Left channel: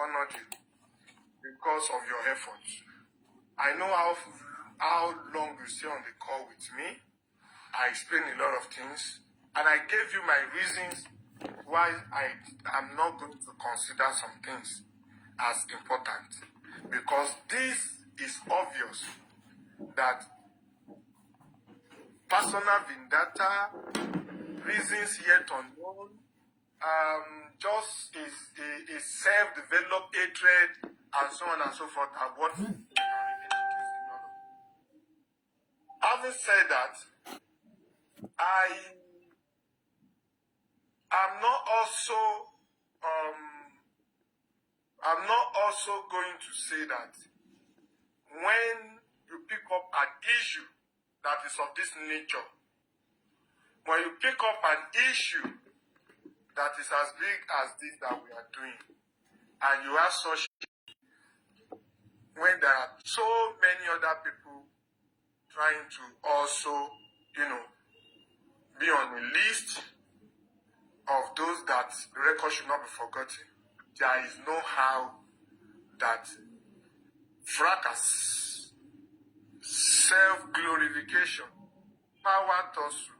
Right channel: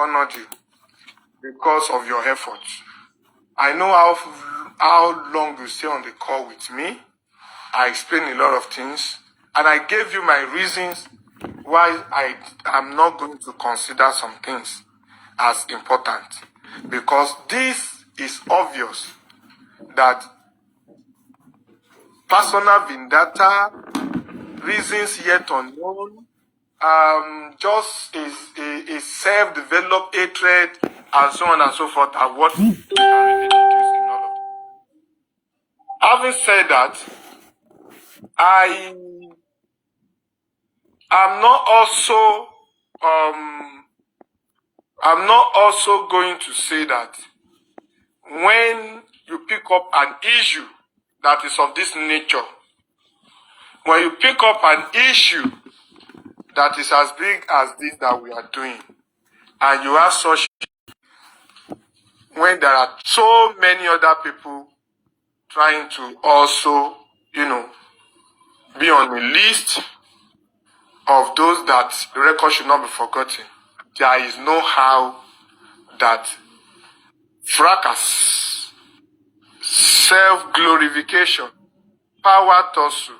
honored you because of your efforts. I know how long you stay on the call with me. I explained a lot of things, and I gave you my reasons why I am not going to consider some things as important. Because this is obvious that personal vendetta, reasons yet unknown, just a self-developed hatred, and so on and so forth, are what we can really introduce in all of it. Having said that, I am not also going to say that when you pick up an issue that is of this nature, when you pick up an issue that is as big as this that we are doing, and you have such, when there are so many other people trying to also, be on the list of those that the record should not be forgotten, there is no how that fracas, self-glorification, power tussle,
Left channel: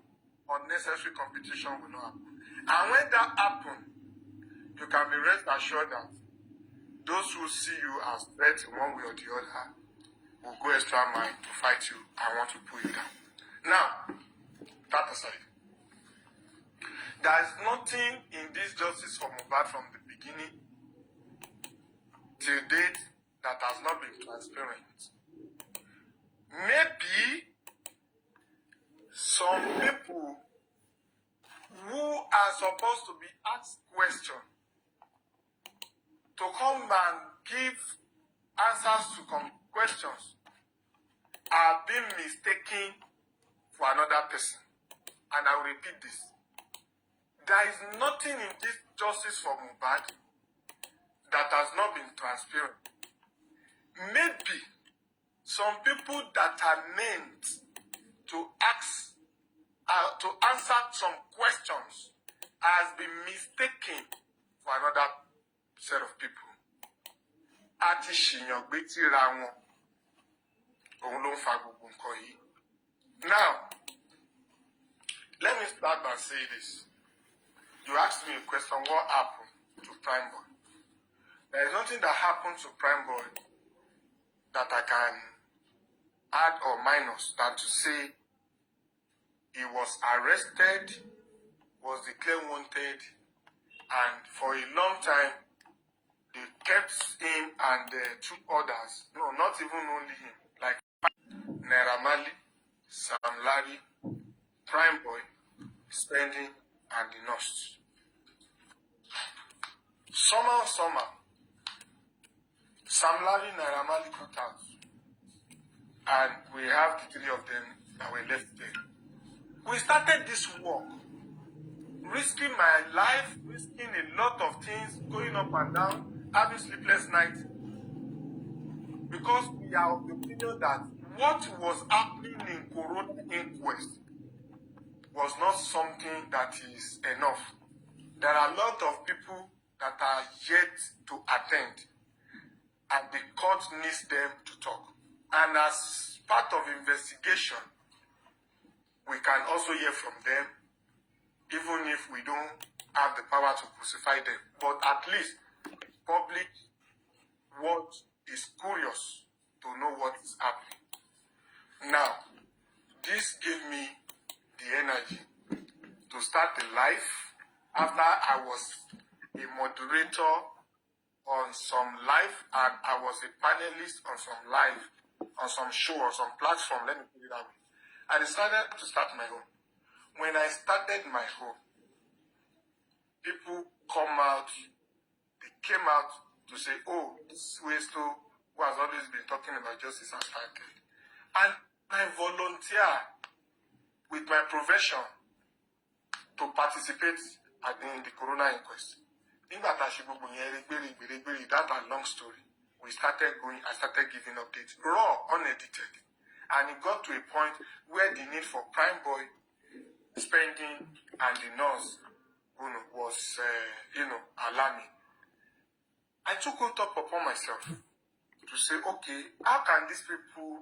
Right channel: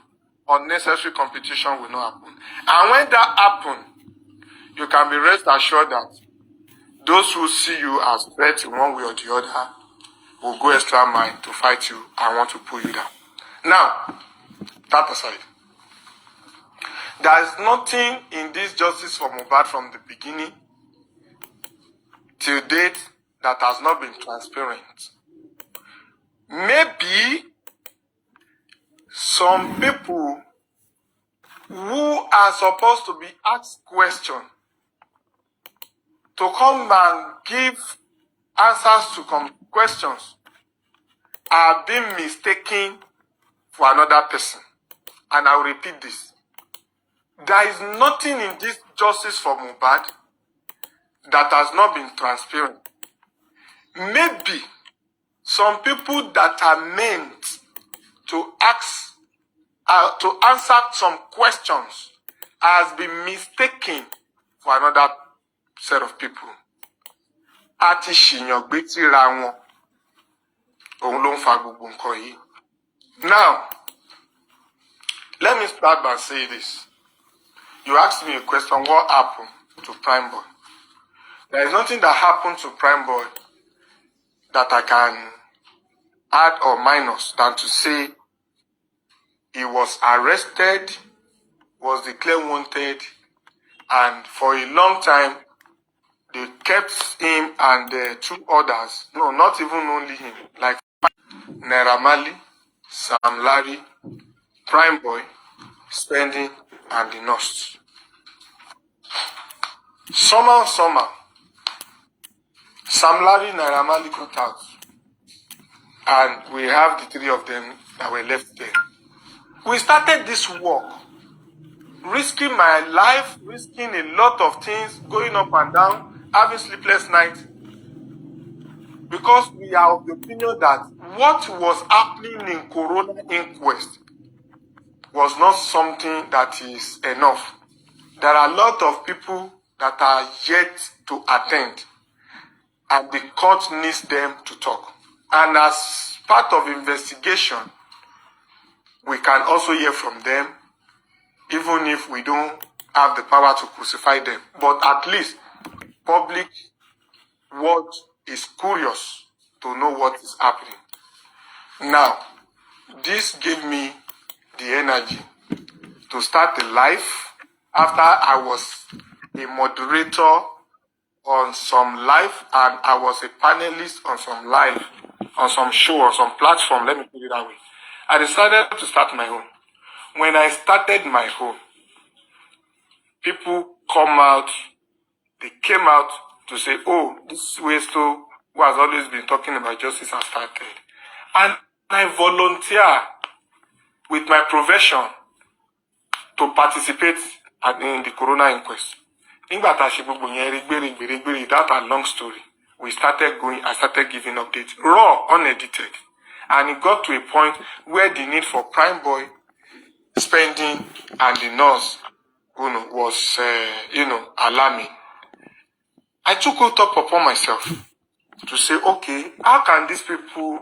unnecessary competition will not happen. And when that happens, you can be rest assured that those who see you as threats in one way or the other will go extra mile to fight you and want to pull you down. Now, that aside, there is nothing in this justice for Mohbad from the beginning till date that has not been transparent. Maybe some people who are supposed to be asked questions to come and give answers to questions are being mistaken for another person. And I will repeat this. There is nothing in this justice for Mohbad that has not been transparent. Maybe some people that are meant to answer some questions has been mistaken for another set of people. Àti ṣìyàn gbé tírà wọn, òun ló ń fa gbogbo nǹkan yìí. Now, let me start by saying this. You asked me a question, what happened to Prime Boy? There is nothing that happened to Prime Boy that I can add or minus than to say he was arrested, was declared wanted, and for a long time, they kept him and two others, no, not even only him, like Naira Marley, Sam Larry, Prime Boy, Spending, and the Nurse. Somehow, Sam Larry, Naira Marley got out, and we have the three of them that were left there. We started this work, risking my life, risking a lot of things, going up and down, having sleepless nights, because we are of the opinion that what was happening in Corona inquest was not something that is enough. There are a lot of people that are yet to attend, and the court needs them to talk. And as part of investigation, we can also hear from them, even if we don't have the power to crucify them. But at least public world is curious to know what is happening. Now, this gave me the energy to start a life after I was a moderator on some live, and I was a panelist on some live, on some show, or some platform, let me put it that way. I decided to start my own. When I started my own, people they came out to say, oh, this Westo, who has always been talking about justice, has started. And I volunteer with my profession to participate in the Corona inquest. That's a long story. We started going, I started giving updates, raw, unedited. And it got to a point where the need for Prime Boy, Spending, and the Nurse was, alarming. I took it up upon myself to say, okay, how can these people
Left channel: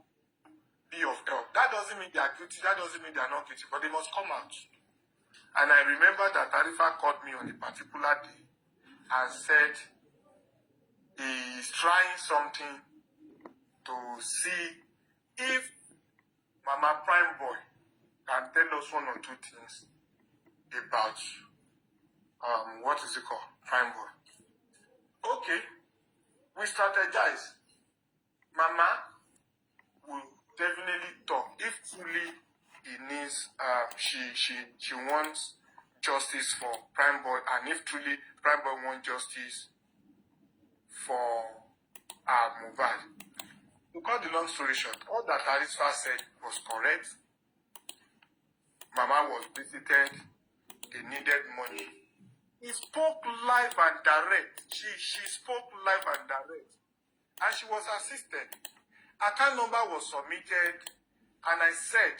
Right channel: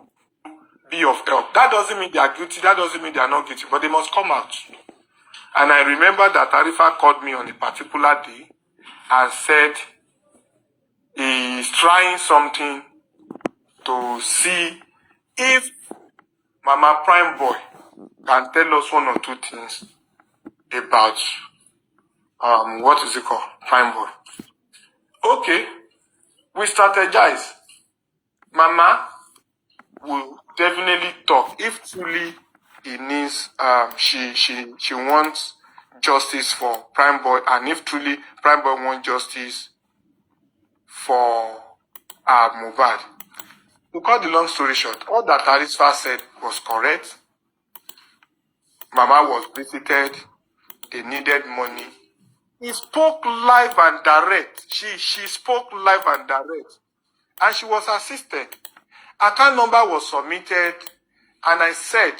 be of help? That doesn't mean they are guilty, that doesn't mean they are not guilty, but they must come out. And I remember that Arifa called me on a particular day and said he is trying something to see if Mama Prime Boy can tell us one or two things about what is it called? Prime Boy. Okay, we strategize. Mama will definitely talk if truly it needs she wants justice for Prime Boy, and if truly Prime Boy wants justice for Mohbad. To cut the long story short, all that Arifa said was correct. Mama was visited, they needed money. He spoke live and direct. She spoke live and direct. And she was assisted. Account number was submitted, and I said,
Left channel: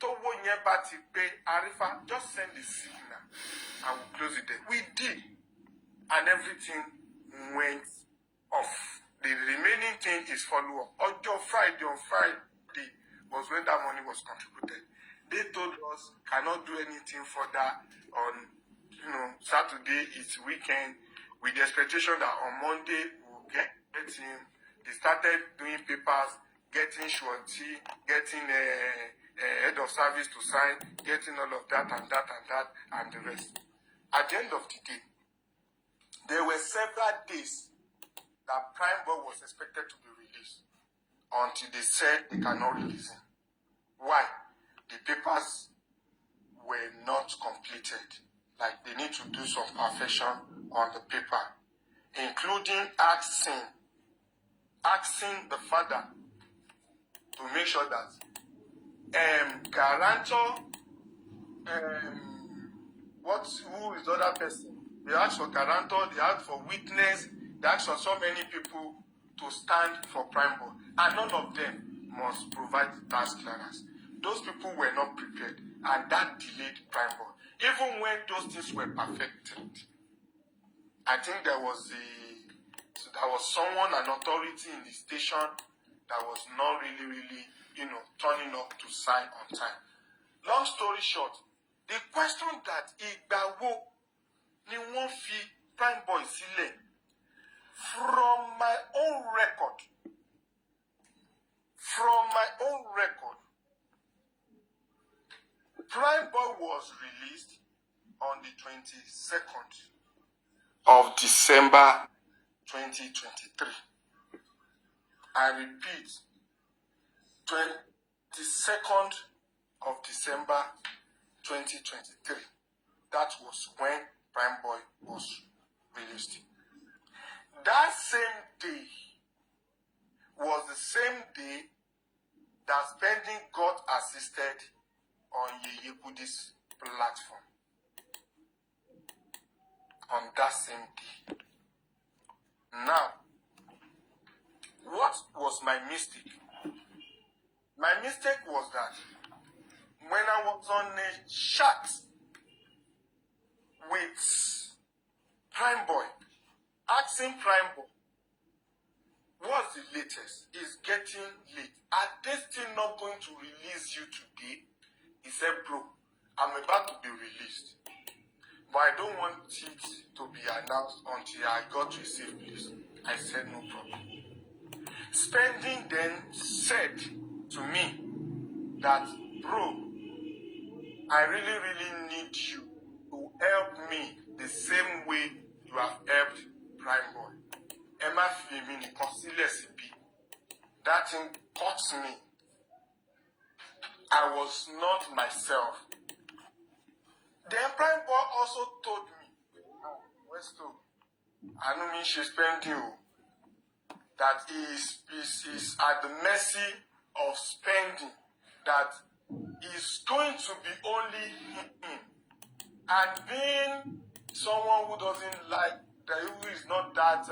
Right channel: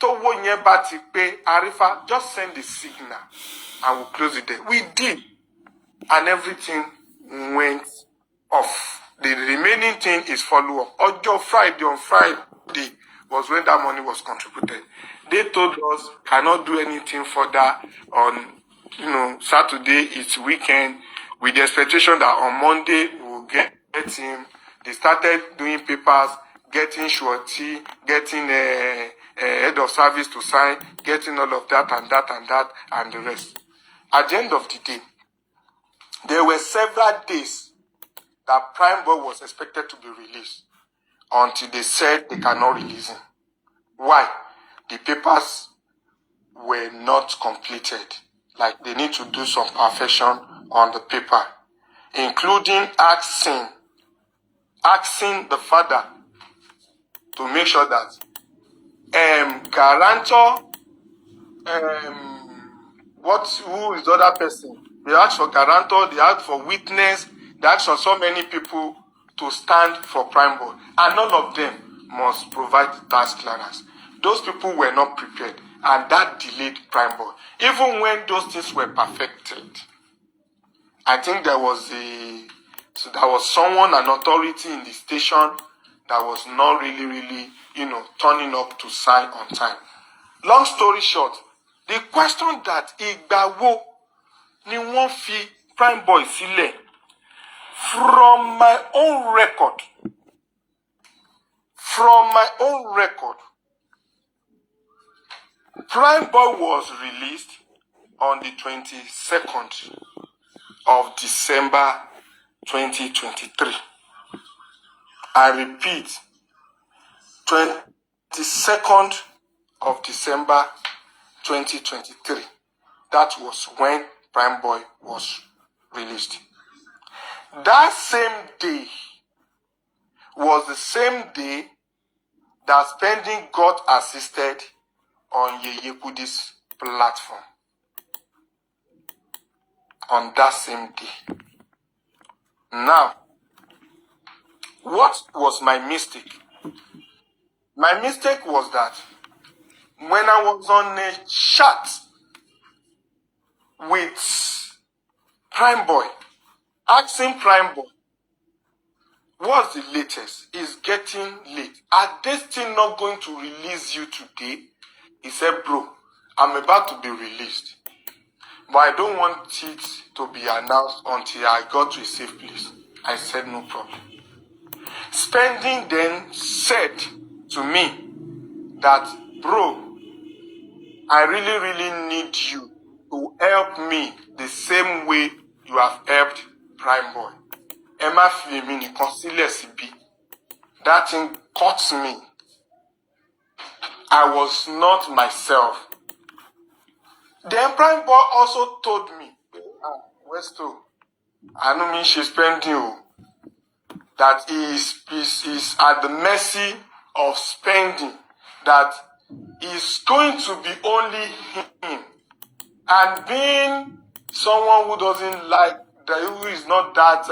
Towo yen ba ti pe, Arifa, just send the signal and we'll close it there. We did. And everything went off. The remaining thing is follow-up. On Friday was when that money was contributed. They told us cannot do anything further on, Saturday, it's weekend, with the expectation that on Monday we'll get him. They started doing papers, getting surety, getting a head of service to sign, getting all of that and that and that and the rest. At the end of the day, there were several days that Prime Boy was expected to be released until they said they cannot release him. Why? The papers were not completed. Like they need to do some perfection on the paper, including asking the father to make sure that guarantor, who is the other person? They asked for guarantor, they asked for witness, they asked for so many people to stand for Prime Boy, and none of them must provide tax clearance. Those people were not prepared, and that delayed Prime Boy. Even when those things were perfected, I think there was someone, an authority in the station that was not really, turning up to sign on time. Long story short, the question that ìgbà wo ni wọ́n fi Prime Boy sílẹ̀, from my own record, Prime Boy was released on the 22nd of December 2023. I repeat, 22nd of December 2023. That was when Prime Boy was released. That same day was the same day that Spending got assisted on Yeye Kudi's platform. On that same day. Now, what was my mistake? My mistake was that when I was on a chat with Prime Boy, asking Prime Boy, what's the latest? It's getting late. Are they still not going to release you today? He said, bro, I'm about to be released, but I don't want it to be announced until I got to a safe place. I said, no problem. Spending then said to me that, bro, I really need you to help me the same way you have helped Prime Boy. Emma Flemini consiles B. That thing caught me. I was not myself. Then Prime Boy also told me, Westo, I don't mean she's spending you. That he is at the mercy of Spending. That is going to be only him. And being someone who doesn't like, who is not that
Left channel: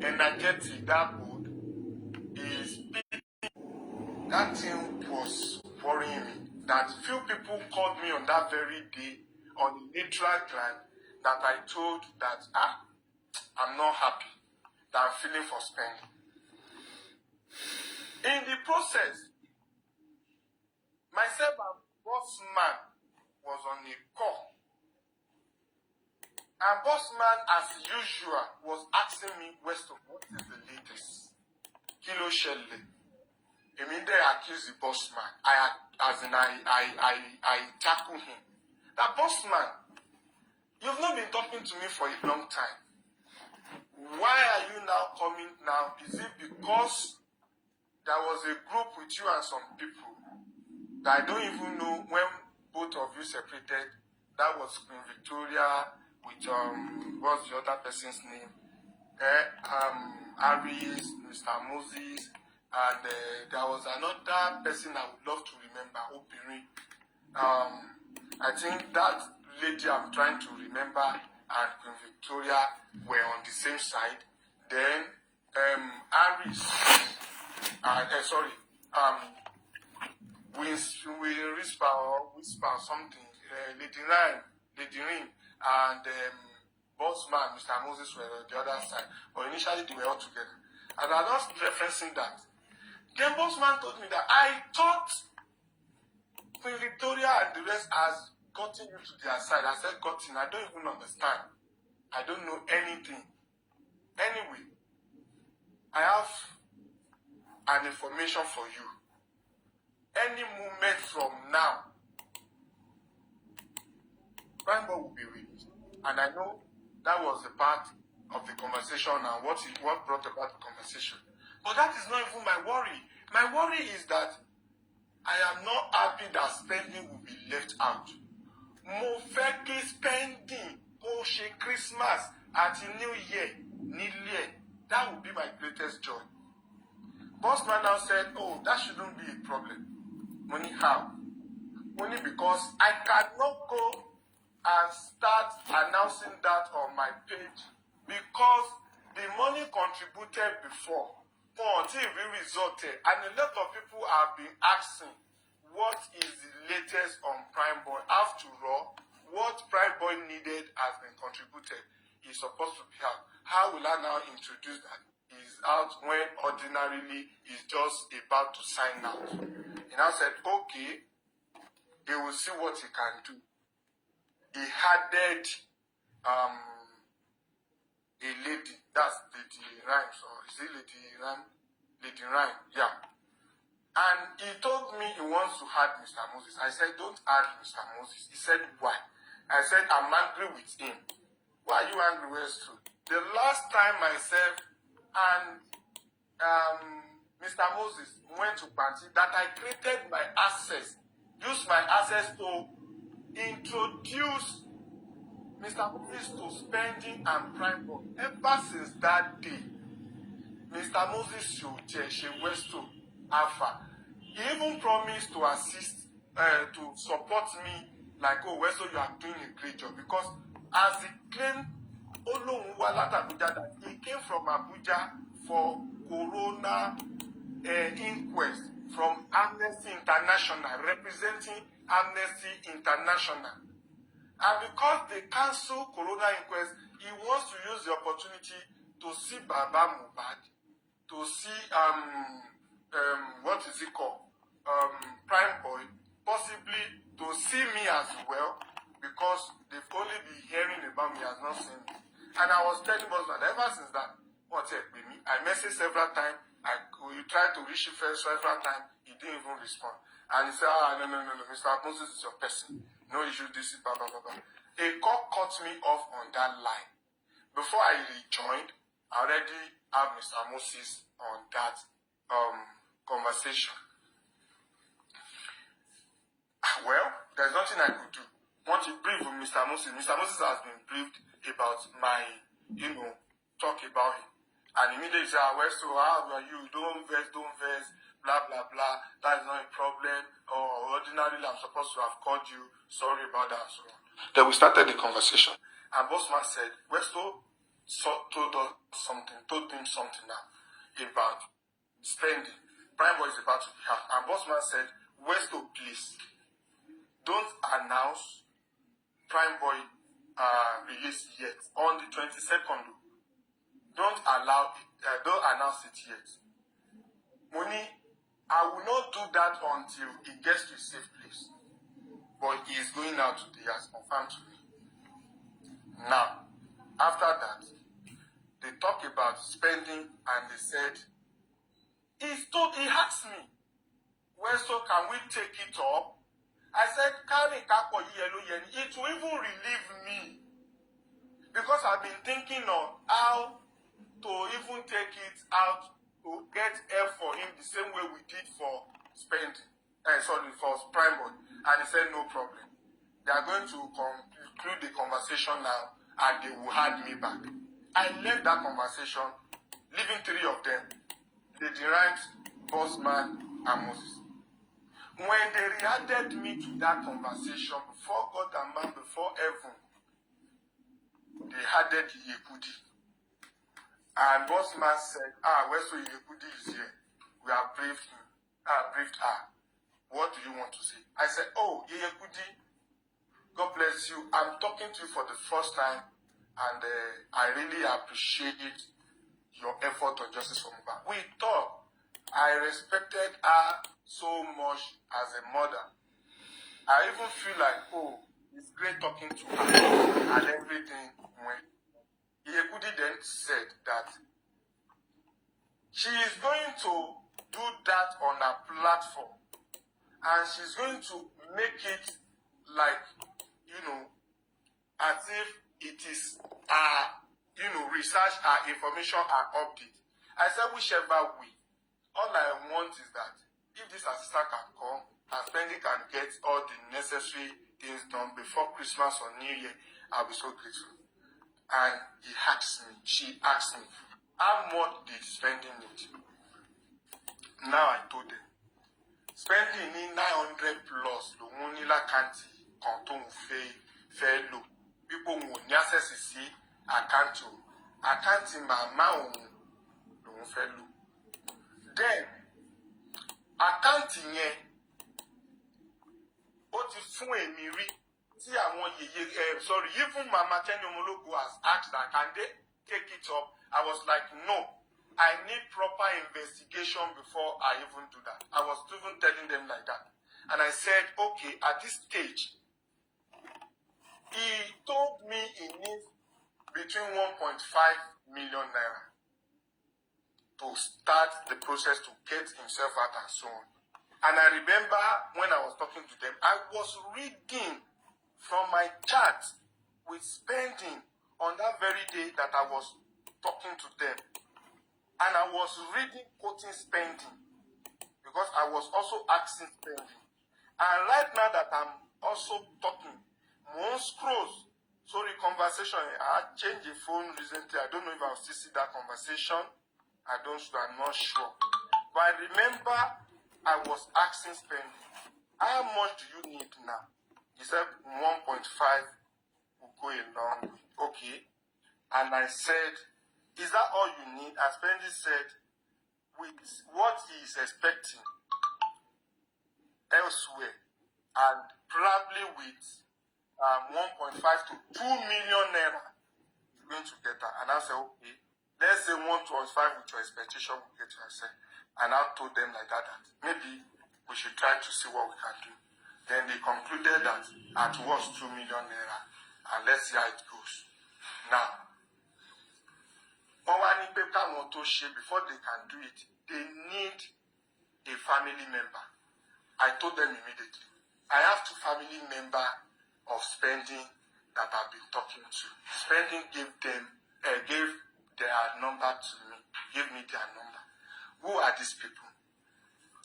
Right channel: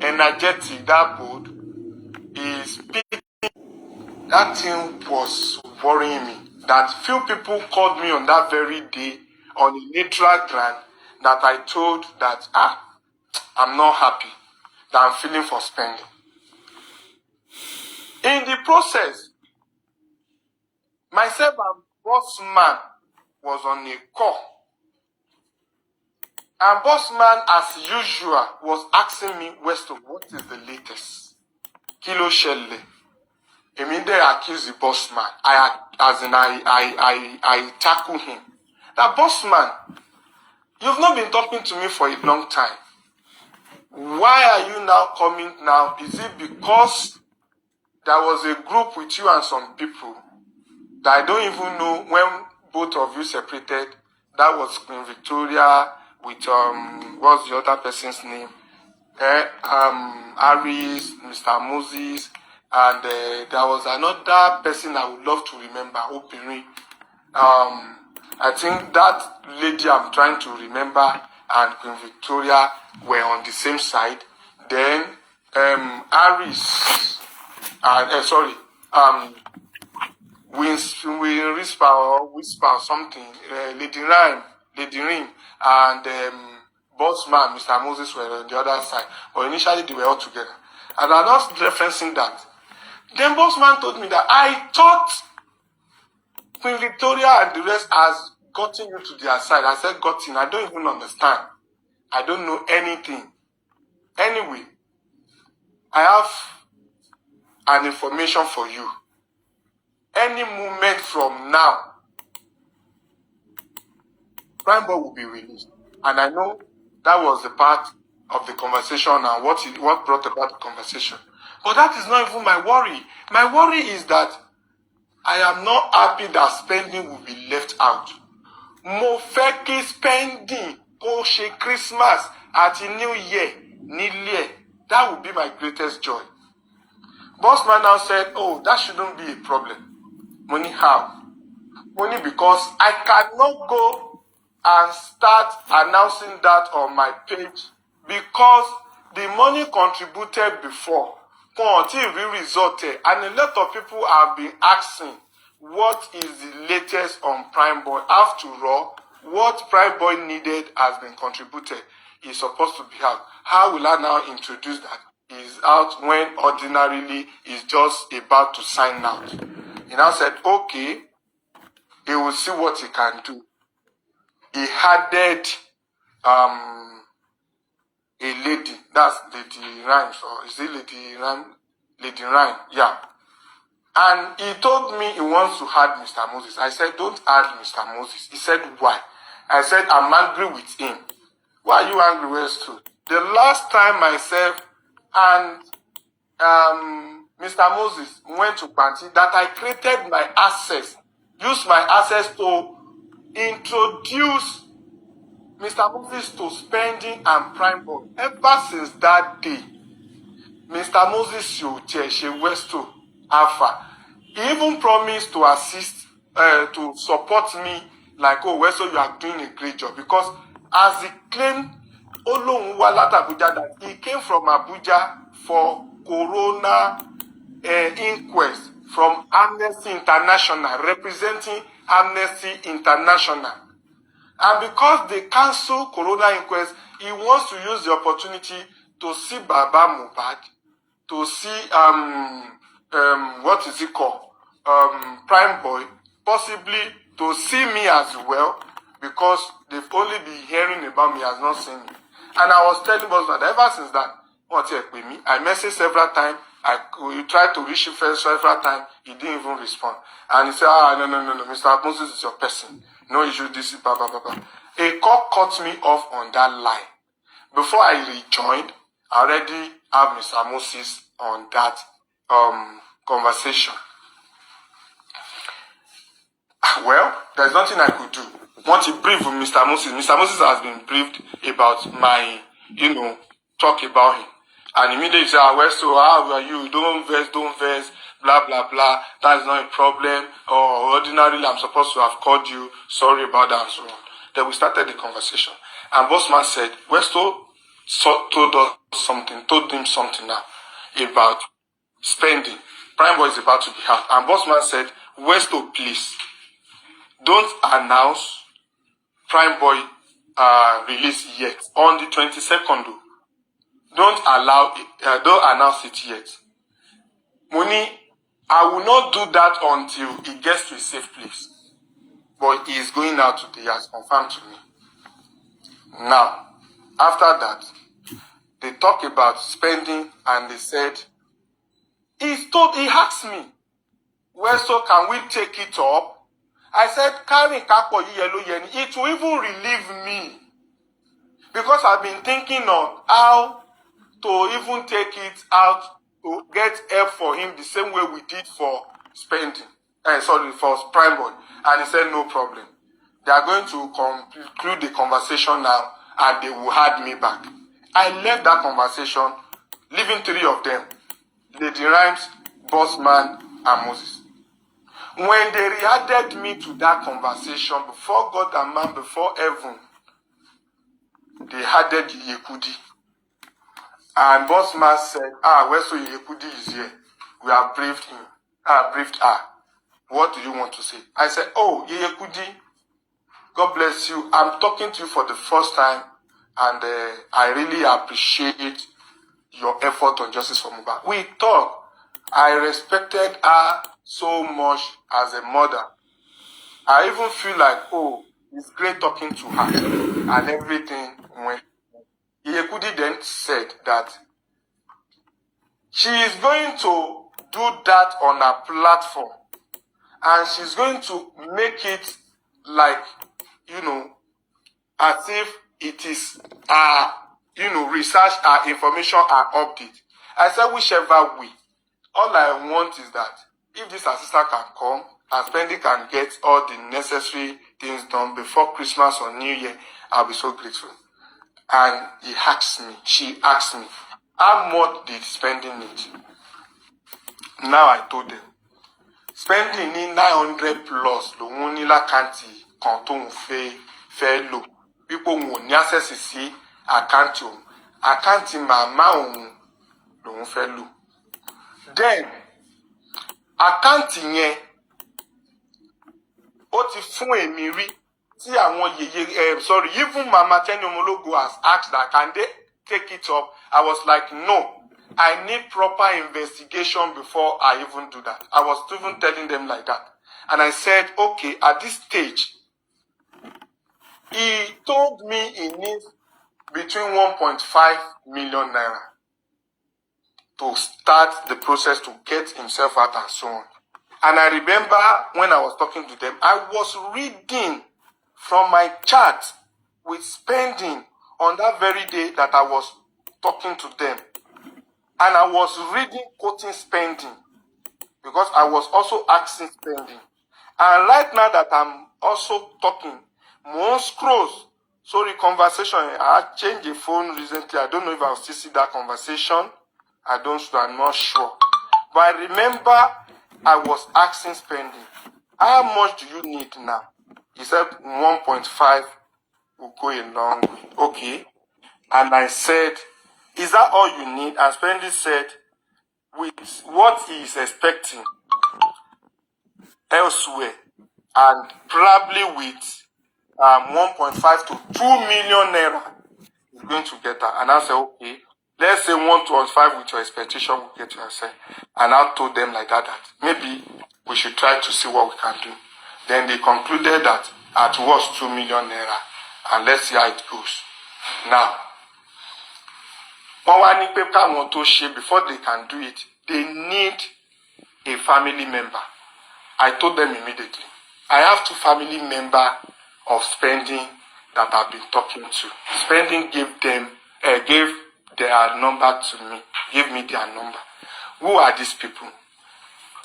energetic, that bold, is that thing was worrying me. That few people called me on that very day on a neutral ground that I told that, I'm not happy that I'm feeling for spending. In the process, myself and boss man was on a call. And boss man, as usual, was asking me, Westo, what is the latest? Kilo Shelley. Immediately I accuse the boss man. I tackle him. That boss man, you've not been talking to me for a long time. Why are you now coming now? Is it because there was a group with you and some people that I don't even know when both of you separated? That was Queen Victoria with what's the other person's name? Aris, Mr. Moses, and there was another person I would love to remember, Opiri. I think that lady I'm trying to remember and Queen Victoria were on the same side. Then Aris, Whisper or something, Lady Rim, and Bossman, Mr. Moses were on the other side. But initially they were all together. And I'm not referencing that. Then Bossman told me that I thought Queen Victoria and the rest has gotten you to their side. I said, gotten, I don't even understand. I don't know anything. Anyway, I have an information for you. Any moment from now, Prime Boy will be released. And I know that was the part of the conversation and what brought about the conversation. But that is not even my worry. My worry is that I am not happy that spending will be left out. Mo fẹ́ kí spending kó ṣe Christmas àti New Year nílé. That would be my greatest joy. Bossman now said, oh, that shouldn't be a problem. Money how? Money because I cannot go and start announcing that on my page because the money contributed before can't be resulted, and a lot of people have been asking what is the latest on Prime Boy. After all, what Prime Boy needed has been contributed. It's supposed to be out. How will I now introduce that? It's out when ordinarily it's just about to sign out. He now said, okay, he will see what he can do. He added a lady, that's Lady Rhymes, or is it Lady Rhyme? Lady Rhyme, yeah. And he told me he wants to add Mr. Moses. I said, don't add Mr. Moses. He said, why? I said, I'm angry with him. Why are you angry with Westo? The last time myself and Mr. Moses went to party, that I created my access, used my access to introduce Mr. Moses to spending and Prime Boy. Ever since that day, Mr. Moses Westo Arifa, he even promised to assist, to support me, like, oh, Westo, you are doing a great job. Because as he claimed, that he came from Abuja for Corona inquest from Amnesty International, representing Amnesty International. And because they cancelled Corona inquest, he wants to use the opportunity to see Baba Mohbad, to see what is it called? Prime Boy, possibly to see me as well, because they've only been hearing about me, has not seen me. And I was telling us that ever since that, with me, I messaged several times, we tried to reach him several times, he didn't even respond. And he said, no, Mr. Moses is your person. No issue, this is blah, blah, blah, blah. A call cut me off on that line. Before I rejoined, I already have Mr. Moses on that conversation. Well, there's nothing I could do. Want to brief with Mr. Moses. Mr. Moses has been briefed about my, talk about him. And immediately he said, Westo, how are you? Don't vex, blah, blah, blah. That's not a problem. Or ordinarily, I'm supposed to have called you. Sorry about that, and so on. Then we started the conversation. And Bossman said, Westo told him something now about spending. Prime Boy is about to be out. And Bossman said, Westo, please, don't announce Prime Boy release yet. On the 22nd, don't announce it yet. Money, I will not do that until he gets to a safe place. But he is going out today, he has confirmed to me. Now, after that, they talk about spending and they said, he asked me, Westo, can we take it up? I said, it will even relieve me. Because I've been thinking on how to even take it out to get help for him the same way we did for spending. For prime boy. And he said, no problem. They are going to conclude the conversation now and they will add me back. I left that conversation, leaving 3 of them. Lady Rhymes, Bossman, and Moses. When they re-added me to that conversation, before God and man, before heaven, they added Yekudi. And Bossman said, Westo Yekudi is here. We have briefed him. Briefed her. What do you want to say? I said, oh, Yekudi, God bless you. I'm talking to you for the first time, and I really appreciate your effort on justice for Mohbad. We talked. I respected her so much as a mother. I even feel like, oh, it's great talking to her and everything. When Yekudi then said that she is going to do that on her platform and she's going to make it like, as if it is research, information, update. I said, whichever way. All I want is that if this assistant can come and Spending can get all the necessary things done before Christmas or New Year, I'll be so grateful. And she asked me, how much did Spending need? Now I told them, Spending need 900 plus. The only kanti kanton fe low. People who need access to see account mama don't fe low. Then, accounting yẹn, ó ti fún èmi rí tí àwọn even Mama Tenny Omologo has asked that, can they take it up? I was like, no, I need proper investigation before I even do that. I was even telling them like that. And I said, okay, at this stage, he told me he needs between 1.5 million naira. To start the process to get himself out and so on. And I remember when I was talking to them, I was reading from my chat with Spending on that very day that I was talking to them. And I was reading, quoting Spending, because I was also asking Spending. And right now that I'm also talking, more scrolls, conversation, I changed the phone recently. I don't know if I'll still see that conversation. I'm not sure. But I remember I was asking Spending, how much do you need now? He said 1.5 will go a long way. Okay. And I said, is that all you need? And Spending said, with what he is expecting elsewhere, and probably with 1.5 to 2 million naira, he's going to get that. And I said, okay. Let's say 1.5 with your expectation will get yourself. And I told them like that maybe we should try to see what we can do. Then they concluded that at worst 2 million naira. And let's see how it goes. Now, before they can do it, they need a family member. I told them immediately. I have 2 family members of Spending that I've been talking to. Spending gave their number to me. Give me their number. Who are these people?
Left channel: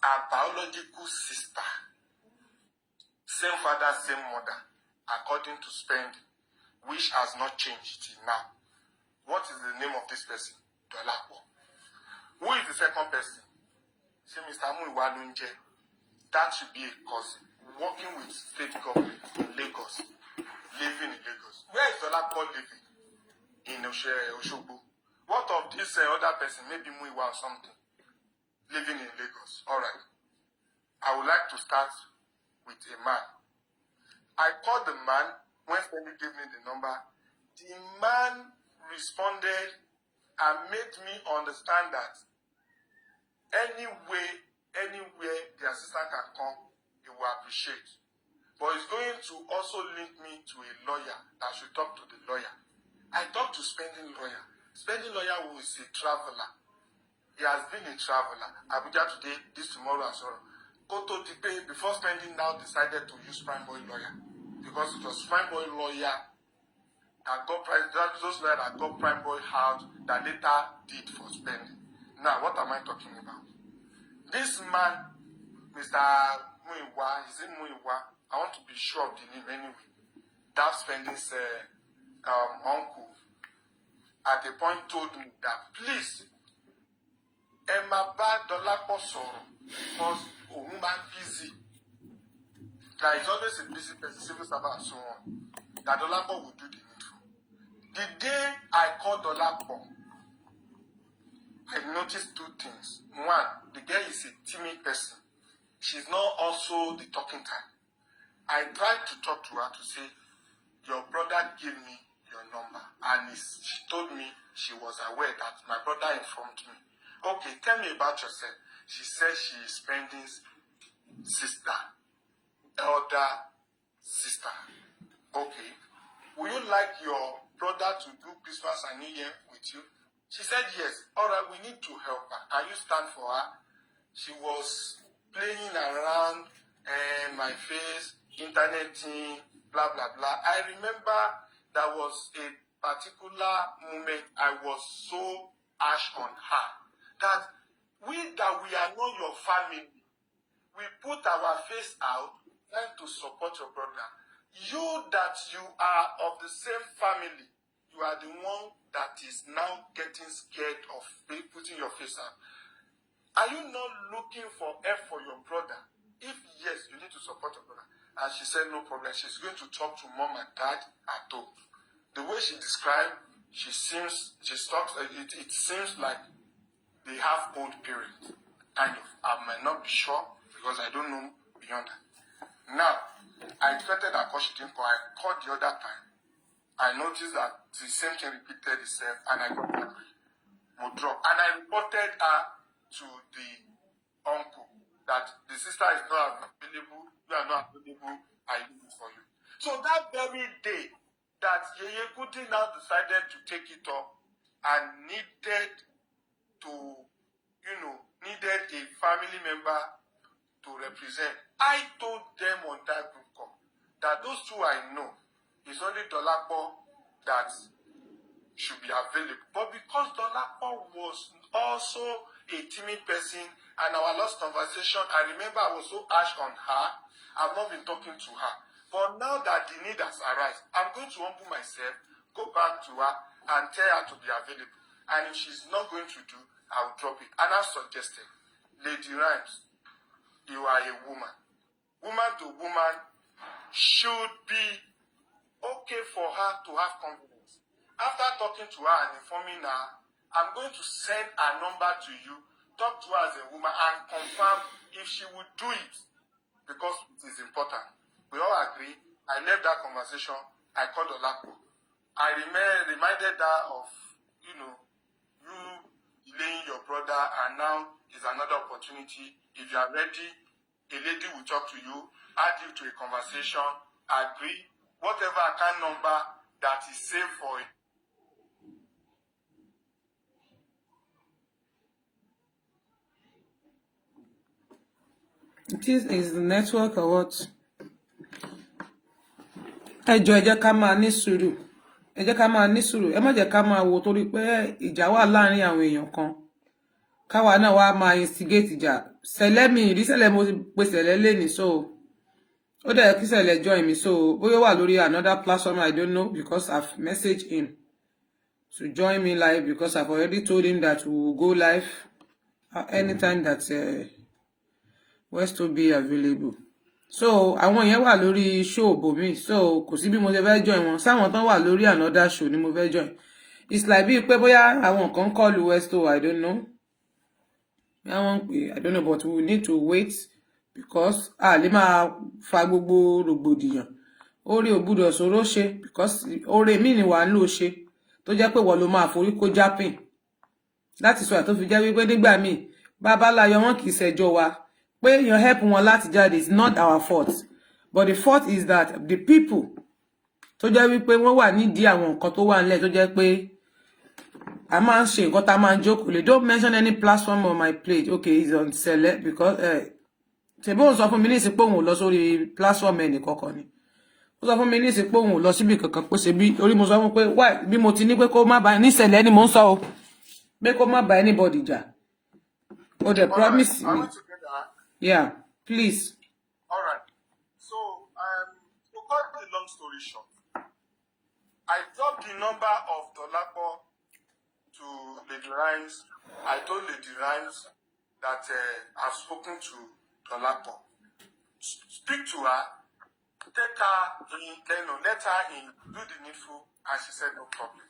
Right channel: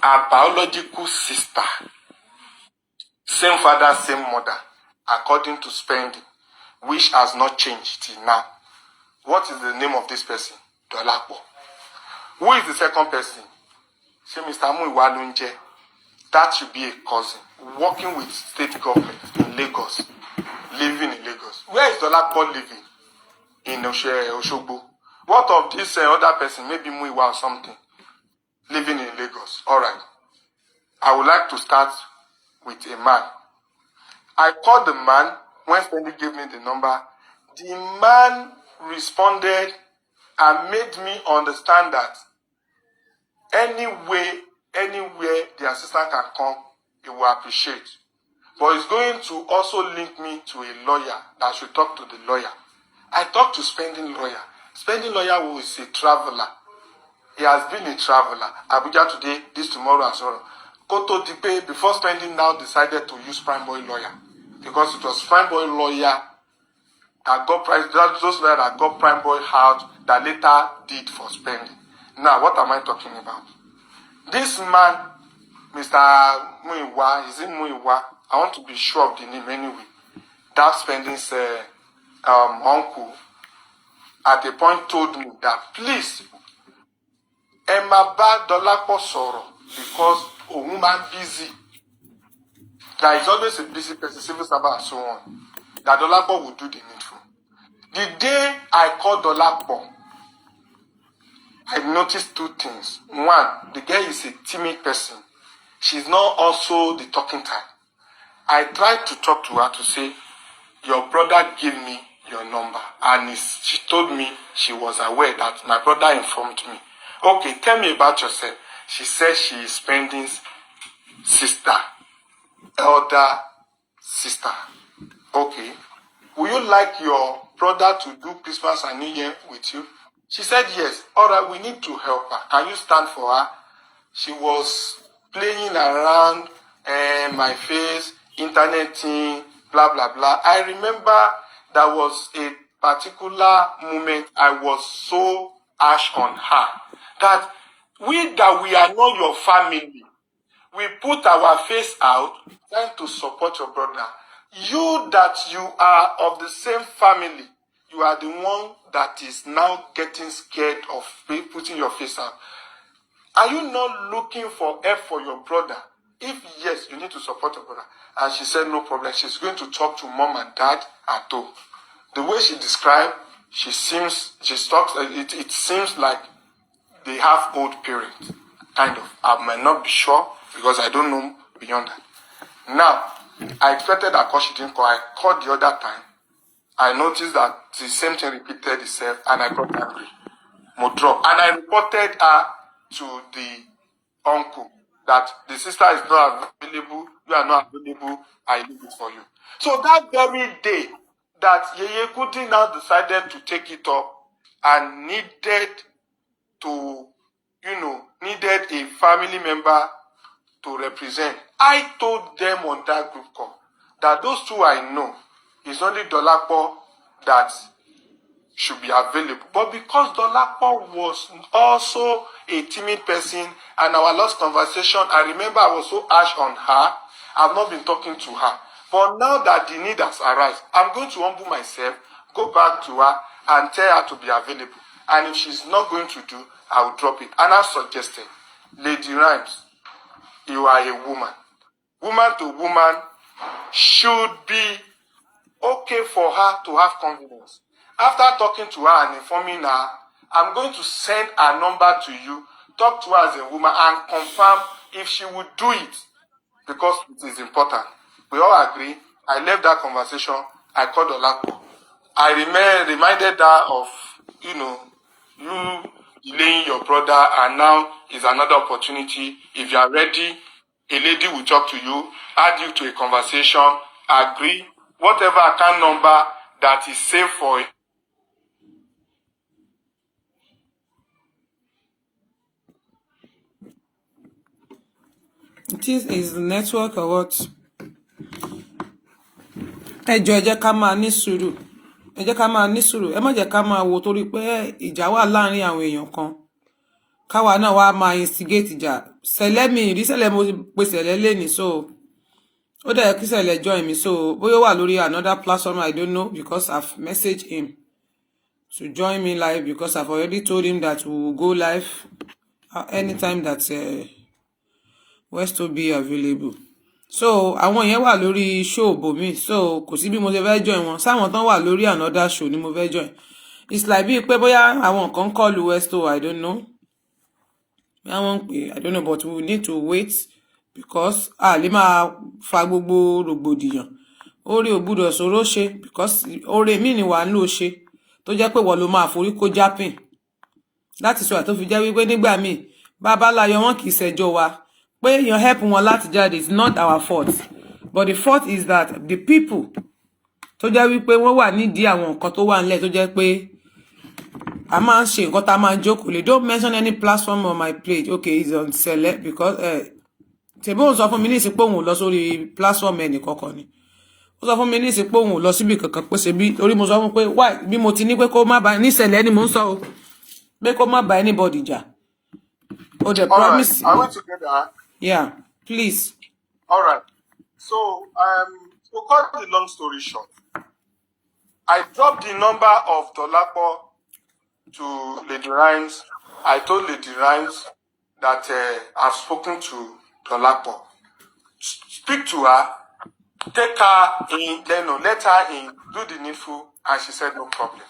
A biological sister. Same father, same mother. According to Spending, which has not changed till now. What is the name of this person? Dolapo. Who is the second person? Say Mr. Muiwalunje. That should be a cousin. Working with state government in Lagos. Living in Lagos. Where is Dolapo living? In Oshogbo. What of this other person, maybe Muiwa or something, living in Lagos? All right. I would like to start with a man. I called the man when Spending gave me the number. The man responded and made me understand that anywhere the assistant can come, he will appreciate. But he's going to also link me to a lawyer that should talk to the lawyer. I talked to Spending Lawyer. Spending Lawyer who is a traveler. He has been a traveler. Abuja today, this tomorrow, and so on. Koto Dipe, before Spending now decided to use Prime Boy Lawyer. Because it was Prime Boy Lawyer that got those lawyers that got Prime Boy out that later did for Spending. Now, what am I talking about? This man, Mr. Muiwa, is it Muiwa? I want to be sure of the name anyway. That Spending's uncle at a point told me that please, Emma Ba Dolapo Soro, because a woman busy. There is always a busy person, civil servant and so on. That Dolapo will do the needful. The day I called Dolapo, I noticed two things. One, the girl is a timid person. She's not also the talking type. I tried to talk to her to say, your brother gave me your number. And she told me she was aware that my brother informed me. Okay, tell me about yourself. She said she is Spending's sister, elder sister. Okay. Would you like your brother to do Christmas and New Year with you? She said yes. All right, we need to help her. Can you stand for her? She was playing around my face, internet thing, blah, blah, blah. I remember there was a particular moment I was so harsh on her that we are not your family. We put our face out trying to support your brother. You that you are of the same family, you are the one that is now getting scared of putting your face out. Are you not looking for help for your brother? If yes, you need to support your brother. And she said no problem. She's going to talk to mom and dad at home. The way she described, it seems like they have old parents. Kind of. I might not be sure because I don't know beyond that. Now, I expected that call, she didn't call. I called the other time. I noticed that the same thing repeated itself and I got angry. More drop. And I reported her to the uncle that the sister is not available, you are not available, I leave it for you. So that very day that Yeye Kuti now decided to take it up and needed a family member to represent, I told them on that group call that those two I know, it's only Dolapo that should be available. But because Dolapo was also a timid person and our last conversation, I remember I was so harsh on her, I've not been talking to her. But now that the need has arisen, I'm going to humble myself, go back to her and tell her to be available. And if she's not going to do, I will drop it. And I suggested, Lady Rhymes, you are a woman. Woman to woman should be okay for her to have confidence. After talking to her and informing her, I'm going to send her number to you, talk to her as a woman and confirm if she would do it because it is important. We all agree. I left that conversation. I called Olapo. I reminded her of, you delaying your brother and now is another opportunity. If you are ready, a lady will talk to you, add you to a conversation, agree, whatever account number that is safe for it. It is the network or what? Ẹ jẹ́ ká máa ní sùúrù. Ẹ jẹ́ ká máa ní sùúrù. Ẹ má jẹ́ ká máa wò torí pé ìjà wà láàrin àwọn èèyàn kan. Káwa náà wá máa instigate ìjà. Sẹ̀lẹ̀ mi rí sẹ̀lẹ̀ mo pe sẹ̀lẹ̀ lẹ́ni so. Ó dẹ̀ kí sẹ̀lẹ̀ join me so. Bóyá wà lórí another platform I don't know because I've messaged him to join me live because I've already told him that we will go live anytime that Westo be available. So àwọn yẹn wà lórí show bomi so kò sí bí mo ṣe fẹ́ join wọn sáwọn tán wà lórí another show ni mo fẹ́ join. It's like bí pé bóyá àwọn kan call Westo, I don't know. I don't know, but we need to wait because lè máa fa gbogbo rògbòdìyàn. Orí ò gbọ́dọ̀ sọ̀rọ̀ ṣe because oore mi ni wà ń lò ṣe tó jẹ́ pé wọ́n ló máa forí kó jápìn That is why tó fi jẹ́ wípé nígbà míì bàbá láyọ̀ wọn kì í ṣẹjọ́ wa pé èèyàn help wọn láti jáde. It's not our fault, but the fault is that the people tó jẹ́ wípé wọ́n wà nídìí àwọn nǹkan tó wà nílẹ̀ tó jẹ́ pé a máa ń ṣe nǹkan tá a máa ń jókòó lé. Don't mention any platform on my plate. Okay, it's on Sele because tèmi ò sọ fún mi ní ìsìnkú òun ò lọ sórí platform ẹnì kankan ni. Ó sọ fún mi ní ìsìnkú òun ò lọ síbi kankan pé ṣe bí orí mo sọ fún pé why bí mo ti ní pé kó má ba ní Sele ni mo ń sọ o pé kó má ba anybody jà. O the promise. Are we together? Yeah, please. All right. So, to cut the long story short, I dropped the number of Dolapo to Lady Rhymes. I told Lady Rhymes that I've spoken to Dolapo. Speak to her, take her in, let her in, do the needful, and she said no problem.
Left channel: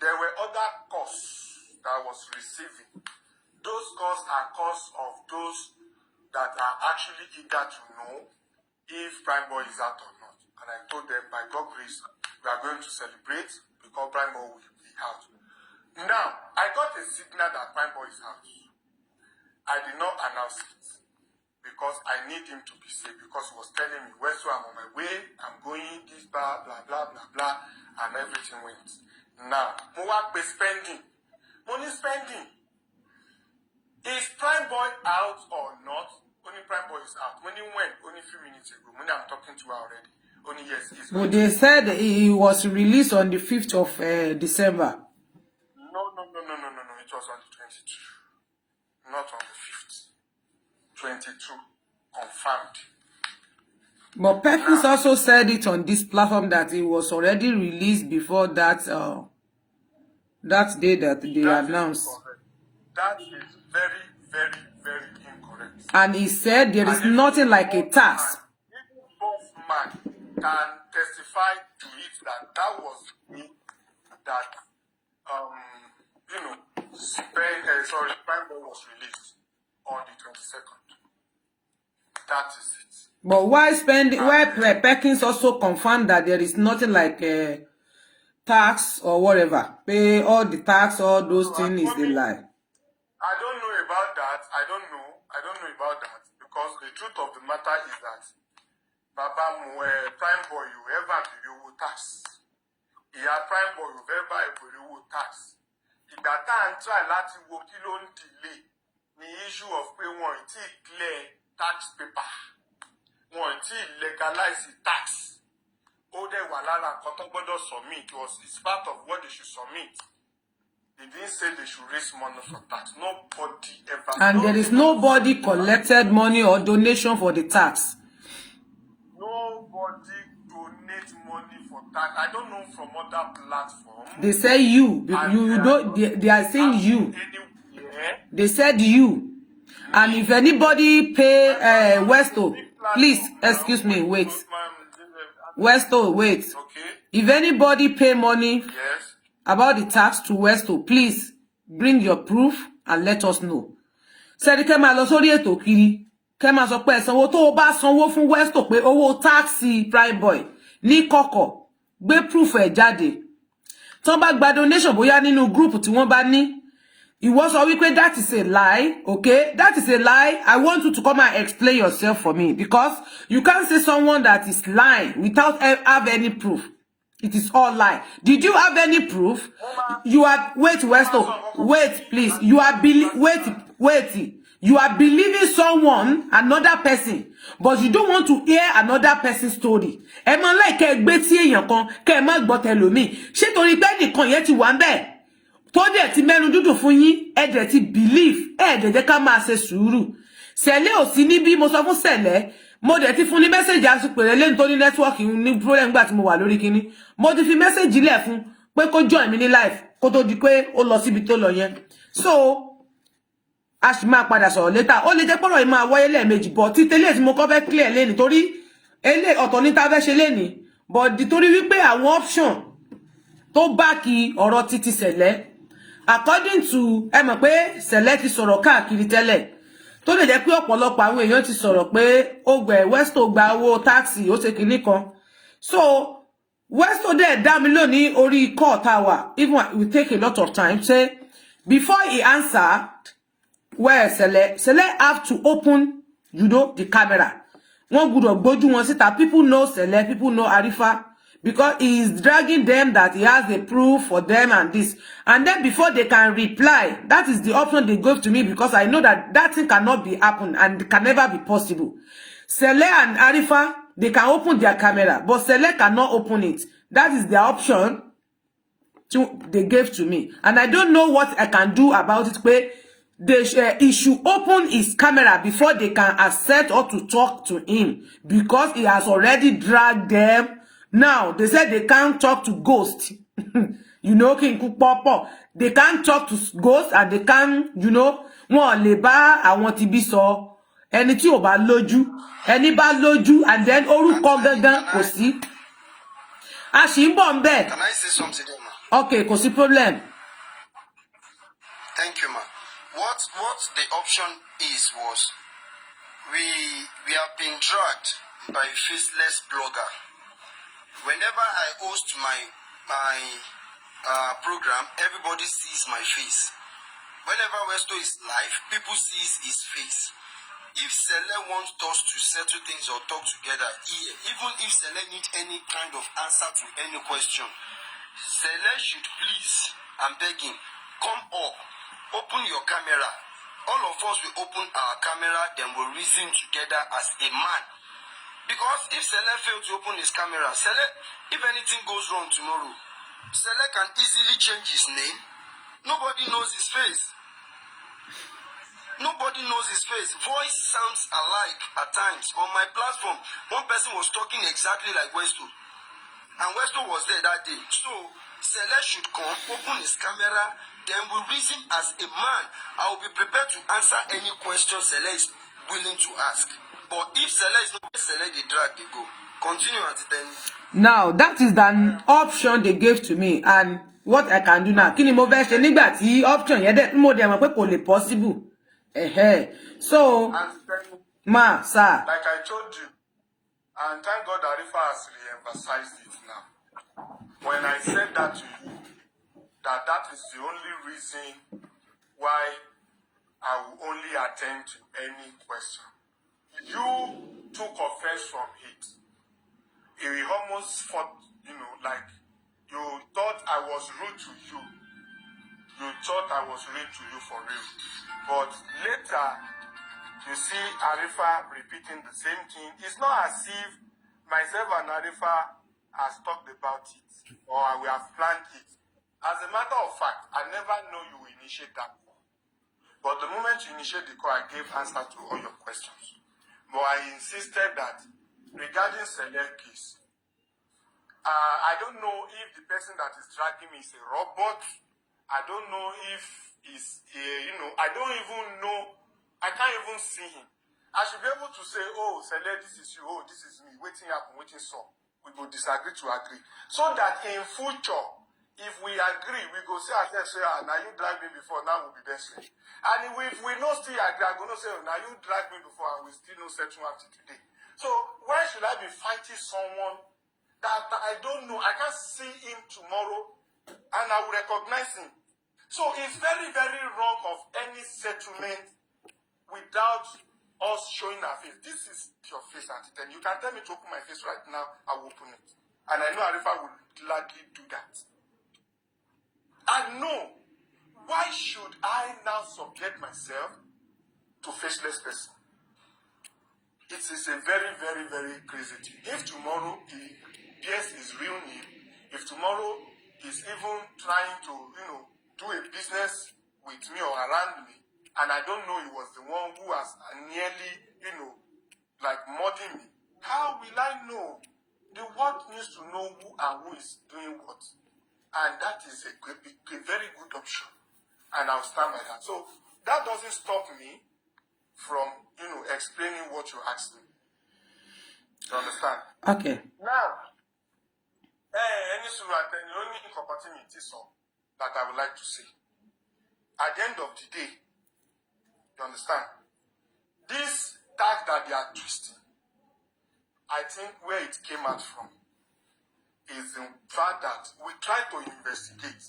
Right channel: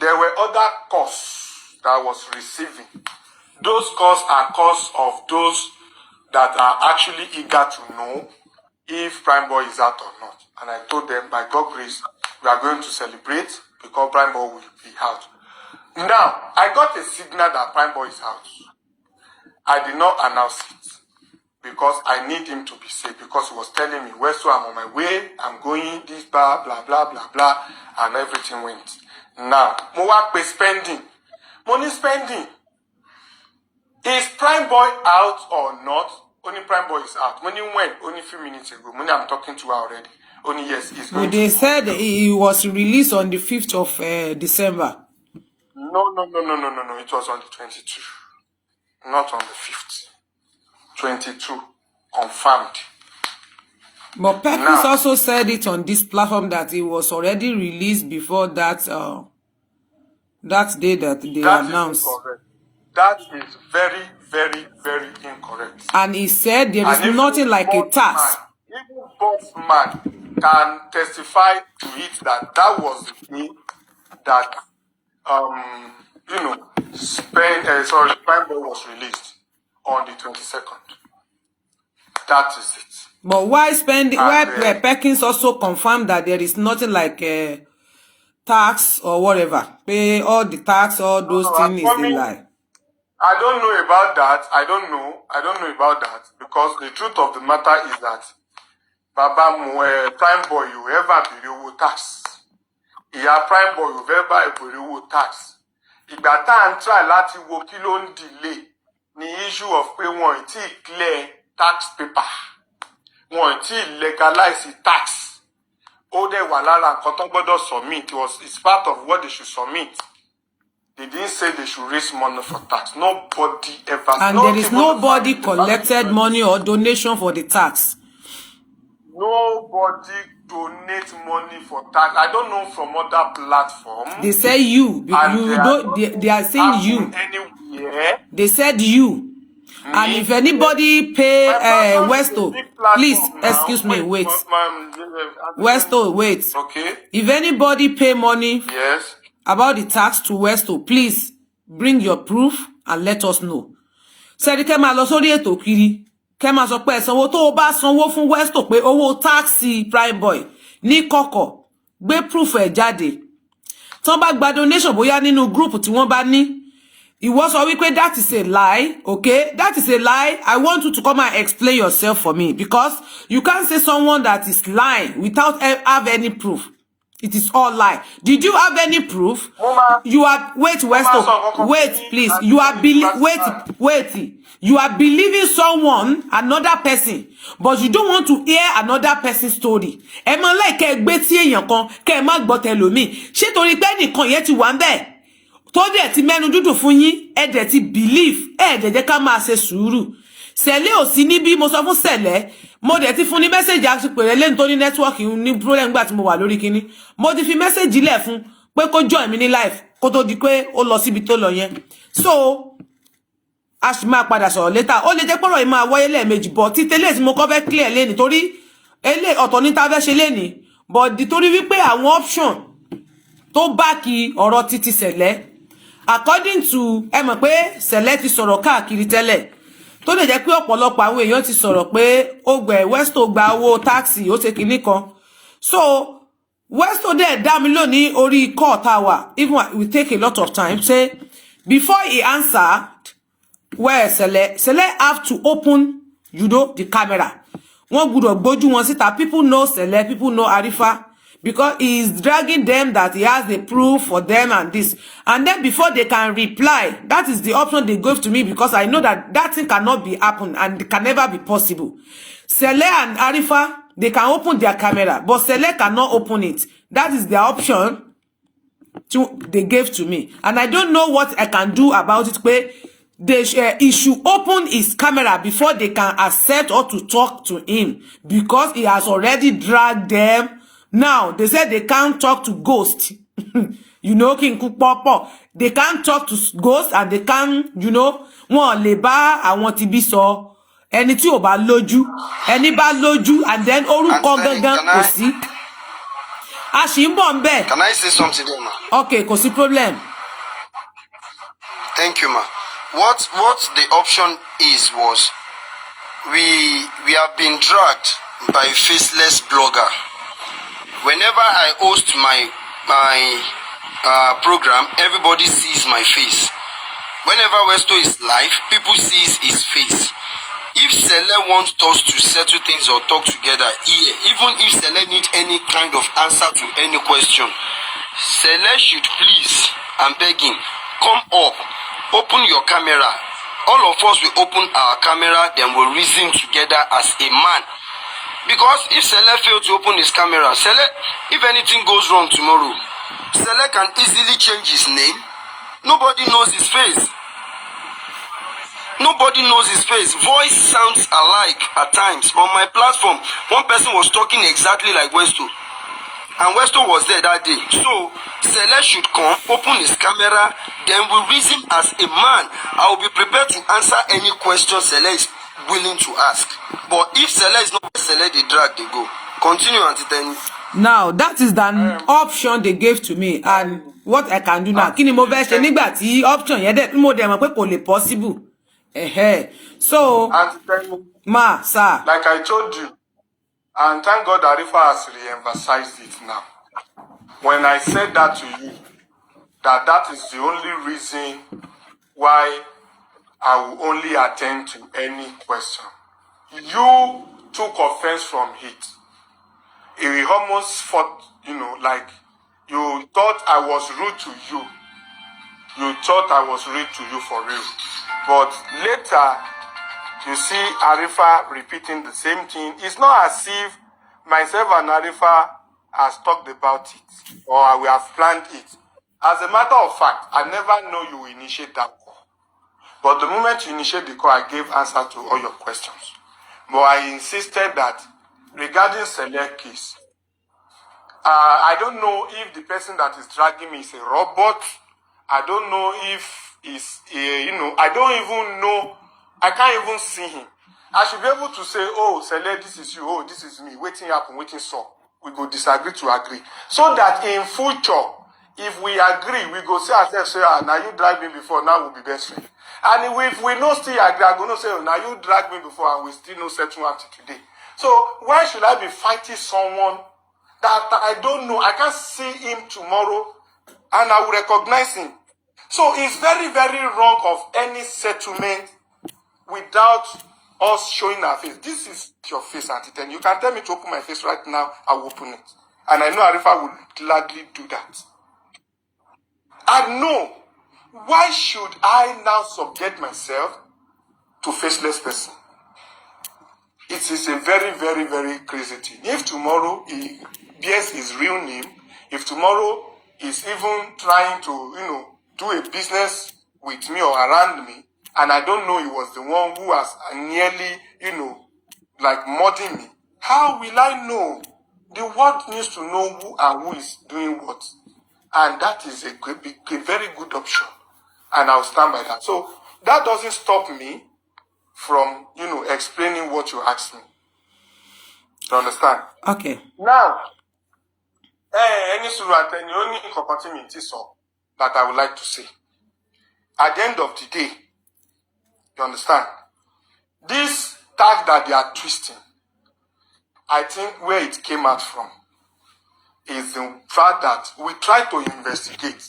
There were other calls that I was receiving. Those calls are calls of those that are actually eager to know if Prime Boy is out or not. And I told them, by God's grace, we are going to celebrate because Prime Boy will be out. Now, I got a signal that Prime Boy is out. I did not announce it because I need him to be safe, because he was telling me, Westo, I'm on my way, I'm going, this, blah, blah, blah, blah, blah, and everything went. Now, Mowa pay spending. Money spending. Is Prime Boy out or not? Only Prime Boy is out. When he went, only a few minutes ago, when I'm talking to her already, only yes, he's going. But they said he was released on the 5th of December. No. It was on the 22. Not on the 5th. 22. Confirmed. But Perkins also said it on this platform that he was already released before that that day that they announced. That is very, very, very incorrect. And he said there is nothing like a tax. Even boss man can testify to it that that was the day that Prime Boy was released on the 22nd. That is it. But why Perkins also confirmed that there is nothing like a tax or whatever. Pay all the tax, all those things is a lie. I don't know about that. I don't know about that, because the truth of the matter is that Baba Prime Boy, you ever be tax. Yeah, Prime Boy, you ever be tax. Ìgbà tá ń try láti wo kí ló ń delay ní issue of pé wọ́n ti clear tax paper. Wọ́n ti legalize tax. Ó dẹ̀ wà lára nǹkan tó gbọ́dọ̀ submit. It's part of what they should submit. They didn't say they should raise money for tax. Nobody ever. And there is nobody collected money or donation for the tax. Nobody donate money for tax. I don't know from other platforms. They say you don't. They are saying you. Anywhere. They said you. And if anybody pay Westo, please excuse me. Wait. Westo, wait. Okay. If anybody pay money. Yes. About the tax to Westo, please bring your proof and let us know. Sẹ́rí kẹ́ máa lọ sórí ètò kiri, kẹ́ máa sọ pé sanwó tó bá sanwó fún Westo pé owó taxi Prime Boy ní kọ̀kọ̀ gbé proof ẹ̀ jáde. Tán bá gba donation bóyá nínú group tí wọ́n bá ní. Ìwọ sọ wípé that is a lie, okay? That is a lie. I want you to come and explain yourself for me, because you can't say someone that is lying without have any proof. It is all lie. Did you have any proof? You are Westo. Wait, please. You are wait. You are believing someone, another person, but you don't want to hear another person's story. Ẹ mọ̀ like kẹ́ gbé tí èyàn kan, kẹ́ má gbọ́ tẹlòmíì. Ṣé torí pé nìkan yẹn ti wà ńbẹ̀. Tó dẹ̀ ti mẹ́nu dúdú fún yín, ẹ dẹ̀ ti believe, ẹ dẹ̀ jẹ́ ká máa ṣe sùúrù. Sele ò sí níbí, mo sọ fún Sele. Mo dẹ̀ ti fún ní message àti pèrè lẹ́nu tó ní network ní problem gbà tí mo wà lórí kíní. Mo ti fi message lẹ̀ fún pé kó join mi ní live kó tó di pé ó lọ síbi tó lọ yẹn. So a sì máa padà sọ̀rọ̀ later. Ó lè jẹ́ pé ọ̀rọ̀ yìí máa wáyé lẹ́ẹ̀mejì, but tí tẹ́lẹ̀ tí mo kọ́ fẹ́ clear lẹ́ni torí ọ̀tọ̀ ní ta fẹ́ ṣe lẹ́ni, but torí wípé àwọn option tó back ọ̀rọ̀ títí Sele, according to ẹ mọ̀ pé Sele ti sọ̀rọ̀ káàkiri tẹ́lẹ̀. Tó lè jẹ́ pé ọ̀pọ̀lọpọ̀ àwọn èèyàn ti sọ̀rọ̀ pé ó gbẹ̀ Westo gba owó taxi ó ṣe kinní kan. So Westo dẹ̀ dá mi lónìí orí call tá wà, even we take a lot of time, say Before he answered, where Sele have to open, the camera. One good or boju one sit that people know Sele, people know Arifa, because he is dragging them that he has the proof for them and this. And then before they can reply, that is the option they gave to me, because I know that that thing cannot be happen and it can never be possible. Sele and Arifa, they can open their camera, but Sele cannot open it. That is their option they gave to me. And I don't know what I can do about it, but he should open his camera before they can accept or to talk to him, because he has already dragged them. Now, they said they can't talk to ghosts. King Kupopo. They can't talk to ghosts and they can't, wọ́n lè bá àwọn tí bí sọ. Ẹni tí ò bá lójú, ẹni bá lójú, and then orúkọ gangan kò sí. A ṣì ń bọ̀ ńbẹ̀. Can I say something there, ma? Okay, kò sí problem. Thank you, ma. What the option was we have been dragged by a faceless blogger. Whenever I host my program, everybody sees my face. Whenever Westo is live, people sees his face. If Sele wants us to settle things or talk together here, even if Sele needs any kind of answer to any question, Sele should please, I'm begging, come up, open your camera. All of us will open our camera, then we'll reason together as a man. Because if Sele fails to open his camera, Sele, if anything goes wrong tomorrow, Sele can easily change his name. Nobody knows his face. Nobody knows his face. Voice sounds alike at times. On my platform, one person was talking exactly like Westo. And Westo was there that day. So, Sele should come, open his camera, then we'll reason as a man. I will be prepared to answer any question Sele is willing to ask. But if Sele is not Sele, they drag, they go. Continue, Auntie Tenny. Now, that is the option they gave to me. And what I can do now, kini mo fẹ́ ṣe nígbà tí option yẹn dẹ̀ mo dẹ̀ mọ̀ pé kò lè possible. So, ma, sir. Like I told you, and thank God Arifa has re-emphasized it now. When I said that to you, that is the only reason why I will only attend to any question. You took offense from it. It almost fought, like you thought I was rude to you. You thought I was rude to you for real. But later, you see Arifa repeating the same thing. It's not as if myself and Arifa has talked about it or we have planned it. As a matter of fact, I never know you initiate that call. But the moment you initiate the call, I gave answer to all your questions. But I insisted that regarding select case, I don't know if the person that is dragging me is a robot. I don't know if it's, I don't even know. I can't even see him. I should be able to say, oh, Sele, this is you. Oh, this is me. Waiting happen, waiting so. We go disagree to agree. So that in future, if we agree, we go say ourselves, say, now you dragged me before, now we'll be best friends. And if we no still agree, I'm going to say, oh, now you dragged me before and we still no settle until today. So why should I be fighting someone that I don't know? I can't see him tomorrow and I will recognize him. So it's very, very wrong of any settlement without us showing our face. This is your face, Auntie Ten. You can tell me to open my face right now, I will open it. And I know Arifa will gladly do that. And no, why should I now subject myself to faceless person? It is a very, very, very crazy thing. If tomorrow he bears his real name, if tomorrow he's even trying to, do a business with me or around me, and I don't know he was the one who was nearly, like murdering me, how will I know? The world needs to know who and who is doing what. And that is a very good option. And I'll stand by that. So that doesn't stop me from, explaining what you asked me. You understand? Okay. Now, any only opportunity so that I would like to say. At the end of the day, you understand? This tag that they are twisting, I think where it came out from is the fact that we try to investigate.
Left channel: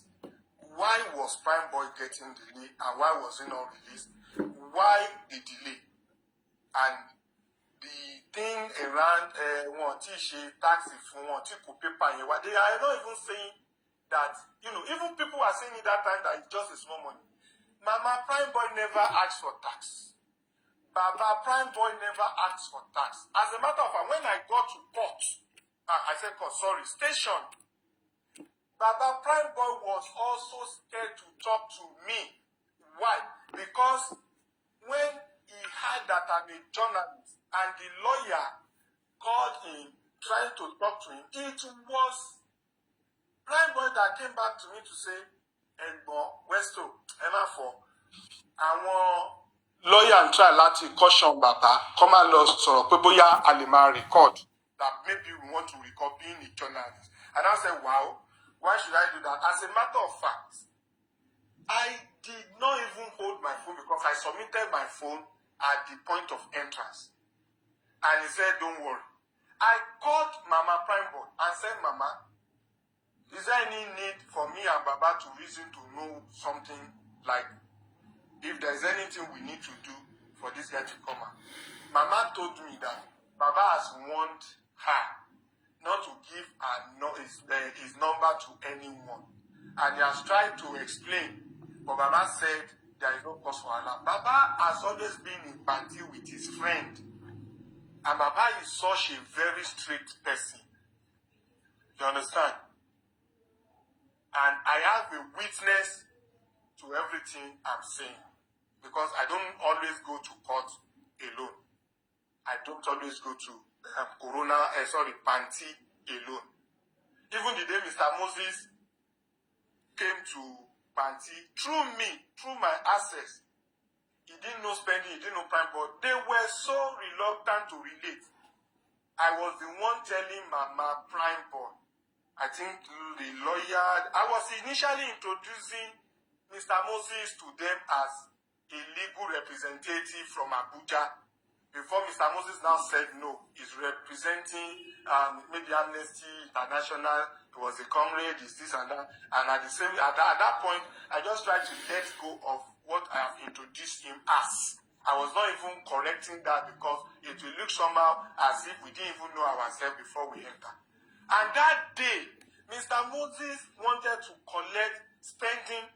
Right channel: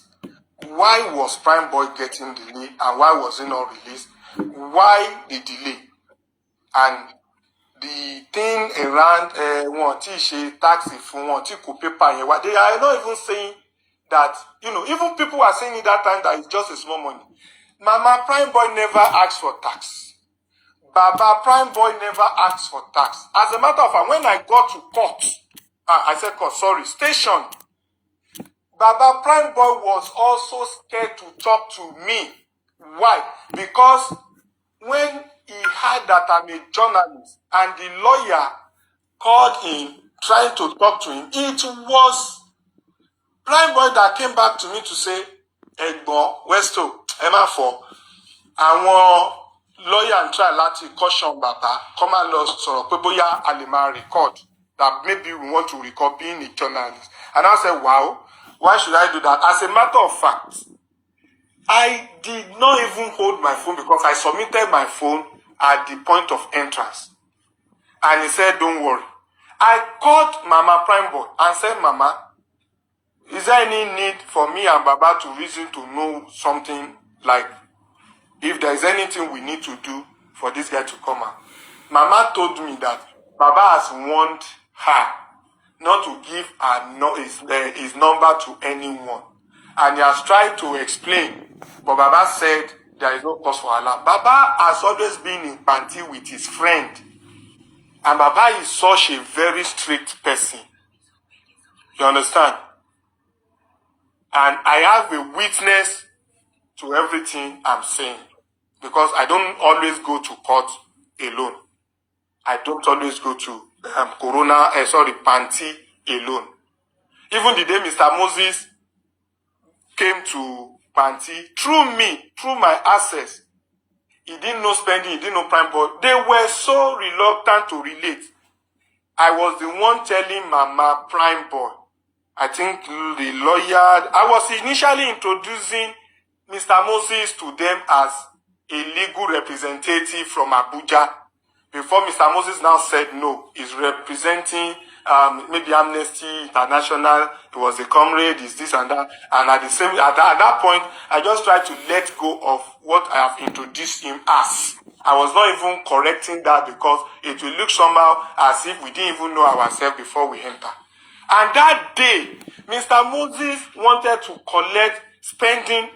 why was Prime Boy getting delayed and why was it not released? Why the delay? And the thing around one taxi for one paper, they are not even saying that, even people are saying in that time that it's just a small money. Mama Prime Boy never asked for tax. Baba Prime Boy never asked for tax. As a matter of fact, when I got to court, station, Baba Prime Boy was also scared to talk to me. Why? Because when he heard that I'm a journalist and the lawyer called him, trying to talk to him, it was Prime Boy that came back to me to say, Egbon, Westo, Emma for, àwọn lawyer and try láti caution bàbá, come and lost sọ̀rọ̀ pé bóyá a lè máa record, that maybe we want to record being a journalist. And I said, wow, why should I do that? As a matter of fact, I did not even hold my phone because I submitted my phone at the point of entrance. And he said, don't worry. I called Mama Prime Boy and said, Mama, is there any need for me and Baba to reason to know something, like if there is anything we need to do for this guy to come out? Mama told me that Baba has warned her not to give his number to anyone. And he has tried to explain, but Baba said there is no cause for alarm. Baba has always been in party with his friend. And Baba is such a very strict person. You understand? And I have a witness to everything I'm saying. Because I don't always go to court alone. I don't always go to Panti alone. Even the day Mr. Moses came to Panti, through me, through my access, he didn't know spending, he didn't know Prime Boy. They were so reluctant to relate. I was the one telling Mama Prime Boy. I think the lawyer, I was initially introducing Mr. Moses to them as a legal representative from Abuja. Before Mr. Moses now said no, he's representing maybe Amnesty International. He was a comrade, is this and that. And at that point, I just tried to let go of what I have introduced him as. I was not even correcting that because it will look somehow as if we didn't even know ourselves before we enter. And that day, Mr. Moses wanted to collect spending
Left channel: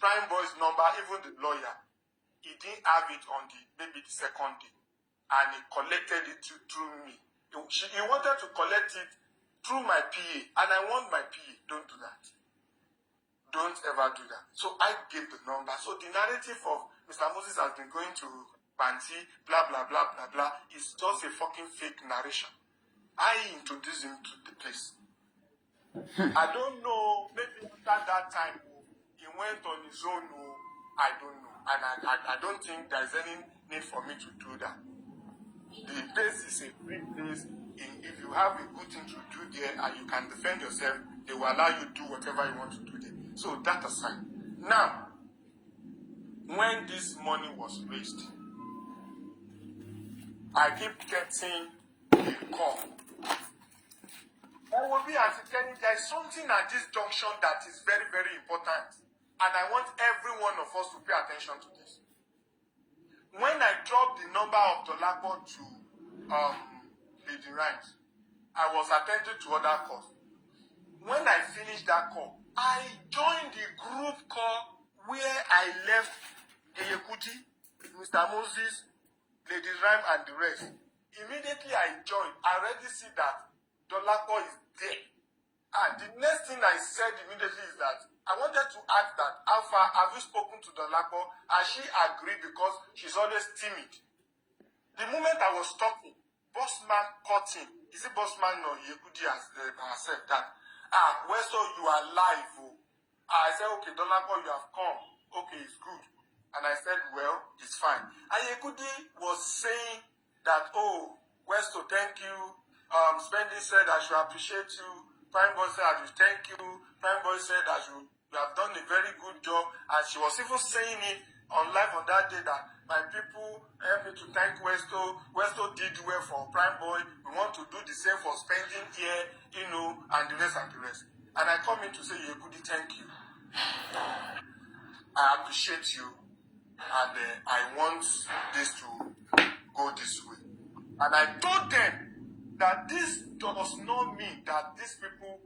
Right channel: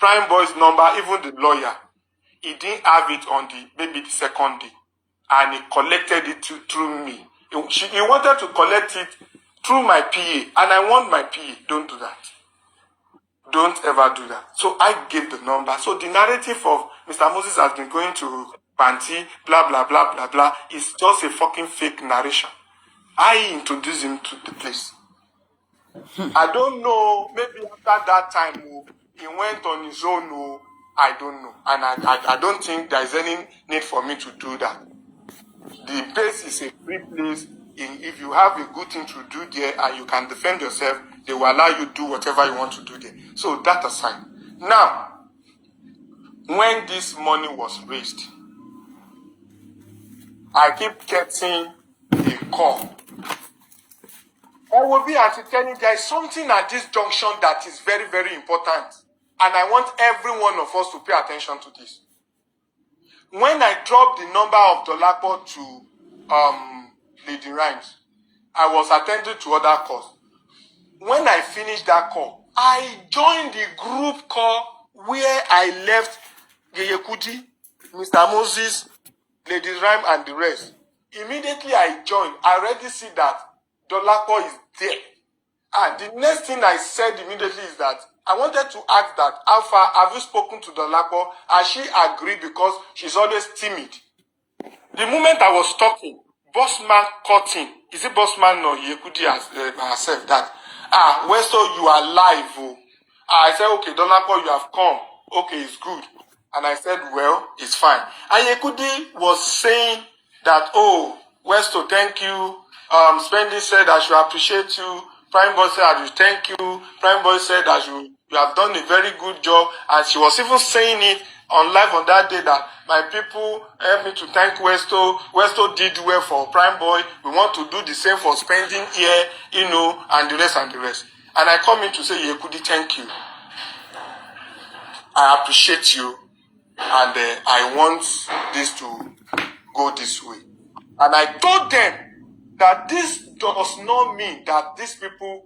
Prime Boy's number, even the lawyer. He didn't have it on maybe the second day. And he collected it through me. He wanted to collect it through my PA. And I want my PA. Don't do that. Don't ever do that. So I gave the number. So the narrative of Mr. Moses has been going to Panti, blah, blah, blah, blah, blah. It's just a fucking fake narration. I introduced him to the place. I don't know. Maybe after that time, he went on his own. I don't know. And I don't think there is any need for me to do that. The place is a free place. If you have a good thing to do there and you can defend yourself, they will allow you to do whatever you want to do there. So that aside. Now, when this money was raised, I keep getting a call. I will be telling there is something at this junction that is very, very important. And I want every one of us to pay attention to this. When I dropped the number of Dolapo to Lady Rhymes, I was attending to other calls. When I finished that call, I joined the group call where I left Yeyekudi, Mr. Moses, Lady Rhyme, and the rest. Immediately I joined, I already see that Dolapo is there. And the next thing I said immediately is that I wanted to ask that, how far have you spoken to Dolapo? Has she agreed because she's always timid? The moment I was talking, Bossman caught in. Is it Bossman or Yekudi herself that, Westo, you are live. Oh. I said, okay, Dolapo, you have come. Okay, it's good. And I said, well, it's fine. And Yekudi was saying that, oh, Westo, thank you. Spendy said I should appreciate you. Prime Boy said I should thank you. Prime Boy said that you have done a very good job. And she was even saying it on live on that day that my people helped me to thank Westo. Westo did well for Prime Boy. We want to do the same for spending here, and the rest and the rest. And I come in to say, Yekudi, thank you. I appreciate you, and I want this to go this way. And I told them that this does not mean that these people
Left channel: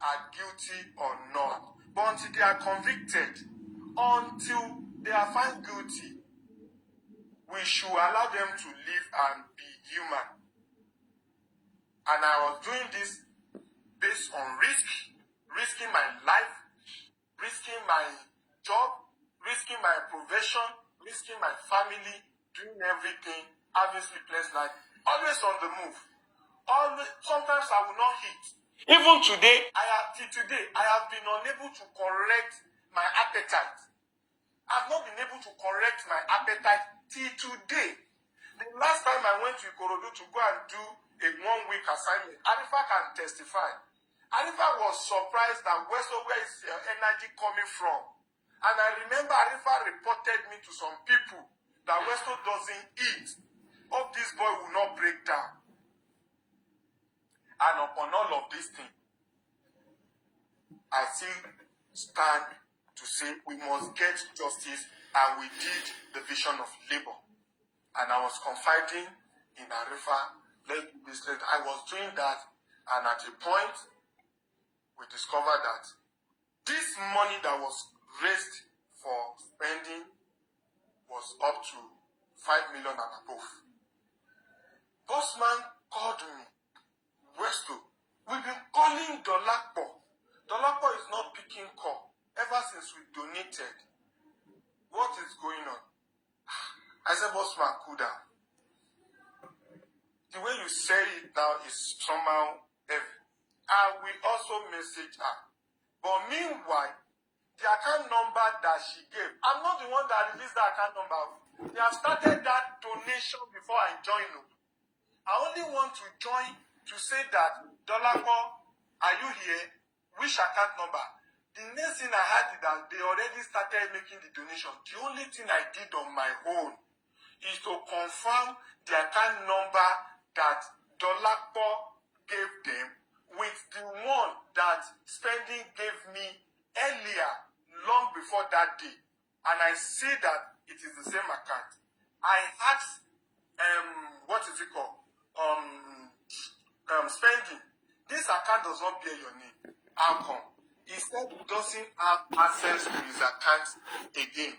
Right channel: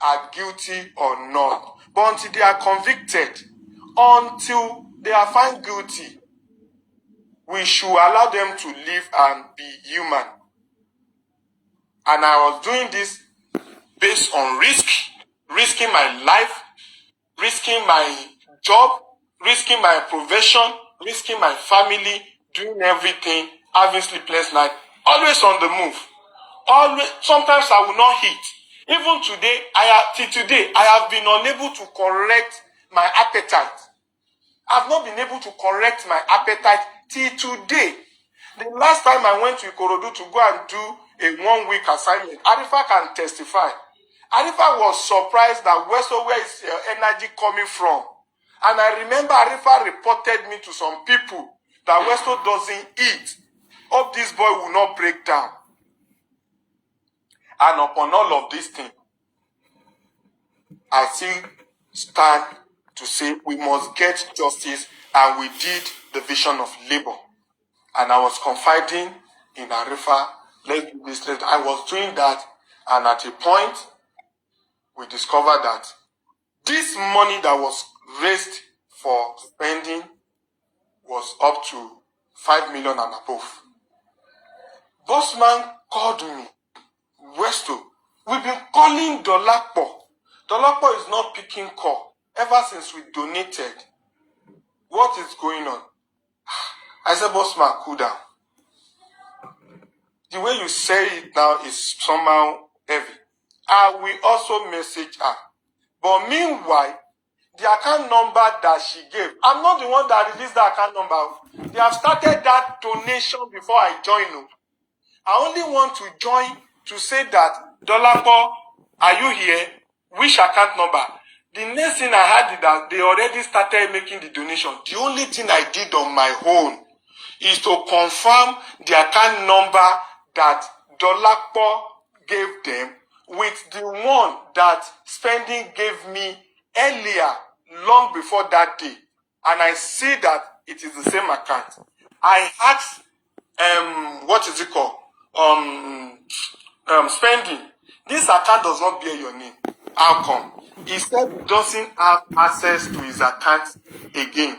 are guilty or not. But until they are convicted, until they are found guilty, we should allow them to live and be human. And I was doing this based on risking my life, risking my job, risking my profession, risking my family, doing everything, having sleepless night, always on the move. Always. Sometimes I will not eat. Even today, till today, I have been unable to correct my appetite. I've not been able to correct my appetite till today. The last time I went to Ikorodu to go and do a 1-week assignment, Arifa can testify. Arifa was surprised that Westo, where is your energy coming from? And I remember Arifa reported me to some people that Westo doesn't eat. Hope this boy will not break down. And upon all of these things, I still stand to say we must get justice, and we did the vision of labor. And I was confiding in Arifa, let's do this, I was doing that, and at a point, we discovered that this money that was raised for spending was up to 5 million and above. Bossman called me, Westo, we've been calling Dolapo. Dolapo is not picking call ever since we donated. What is going on? I said, Bossman, cool down. The way you say it now is somehow heavy. I will also message her. But meanwhile, the account number that she gave, I'm not the one that released the account number. They have started that donation before I joined. I only want to join to say that, Dolapo, are you here? Which account number? The next thing I had is that they already started making the donation. The only thing I did on my own is to confirm the account number that Dolapo gave them with the one that Spending gave me earlier, long before that day. And I see that it is the same account. I asked, what is it called? Spending. This account does not bear your name. How come? He said he doesn't have access to his account again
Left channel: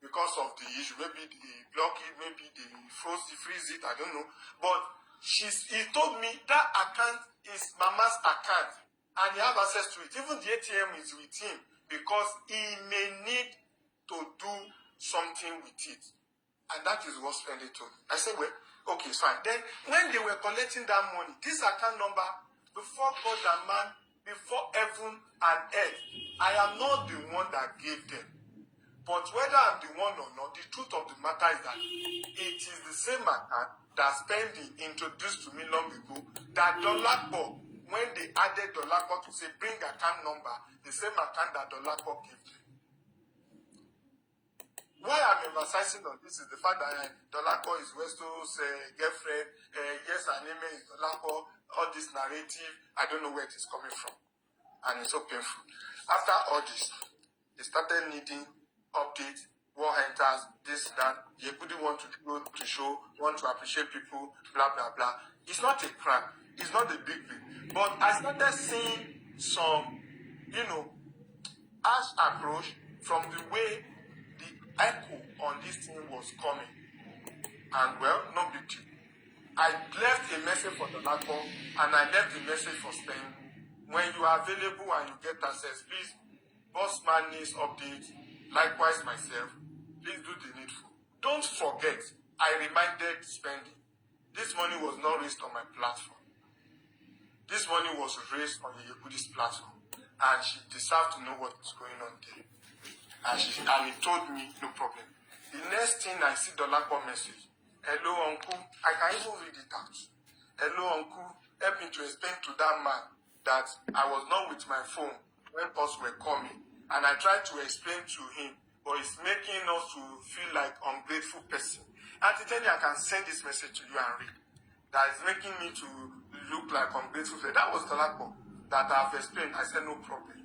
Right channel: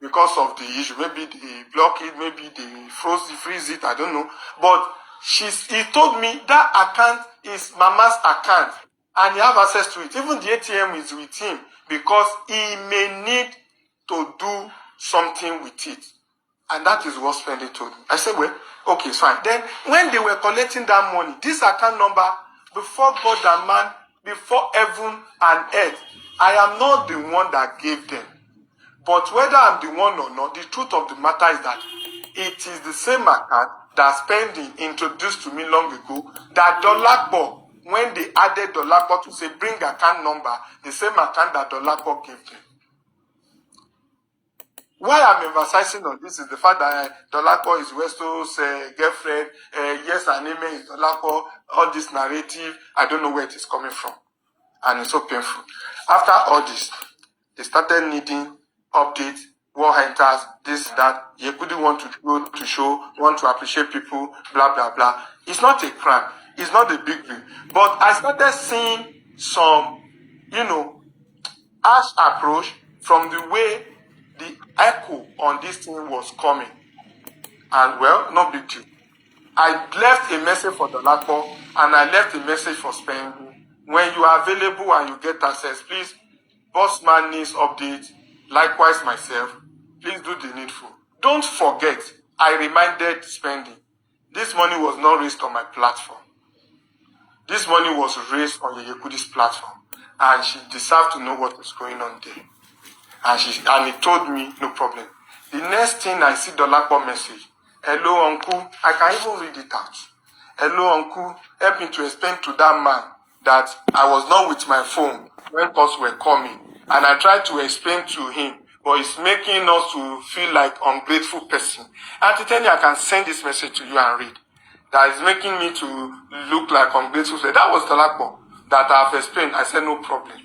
because of the issue. Maybe they block it, maybe they freeze it, I don't know. But he told me that account is Mama's account and he have access to it. Even the ATM is with him because he may need to do something with it. And that is what Spending told me. I said, well, okay, it's fine. Then when they were collecting that money, this account number, before God and man, before heaven and earth, I am not the one that gave them. But whether I'm the one or not, the truth of the matter is that it is the same account that Spending introduced to me long ago, that Dolapo, when they added Dolapo to say bring account number, the same account that Dolapo gave them. Why I'm emphasizing on this is the fact that Dolapo is Westo's girlfriend, yes and amen is Dolapo, all this narrative, I don't know where it is coming from. And it's so painful. After all this, they started needing updates, war hunters, this, that. Yekudi want to go to show, want to appreciate people, blah, blah, blah. It's not a crime. It's not a big deal. But I started seeing some, harsh approach from the way the echo on this thing was coming. And well, no big deal. I left a message for Dolapo and I left a message for Spending. When you are available and you get access, please, Bossman needs updates. Likewise myself, please do the needful. Don't forget, I reminded Spending, this money was not raised on my platform. This money was raised on Yekudi's platform. And she deserved to know what was going on there. And he told me, no problem. The next thing I see Dolapo message, hello uncle, I can even read it out. Hello uncle, help me to explain to that man that I was not with my phone when calls were coming. And I tried to explain to him, but it's making us to feel like ungrateful person. And to tell you, I can send this message to you and read. That is making me to look like ungrateful. That was Dolapo that I have explained. I said, no problem.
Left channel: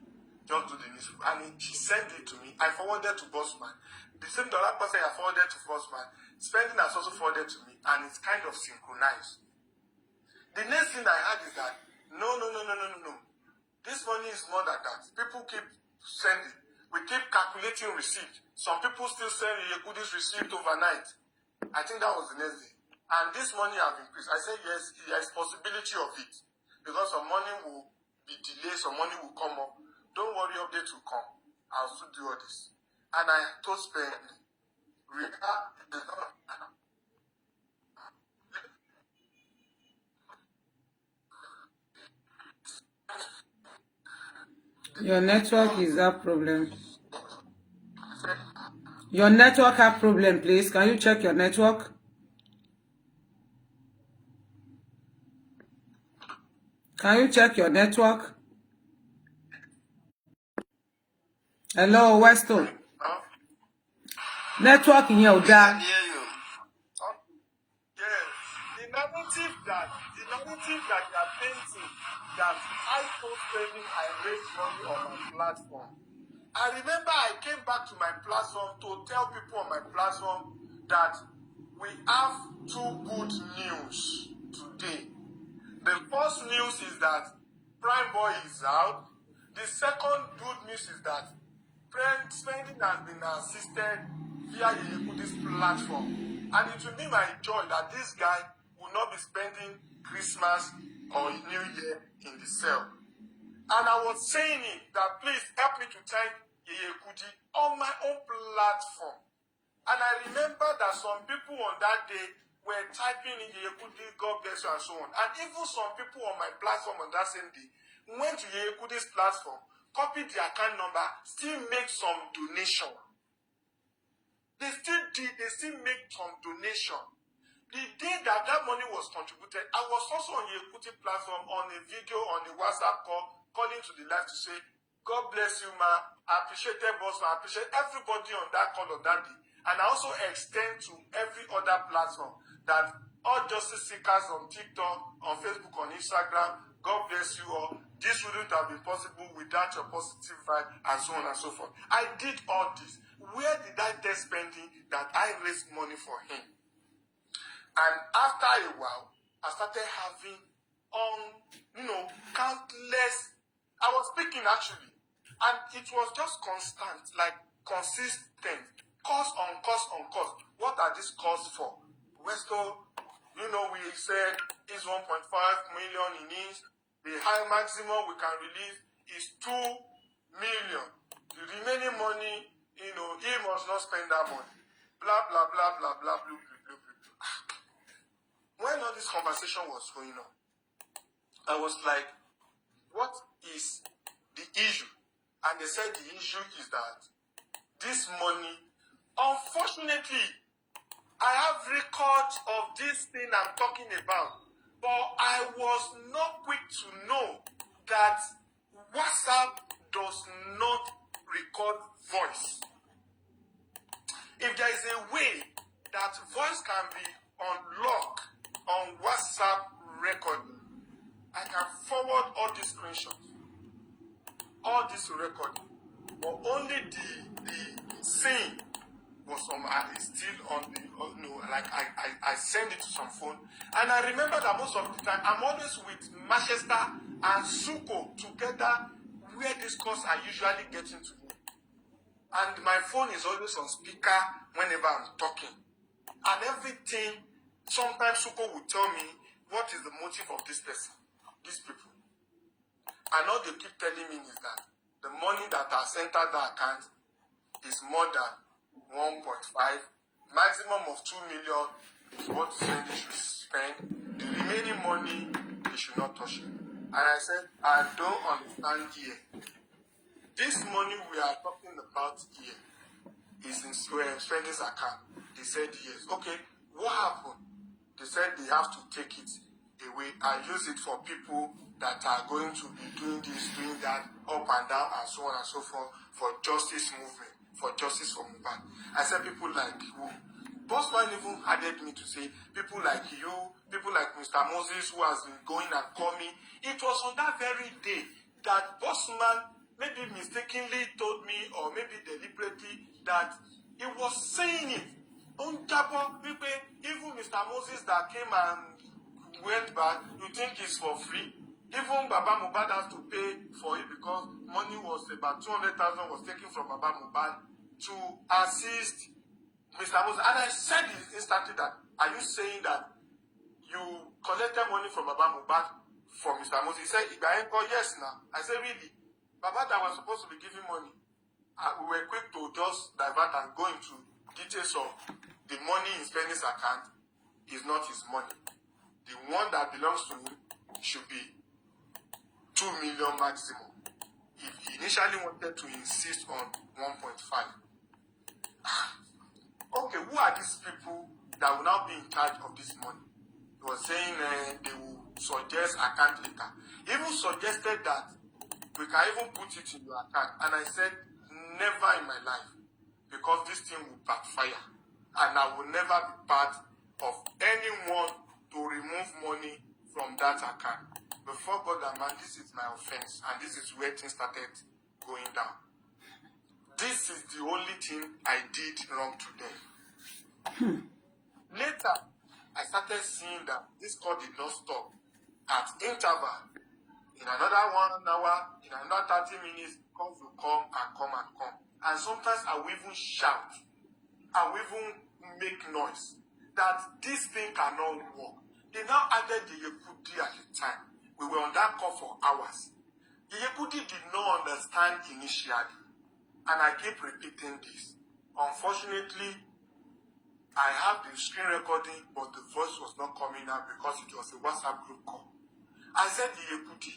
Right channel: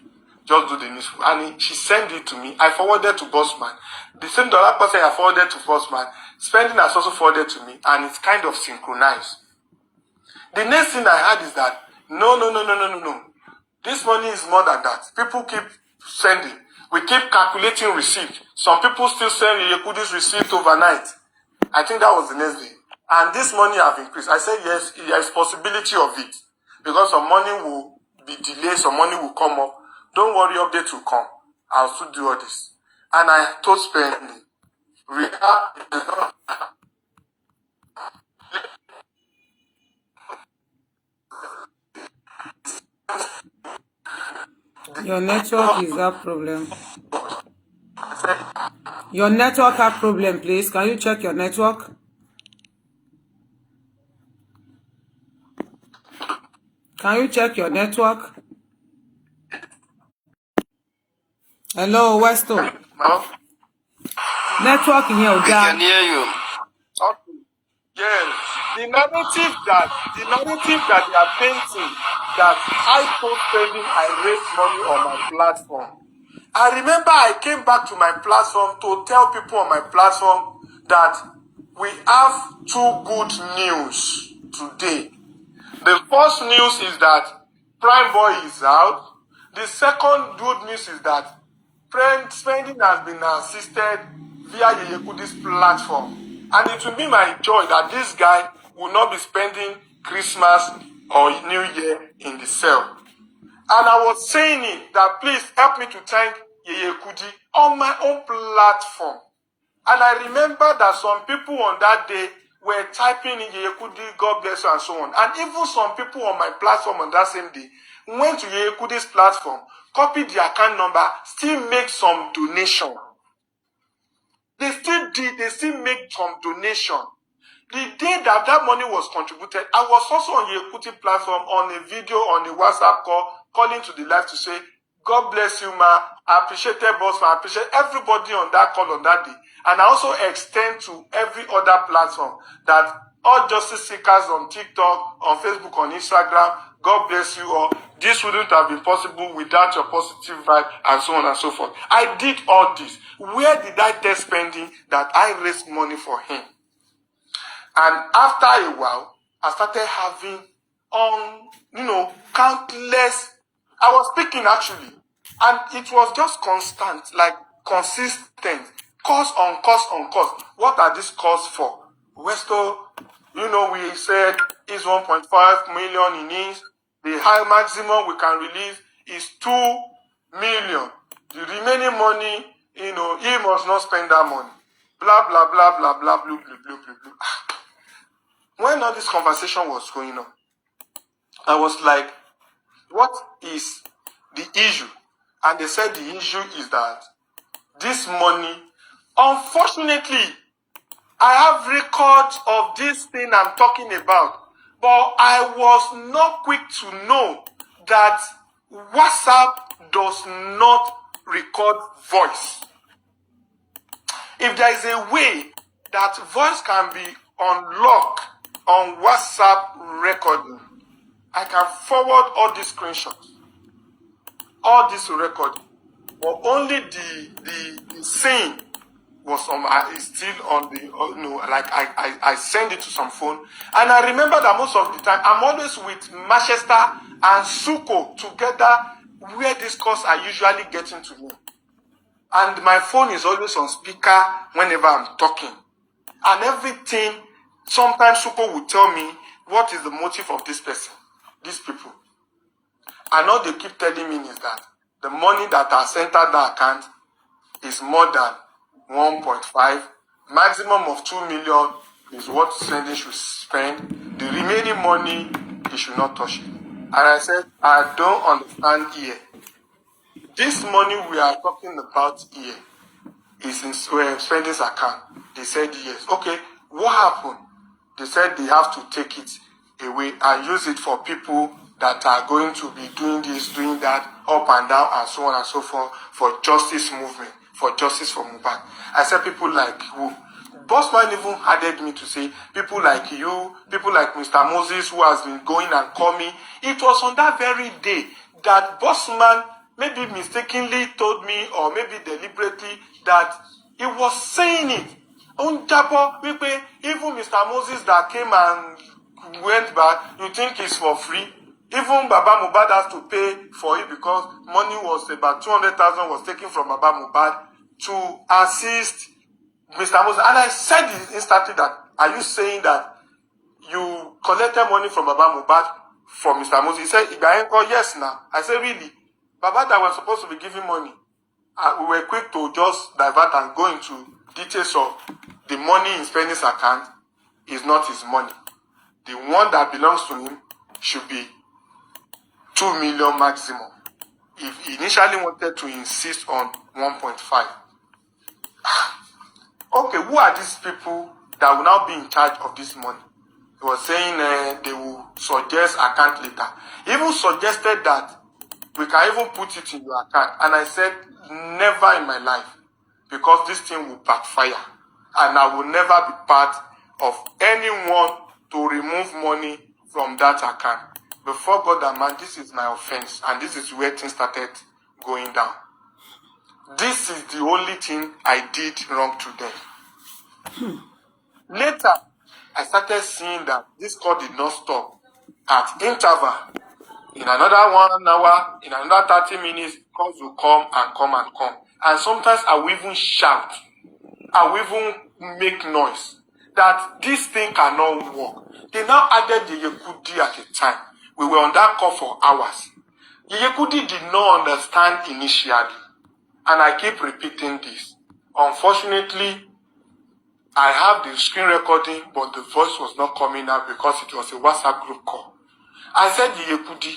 just do the needful. And she sent it to me. I forwarded to Bossman. The same dollar person I forwarded to Bossman, Spending has also forwarded to me, and it's kind of synchronized. The next thing I had is that, no. This money is more than that. People keep sending. We keep calculating receipt. Some people still send Yekudi's receipt overnight. I think that was the next day. And this money have increased. I said, yes, there is possibility of it. Because some money will be delayed, some money will come up. Don't worry, update will come. I'll still do all this. And I told Spending, Your network is that problem. Your network have problem, please. Can you check your network? Can you check your network? Hello, Westo. Network in your We can hear you. yes. The narrative that they are painting, that I post Spending, I raise money on my platform. I remember I came back to my platform to tell people on my platform that we have two good news today. The first news is that Prime Boy is out. The second good news is that Spending has been assisted via Yekudi's platform. And it will be my joy that this guy will not be spending Christmas or New Year in the cell. And I was saying it, that please help me to thank Yekudi on my own platform. And I remember that some people on that day were typing in Yekudi, God bless you, and so on. And even some people on my platform on that same day went to Yekudi's platform, copied the account number, still make some donation. They still make some donation. The day that money was contributed, I was also on Yekuti platform on a video, on a WhatsApp call, calling to the live to say, God bless you, ma. I appreciate boss, I appreciate everybody on that call on that day. And I also extend to every other platform that all justice seekers on TikTok, on Facebook, on Instagram, God bless you all. This wouldn't have been possible without your positive vibe and so on and so forth. I did all this. Where did I tell Spending that I raised money for him? And after a while, I started having countless. I was speaking actually, and it was just constant, like consistent, cost on cost on cost. What are these costs for? Westo, we said is 1.5 million in each. The high maximum we can release is 2 million. The remaining money, he must not spend that money. Blah, blah, blah, blah, blah, blah, blah, blah, blah, blah. When all this conversation was going on, I was like, what is the issue? And they said the issue is that this money, unfortunately, I have records of this thing I'm talking about, but I was not quick to know that WhatsApp does not record voice. If there is a way that voice can be unlocked on WhatsApp recording, I can forward all these screenshots, all this recording, but only the scene was on. Is still on the I send it to some phone, and I remember that most of the time I'm always with Manchester and Suko together, where these calls are usually getting to me, and my phone is always on speaker whenever I'm talking, and everything. Sometimes Suko will tell me what is the motive of this person, these people. And all they keep telling me is that the money that has entered the account is more than 1.5. Maximum of 2 million is what Spending should spend. The remaining money, he should not touch it. And I said, I don't understand here. This money we are talking about here is in Spending's account. They said yes. Okay, what happened? They said they have to take it away and use it for people that are going to be doing this, doing that, up and down, and so on and so forth, for justice movement, for justice for Mohbad. I said people like who? Bossman even added me to say people like you, people like Mr. Moses, who has been going and coming. It was on that very day that Bossman maybe mistakenly told me or maybe deliberately that he was saying it. Unjabo, even Mr. Moses that came and went back, you think it's for free? Even Baba Mohbad has to pay for it because money was about 200,000 was taken from Baba Mohbad to assist Mr. Moses. And I said instantly that, are you saying that you collected money from Baba Mohbad from Mr. Moses? He said, yes, now. I said, really? Baba that was supposed to be giving money. We were quick to just divert and go into details of the money in spending's account is not his money. The one that belongs to him should be 2 million maximum. If he initially wanted to insist on 1.5. Okay, who are these people that will now be in charge of this money? He was saying they will suggest account later. He even suggested that we can even put it in your account. And I said, never in my life. Because this thing will backfire. And I will never be part of anyone to remove money from that account. Before God and man, this is my offense. And this is where things started going down. This is the only thing I did wrong to them. Later, I started seeing that this call did not stop. At interval, in another 1 hour, in another 30 minutes, calls will come and come and come. And sometimes I will even shout. I will even make noise. That this thing cannot work. They now added the Yekudi at the time. We were on that call for hours. The Yekudi did not understand initially. And I keep repeating this. Unfortunately, I have the screen recording, but the voice was not coming out because it was a WhatsApp group call. I said, Yekudi,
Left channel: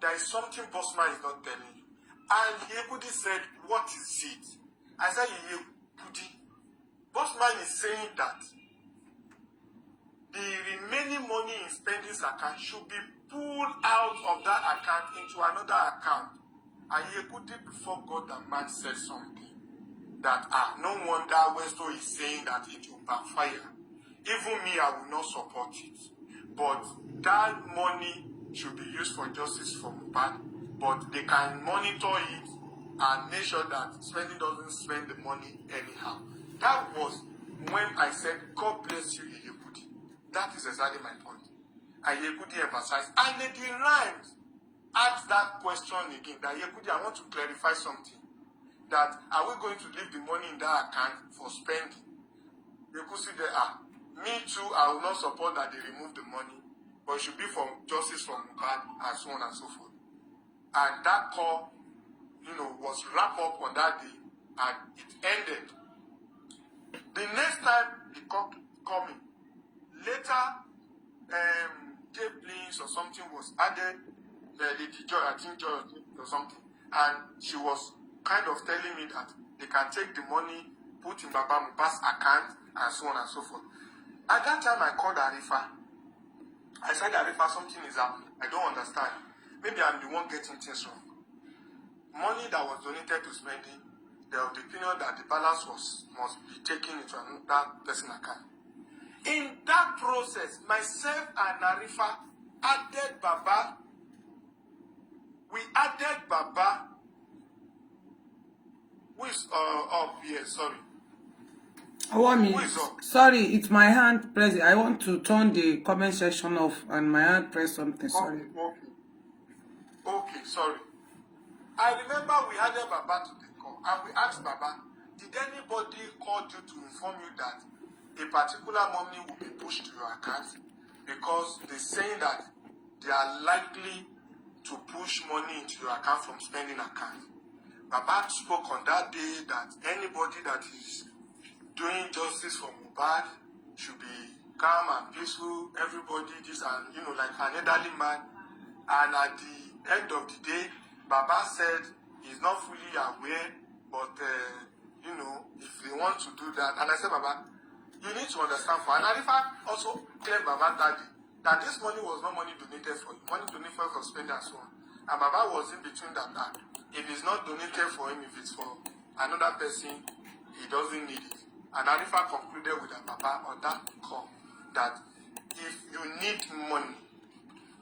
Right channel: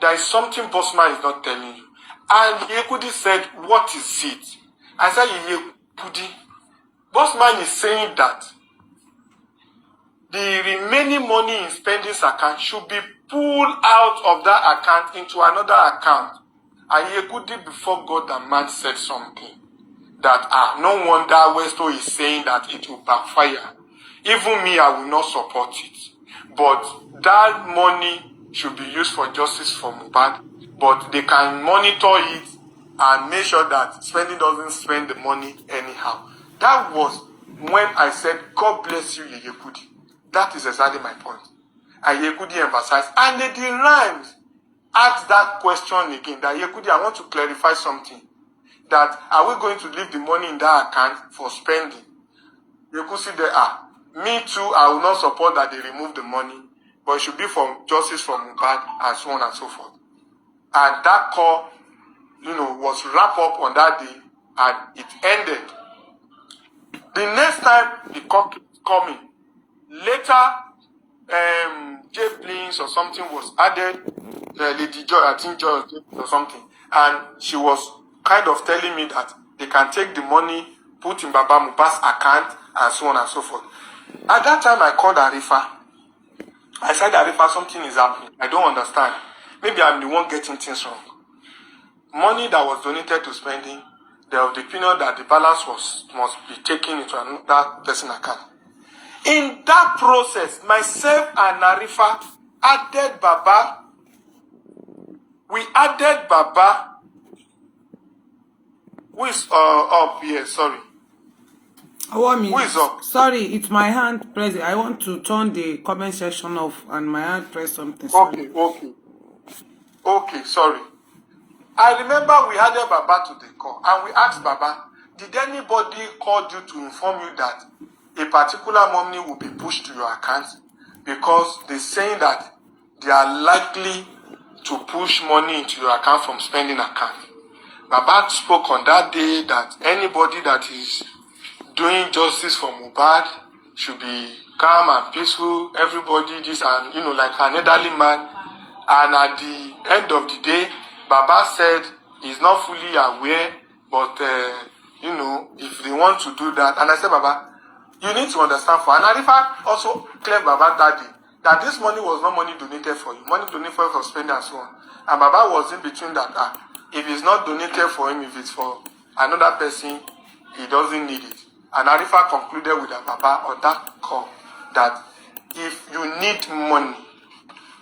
there is something Bossman is not telling you. And Yekudi said, what is it? I said, Yekudi, Bossman is saying that the remaining money in spending's account should be pulled out of that account into another account. And Yekudi, before God and man, said something. That no wonder Westo is saying that it will backfire. Even me, I will not support it. But that money should be used for justice for Mohbad. But they can monitor it and make sure that spending doesn't spend the money anyhow. That was when I said, God bless you, Yekudi. That is exactly my point. And Yekudi emphasized. And Lady Rhymes asked that question again. That Yekudi, I want to clarify something. That are we going to leave the money in that account for spending? You could see there are. Me too, I will not support that they remove the money, but it should be for justice for Mohbad and so on and so forth. And that call, was wrapped up on that day and it ended. The next time the call kept coming. Later, J Blins or something was added, Lady Joy, I think Joy or something, and she was kind of telling me that they can take the money, put in Baba Mohbad's account, and so on and so forth. At that time, I called Arifa. I said, Arifa, something is happening. I don't understand. Maybe I'm the one getting things wrong. Money that was donated to spending, there was the opinion that the balance must be taken into another person's account. In that process, myself and Arifa added Baba. We added Baba. Who is up here? Sorry. Who is up? Sorry, it's my hand pressing. I want to turn the comment section off and my hand press something. Sorry. Okay, sorry. I remember we added Baba to the call and we asked Baba, did anybody call you to inform you that a particular money will be pushed to your account? Because they're saying that they are likely to push money into your account from spending account. Baba spoke on that day that anybody that is doing justice for Mohbad should be calm and peaceful. Everybody, like an elderly man. And at the end of the day, Baba said he's not fully aware, but, if they want to do that. And I said, Baba, you need to understand and Arifa also cleared Baba that day that this money was not money donated for you, money donated for spending and so on. And Baba was in between that. If it's not donated for him, if it's for another person, he doesn't need it. And Arifa concluded with Baba on that call that if you need money,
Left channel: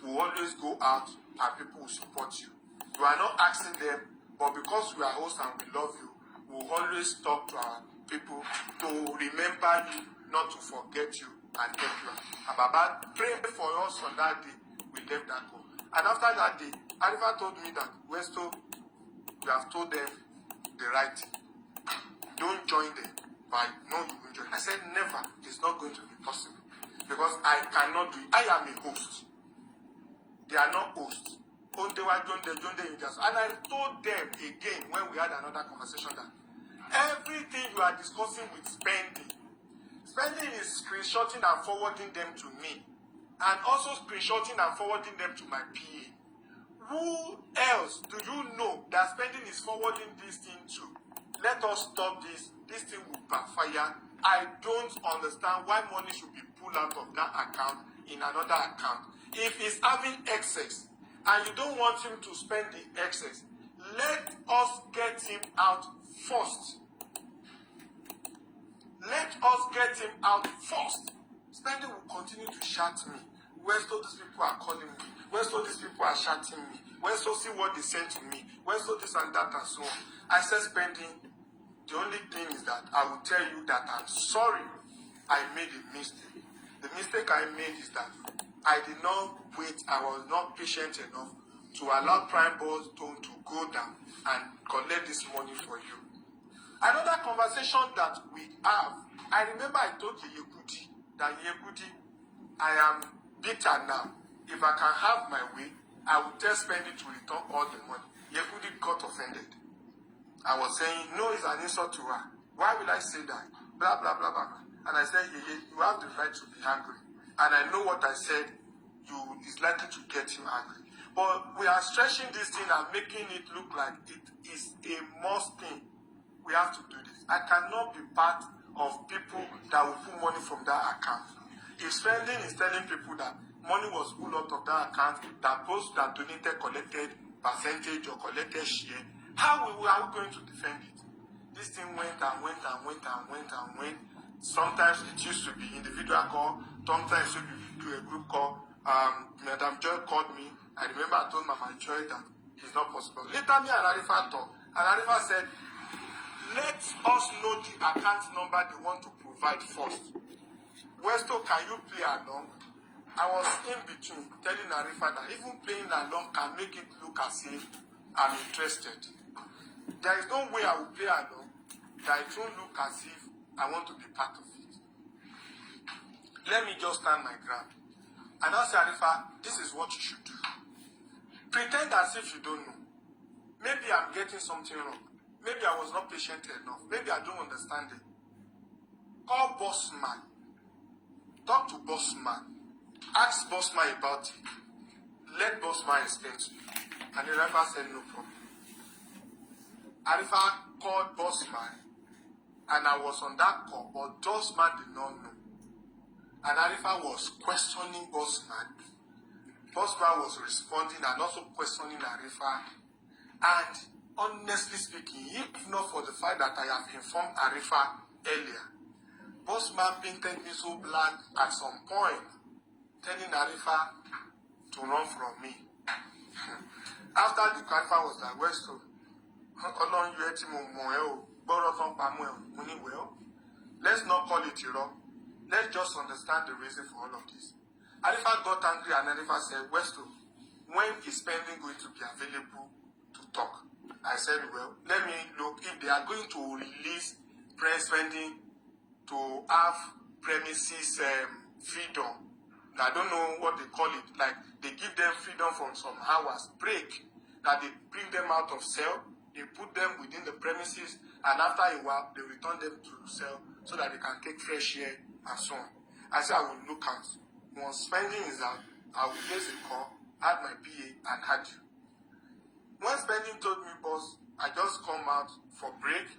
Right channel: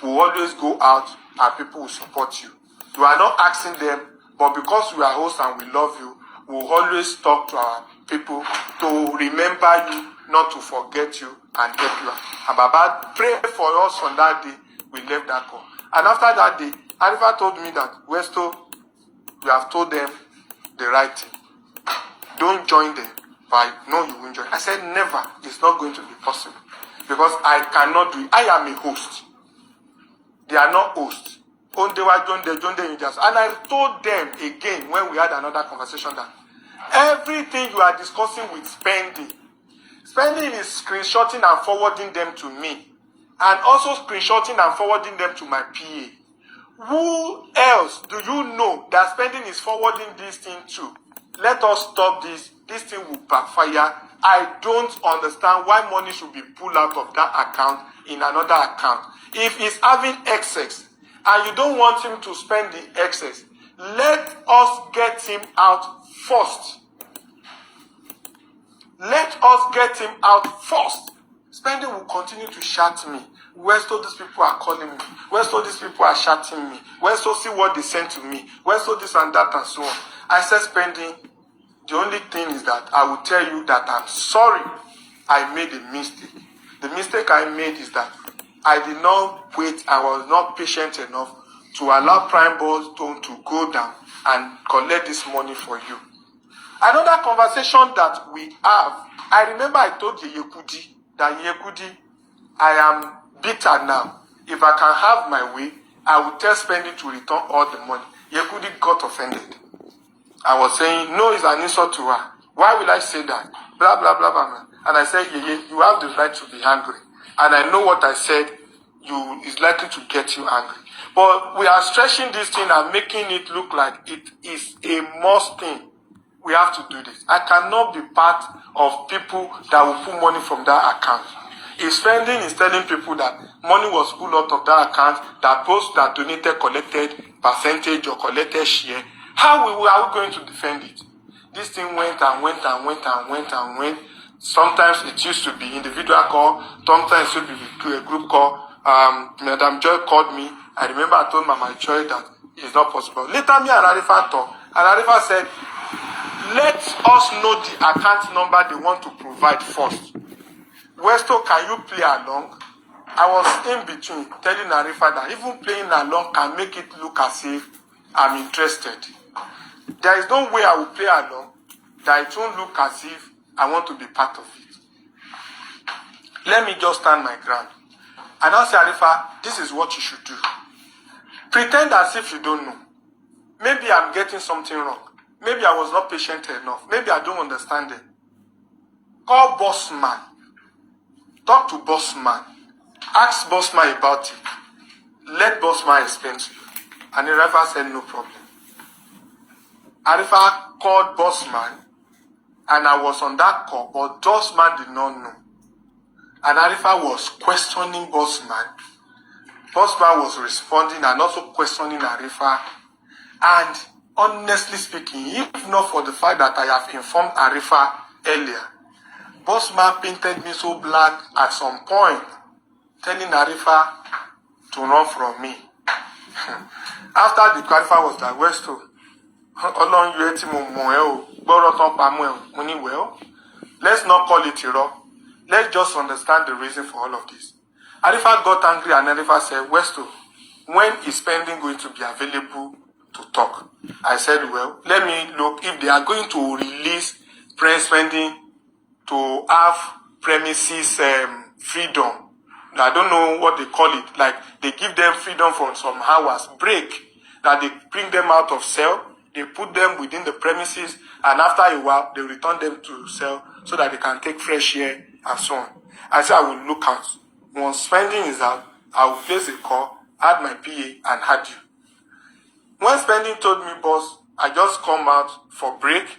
we always go out and people will support you. You are not asking them But because we are hosts and we love you, we'll always talk to our people to remember you, not to forget you and help you. And Baba prayed for us on that day. We left that call. And after that day, Arifa told me that, Westo, you have told them the right thing. Don't join them. But I know you won't join. I said, never. It's not going to be possible. Because I cannot do it. I am a host. They are not hosts. And I told them again when we had another conversation that everything you are discussing with spending is screenshotting and forwarding them to me. And also screenshotting and forwarding them to my PA. Who else do you know that spending is forwarding this thing to? Let us stop this. This thing will backfire. I don't understand why money should be pulled out of that account in another account. If he's having excess and you don't want him to spend the excess, let us get him out first. Let us get him out first. Spending will continue to shout me. Westo, these people are calling me. Westo, these people are shouting me. Westo, see what they sent to me. Westo, this and that and so on. I said, Spending, the only thing is that I will tell you that I'm sorry I made a mistake. The mistake I made is that I did not wait. I was not patient enough to allow Prime Boss to go down and collect this money for you. Another conversation that we have, I remember I told Yekudi that Yekudi, I am bitter now. If I can have my way, I will tell Spending to return all the money. Yekudi got offended. I was saying, no, it's an insult to her. Why will I say that? Blah, blah, blah, blah. And I said, you have the right to be angry. And I know what I said is likely to get you angry. But we are stretching this thing and making it look like it is a must thing. We have to do this. I cannot be part of people that will put money from that account. If Spending is telling people that money was pulled out of that account, that post that donated collected percentage or collected share, how are we going to defend it? This thing went and went and went and went and went. Sometimes it used to be individual call. Sometimes it would be a group call. Madam Joy called me. I remember I told Mama Joy that it's not possible. Later, me and Arifa talked. And Arifa said, let us know the account number they want to provide first. Westo, can you play along? I was in between telling Arifa that even playing along can make it look as if I'm interested. There is no way I will play along that it won't look as if I want to be part of it. Let me just stand my ground. And I'll say, Arifa, this is what you should do. Pretend as if you don't know. Maybe I'm getting something wrong. Maybe I was not patient enough. Maybe I don't understand it. Call boss man. Talk to boss man. Ask boss man about it. Let boss man explain to you. And Arifa said no problem. Arifa called boss man, and I was on that call, but boss man did not know. And Arifa was questioning boss man. Boss man was responding and also questioning Arifa. And honestly speaking, if not for the fact that I have informed Arifa earlier, boss man painted me so black at some point, telling Arifa to run from me. After the Arifa was like, Westo, let's not call it a rock. Let's just understand the reason for all of this. Arifa got angry and Arifa said, Westo, when is Spending going to be available to talk? I said, well, let me look if they are going to release Spending to have premises freedom. I don't know what they call it. Like they give them freedom for some hours, break, that they bring them out of cell, they put them within the premises, and after a while, they return them to cell so that they can take fresh air and so on. I said I will look out. Once Spending is out, I will place a call, add my PA, and add you. When Spending told me, boss, I just come out for break,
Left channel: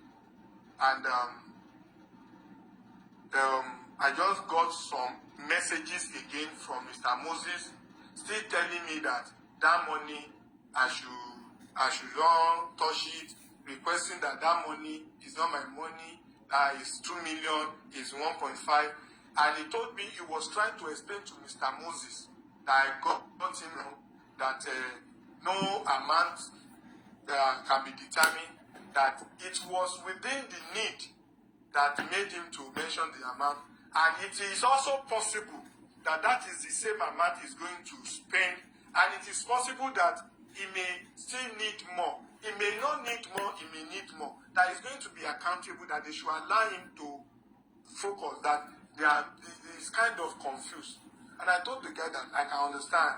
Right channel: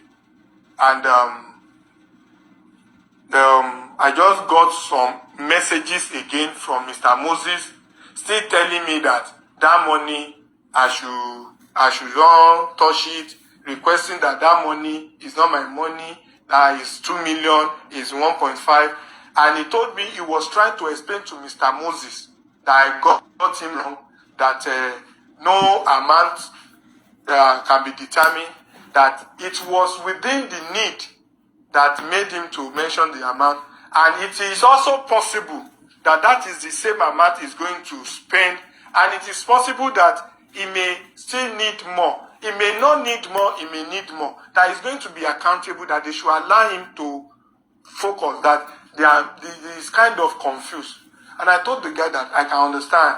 and I just got some messages again from Mr. Moses, still telling me that money, I should not touch it, requesting that money is not my money, that is 2 million, is 1.5. And he told me he was trying to explain to Mr. Moses that I got him wrong, that no amount can be determined that it was within the need that made him to mention the amount, and it is also possible that that is the same amount he's going to spend, and it is possible that he may still need more. He may not need more, he may need more. That is going to be accountable, that they should allow him to focus, that he is kind of confused. And I told the guy that I can understand,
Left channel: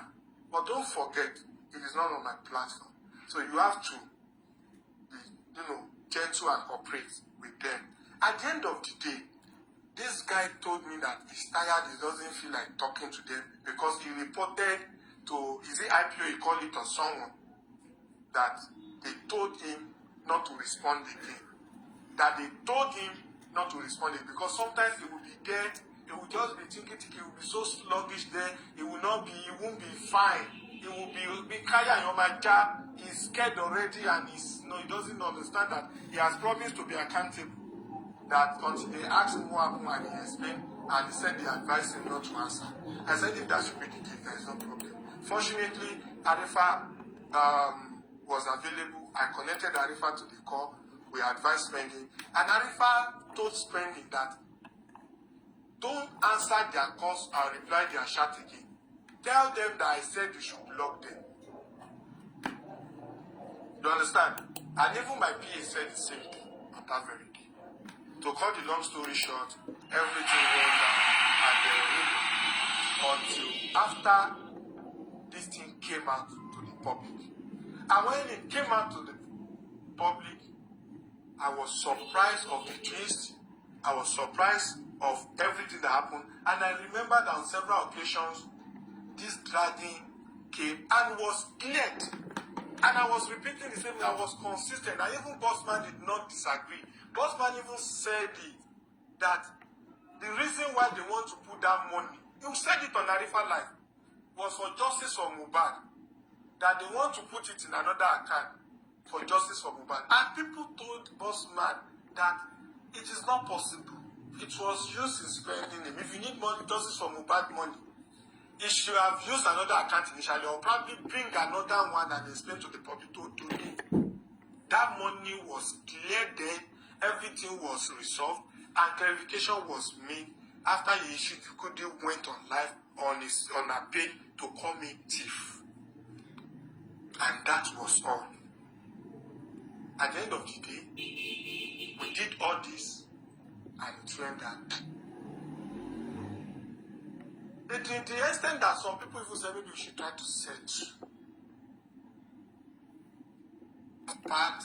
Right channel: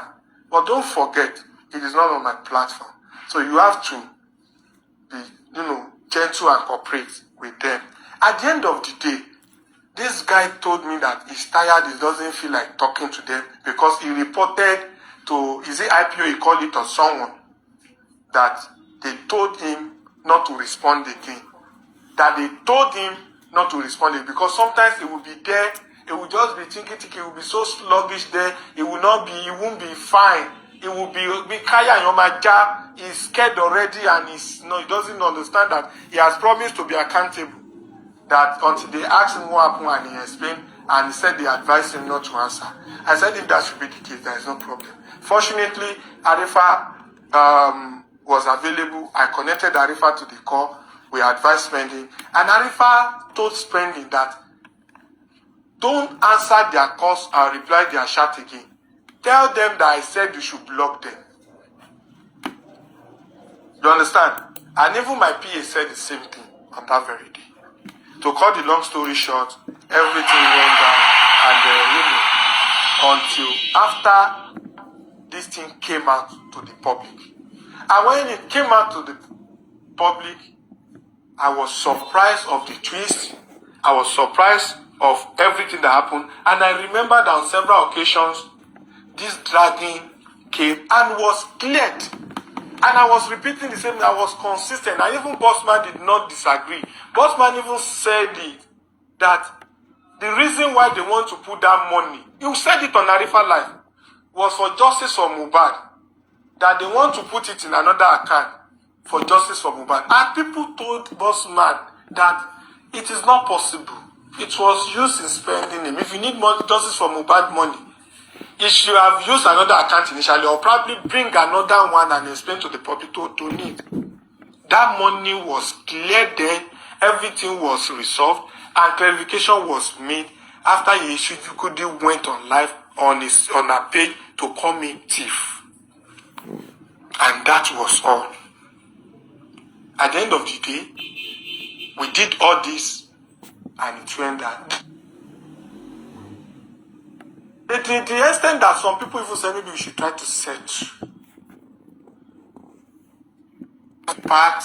but don't forget, it is not on my platform. So you have to be, gentle and cooperate with them. At the end of the day, this guy told me that he's tired, he doesn't feel like talking to them because he reported to, is it IPO he called it, or someone, that they told him not to respond again. That they told him not to respond again because sometimes he will be there, he will just be thinking, he will be so sluggish there, he won't be fine. He will be kaya yomaja. He's scared already, and he doesn't understand that he has promised to be accountable. That until they asked him what happened and he explained, and he said they advised him not to answer. I said if that should be the case, there is no problem. Fortunately, Arifa was available. I connected Arifa to the call. We advised Spending, and Arifa told Spending that don't answer their calls and reply their chat again. Tell them that I said you should block them. You understand? And even my PA said the same thing on that very day. To cut the long story short, everything went down, and until after this thing came out to the public. And when it came out to the public, I was surprised of the twist. I was surprised of everything that happened. And I remember that on several occasions, this dragging came and was cleared. And I was repeating the same thing. I was consistent. And even Bossman did not disagree. Bossman even said it, that the reason why they want to put that money, you said it on Arifa Live, was for justice for Mohbad. That they want to put it in another account for justice for Mohbad. And people told Bossman that it is not possible. It was used in spending him. If you need more justice for Mohbad money, he should have used another account initially, or probably bring another one and explain to the public to need. That money was cleared then, everything was resolved, and clarification was made after he issued Kudi went on live on a page to call me thief. And that was all. At the end of the day, we did all this, and it went that. The extent that some people even say maybe we should try to search part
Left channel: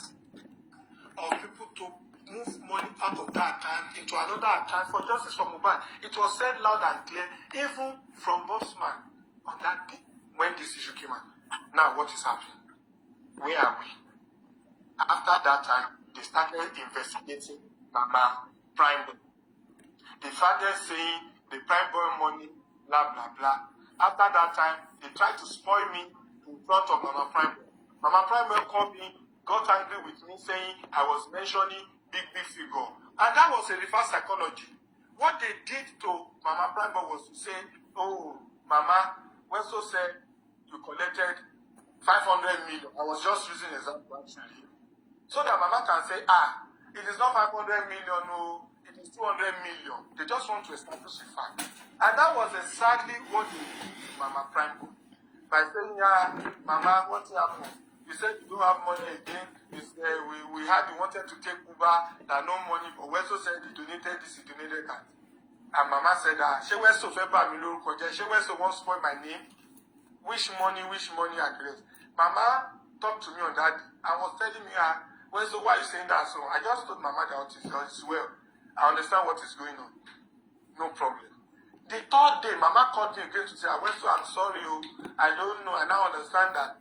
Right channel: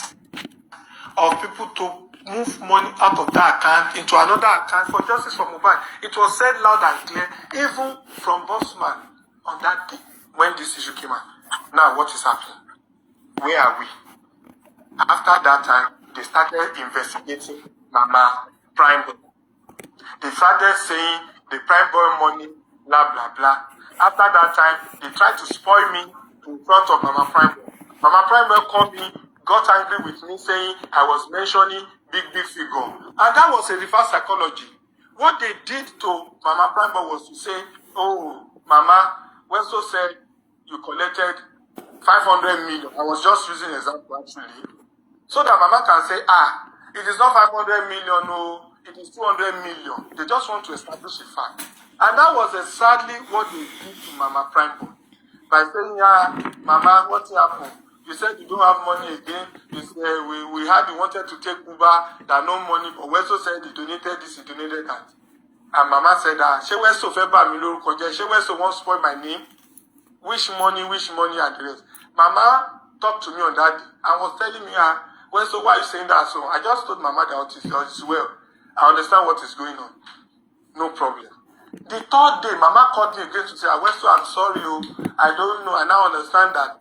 of people to move money out of that account into another account for justice for Mohbad. It was said loud and clear, even from Bossman on that day when this issue came out. Now, what is happening? Where are we? After that time, they started investigating Mama Prime Boy. They started saying the Prime Boy money, blah, blah, blah. After that time, they tried to spoil me in front of Mama Prime Boy. Mama Prime Boy called me, got angry with me, saying I was mentioning big figure. And that was a reverse psychology. What they did to Mama Prime Boy was to say, oh, Mama, Westo said you collected 500 million. I was just using an example actually. So that Mama can say, it is not 500 million, no, it is 200 million. They just want to establish a fact. And that was exactly what they did to Mama Prime Boy. By saying, Mama, what happened? You said you don't have money again. You said, we wanted to take Uber, that no money. But Westo said he donated this, he donated that. And Mama said, she Westo feba mi loruko je, she Westo won't spoil my name. Which money, and the rest. Mama talked to me on that day and was telling me, Westo, why are you saying that? So I just told Mama that it is well. I understand what is going on. No problem. The third day, Mama called me again to say, Westo, I'm sorry, I don't know. I now understand that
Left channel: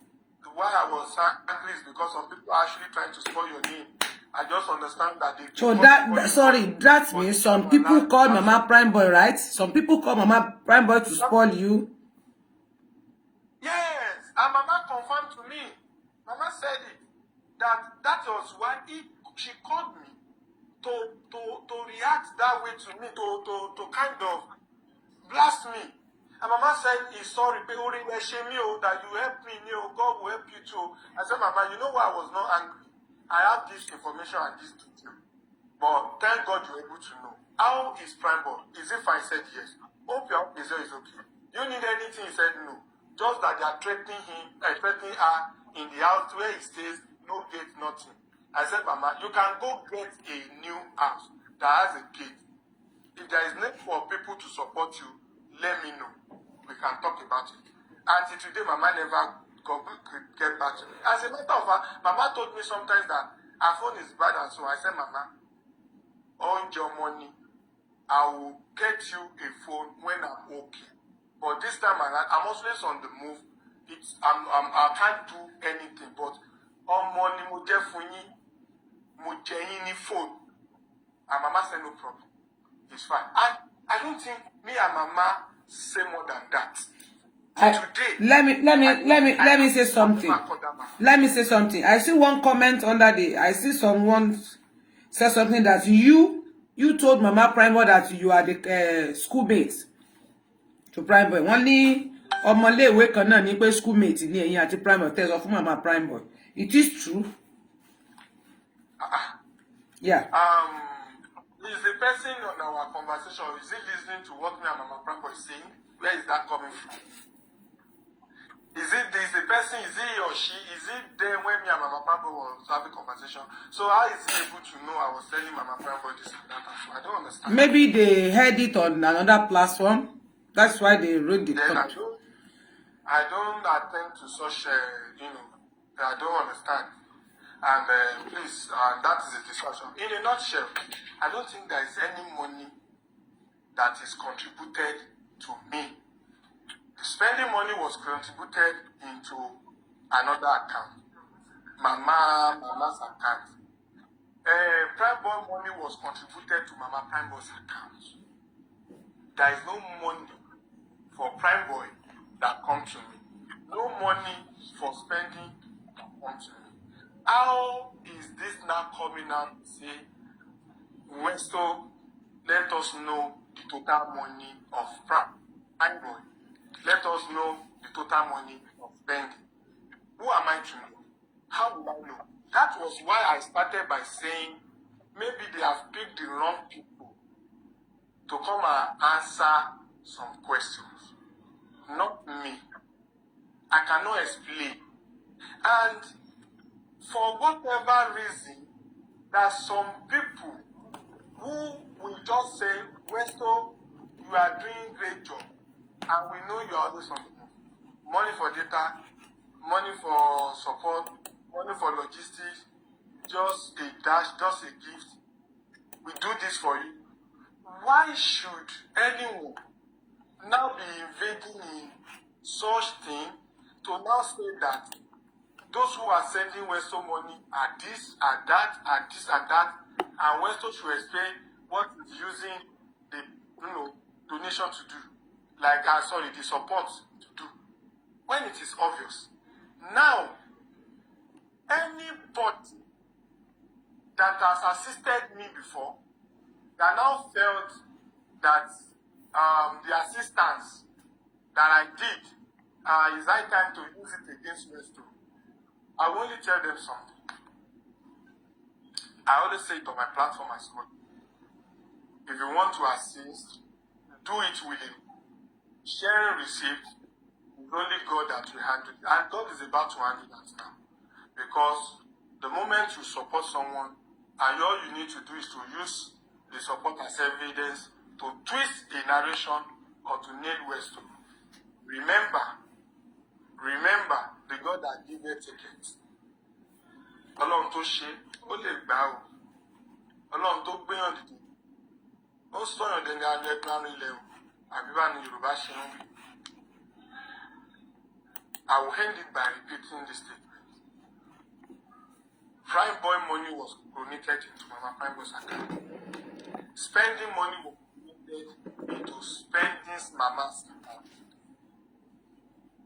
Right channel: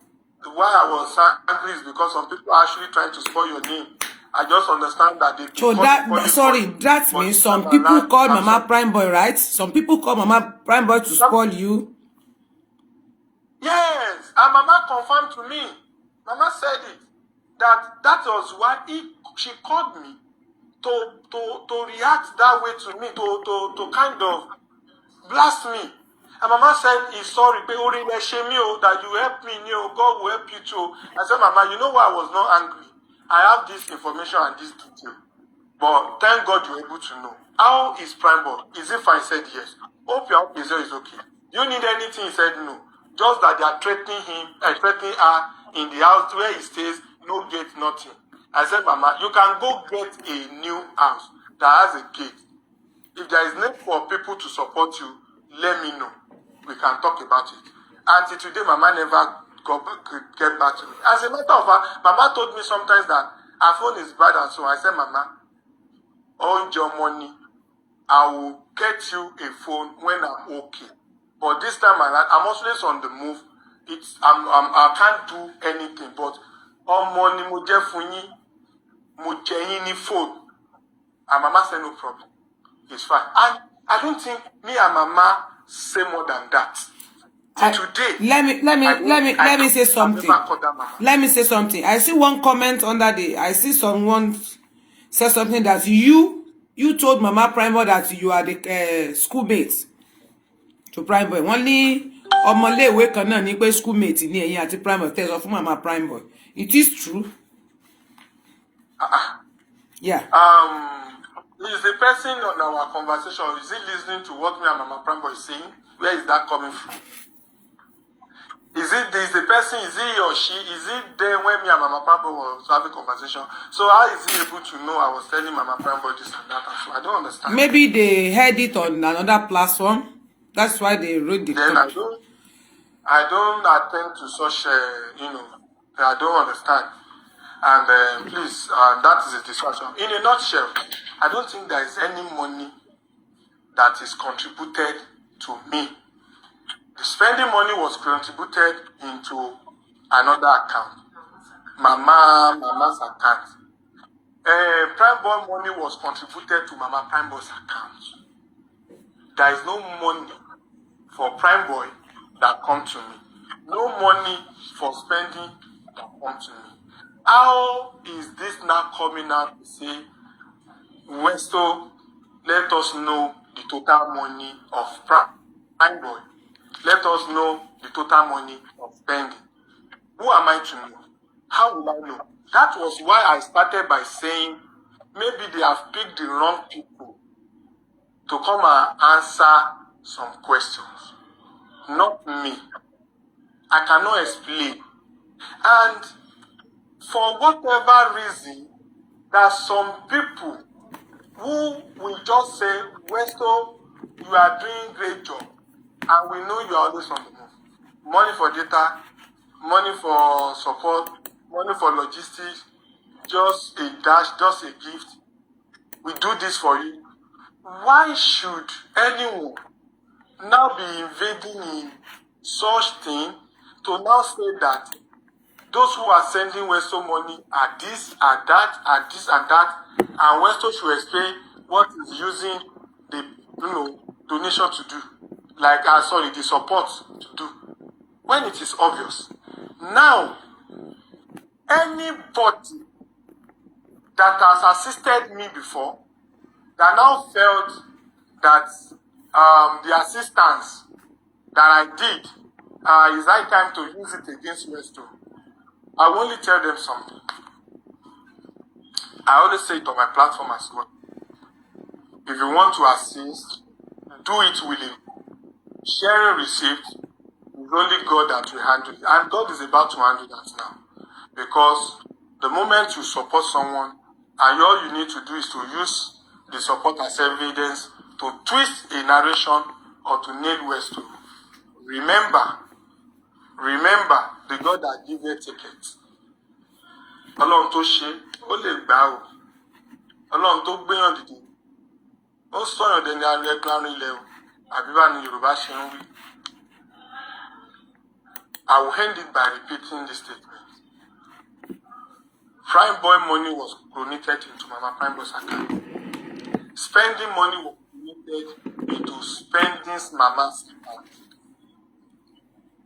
why I was angry is because some people are actually trying to spoil your name. I just understand that they... So that means some people call Mama Prime Boy, right? Some people call Mama Prime Boy to spoil you. Yes, and Mama confirmed to me. Mama said it. That was why she called me to react that way to me, to kind of blast me. And Mama said, he's sorry, that you helped me, God will help you too. I said, Mama, you know why I was not angry? I have this information and this detail. But thank God you're able to know. How is Prime Boy? Is it fine? He said yes. Hope your is okay. Do you need anything? He said no. Just that they are threatening him and threatening her in the house where he stays, no gate, nothing. I said, Mama, you can go get a new house that has a gate. If there is need for people to support you, let me know. We can talk about it. Until today, Mama never get back to me. As a matter of fact, Mama told me sometimes that her phone is bad and so I said, Mama, on your money, I will get you a phone when I'm okay. But this time I'm always on the move. I can't do anything. But on money, mo jẹ yín phone. And Mama said no problem. It's fine. And I don't think me and Mama say more than that. Today. Let me say something. Let me say something. I see one comment under I see someone said something that you told Mama Prime Boy that you are the schoolmates to Prime Boy. Wọ́n ní ọmọléèwé kan náà ní pé schoolmate ní ẹ̀yin àti Prime Boy tell fún Mama Prime Boy. It is true. Yeah. Is the person on our conversation, is he listening to what me and Mama Prime Boy is saying? Where is that coming from? Is the person, is he or she, is it there when me and Mama Prime Boy was having conversation? So how is he able to know I was telling Mama Prime Boy this and that? So I don't understand. Maybe they heard it on another platform. That's why they wrote the comment. I don't attend to such, I don't understand. And please, that is a discussion. In a nutshell, I don't think there is any money that is contributed to me. The spending money was contributed into another account, Mama's account. Prime Boy money was contributed to Mama Prime Boy's account. There is no money for Prime Boy that comes to me. No money for spending that comes to me. How is this now coming out to say, Westo, let us know the total money of Prime Boy. Let us know the total money of spending. Who am I to know? How will I know? That was why I started by saying, maybe they have picked the wrong people to come and answer some questions. Not me. I cannot explain. And for whatever reason, there are some people who will just say, Westo, you are doing great job. And we know you are always on the move. Money for data, money for support, money for logistics, just a dash, just a gift. We do this for you. Why should anyone now be invading in such thing to now say that those who are sending Westo money are this, are that, are this and that, and Westo should explain what is using the donation to do, like the support to do, when it is obvious. Now, anybody that has assisted me before, that now felt that the assistance that I did is high time to use it against Westo, I will only tell them something. I always say it on my platform as well. If you want to assist, do it willingly. Sharing receipts is only God that will handle it. And God is about to handle that now. Because the moment you support someone, and all you need to do is to use the support as evidence to twist a narration or to nail Westo. Remember the God that gave you tickets. Ọlọ́run tó ṣe, ó lè gbà o. Ọlọ́run tó gbéyàn dìde. Ó sọ̀yàn dẹni arẹ́gbárin ilẹ̀ o. Àbí bá ní Yorùbá ṣe ń wí. I will end it by repeating this statement. Prime Boy money was donated into Mama Prime Boy's account. Spending money was donated into spending Mama's account.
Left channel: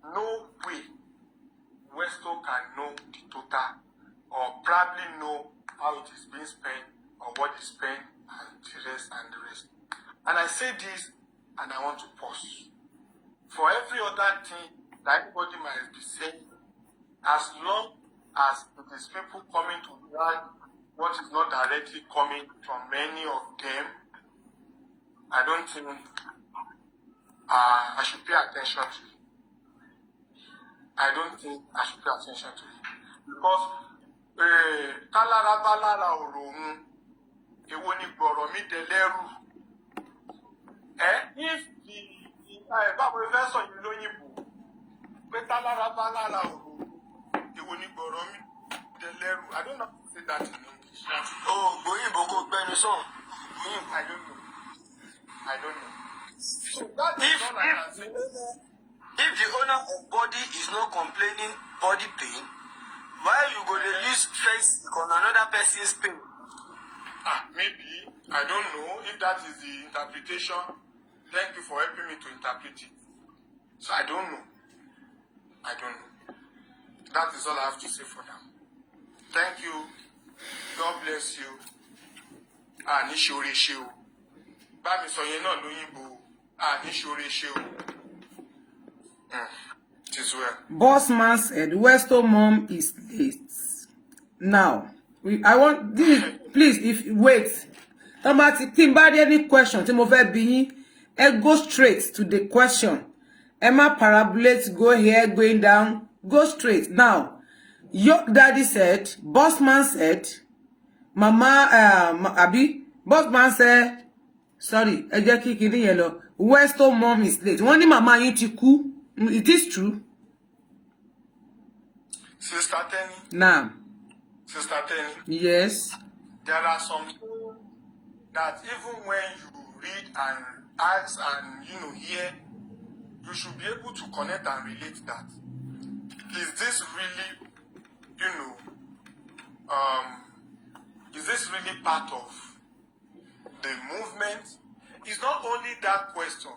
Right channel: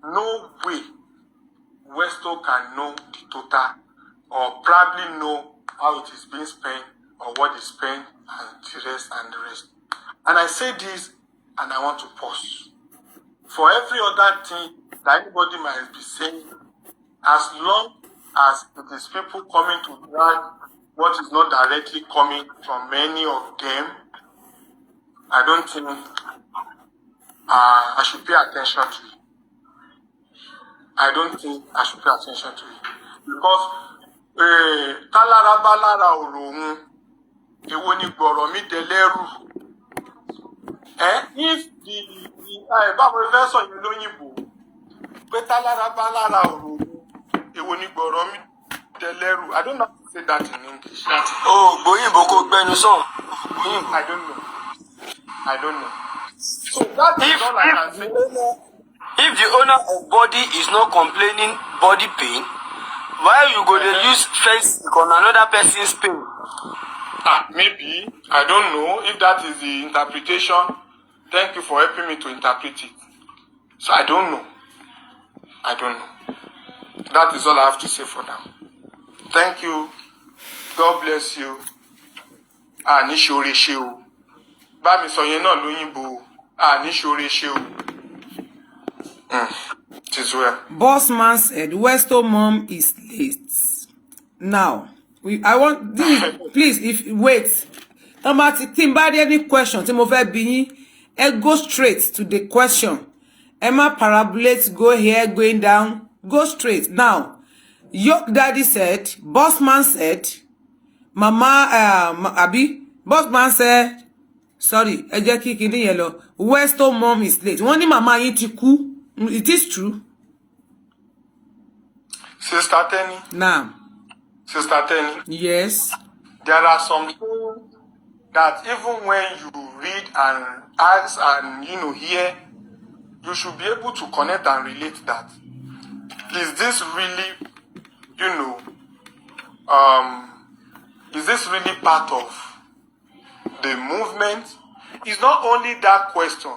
No way Westo can know the total or probably know how it is being spent or what is spent and the rest. And I say this and I want to pause. for every other thing that anybody might be saying, as long as it is people coming to drag what is not directly coming from many of them, I don't think I should pay attention to it. I don't think I should pay attention to it. Because Talara Balara Orohun, Ewoni Gboro mi Deleru. If the Bible verse on Yoloyibo, Talara Balara Orohun, Ewoni Gboro mi Deleru. I don't know how to say that in English. Oh, Boyinbo ko gbenu so. I don't know. So that is all I can say. If the owner of body is not complaining body pain, why you go to use face on another person's pain? Maybe. I don't know if that is the interpretation. Thank you for helping me to interpret it. So I don't know. That is all I have to say for now. Thank you. God bless you. Nishore sheu. Ba mi sọ yẹn náà lóyìnbó. Nishore sheu. It is well. Boss man said, Westo mom is late. Now, I want this, please, if wait. Anybody any question? Tí mo fẹ́ bi yín, go straight to the question. Emma parabolate, go here, going down, go straight. Now, your daddy said, boss man said, Mama boss man said, sorry, ẹ jẹ́ kí kíni yẹn lọ. Westo mom is late. Wọ́n ní mama yín ti kú. It is true. Sister Tenny. Now. Sister Tenny. Yes. There are some things that even when you read and ask and hear, you should be able to connect and relate that. Is this really, is this really part of the movement? It's not only that question.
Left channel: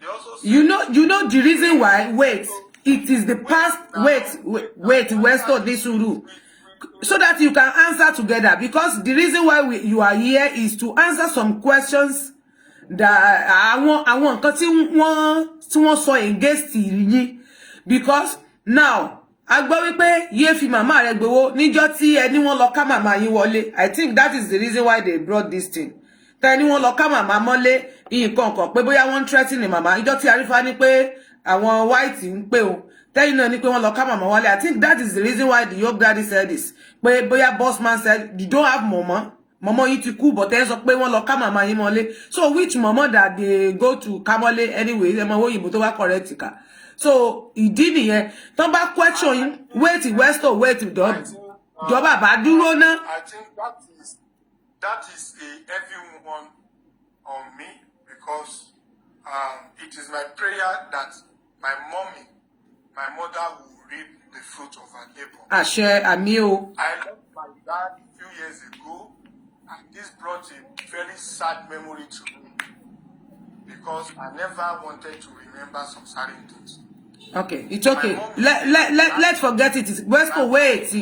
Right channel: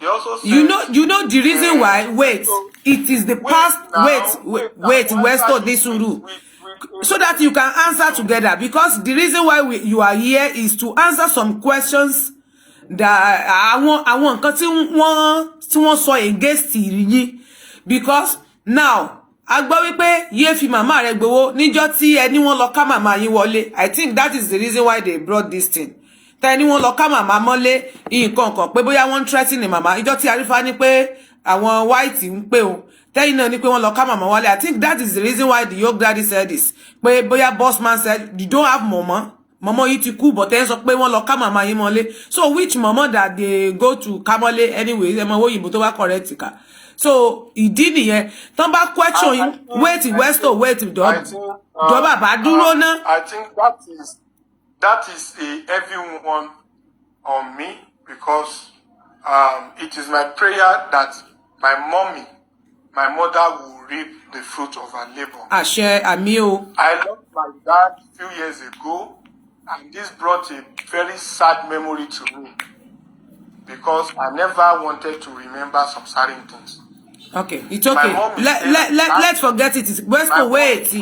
They also say, you know the reason why. Wait, it is the past. Wait, Westo Desuru, so that you can answer together. Because the reason why you are here is to answer some questions that I want. Because tí wọ́n against yín. Because now, agbọ́ wípé yé fi màmá rẹ̀ gbowó níjọ́ tí ẹni wọ́n lọ ká màmá yín wọlé. I think that is the reason why they brought this thing. Tẹ́ni wọ́n lọ ká màmá mọ́lé nǹkan kan pé bóyá wọ́n threaten ni màmá. Ìjọ́ tí Arifa ní pé àwọn white ń pè o. Tẹ́yìn náà ní pé wọ́n lọ ká màmá wọlé. I think that is the reason why the yoke daddy said this. Pé bóyá boss man said you don't have mama. Mama yìí ti kú, but ẹ sọ pé wọ́n lọ ká màmá yín mọ́lé. So which mama that they go to Kamole anyway? Ẹ mọ òyìnbó tó wá correct ka. So ìdí nìyẹn. Tán bá question yín, wait Westo, wait Jọba bá dúró ná. I think that is a heavy one on me, because it is my prayer that my mother will reap the fruit of her labor. Àṣẹ àmì o. I lost my dad a few years ago, and this brought a very sad memory to me, because I never wanted to remember some certain things. Okay, it's okay. Let's forget it. Westo, wait.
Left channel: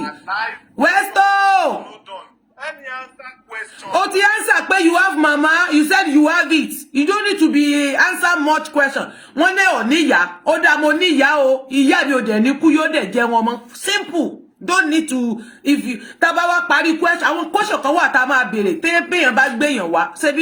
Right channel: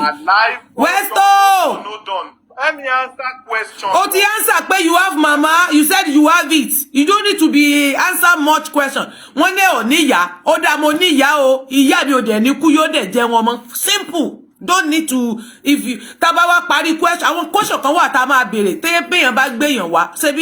Westo! No done. Let me answer question. Oh, the answer, but you have mama. You said you have it. You don't need to be answer much question. One day o niya, o da mo niya o, iya ni o de ni ku yo de je won mo. Simple. Don't need to, if you tabawa pari question, àwọn question kan wà tá máa béèrè. Te pe yan bá gbé yan wá. Ṣé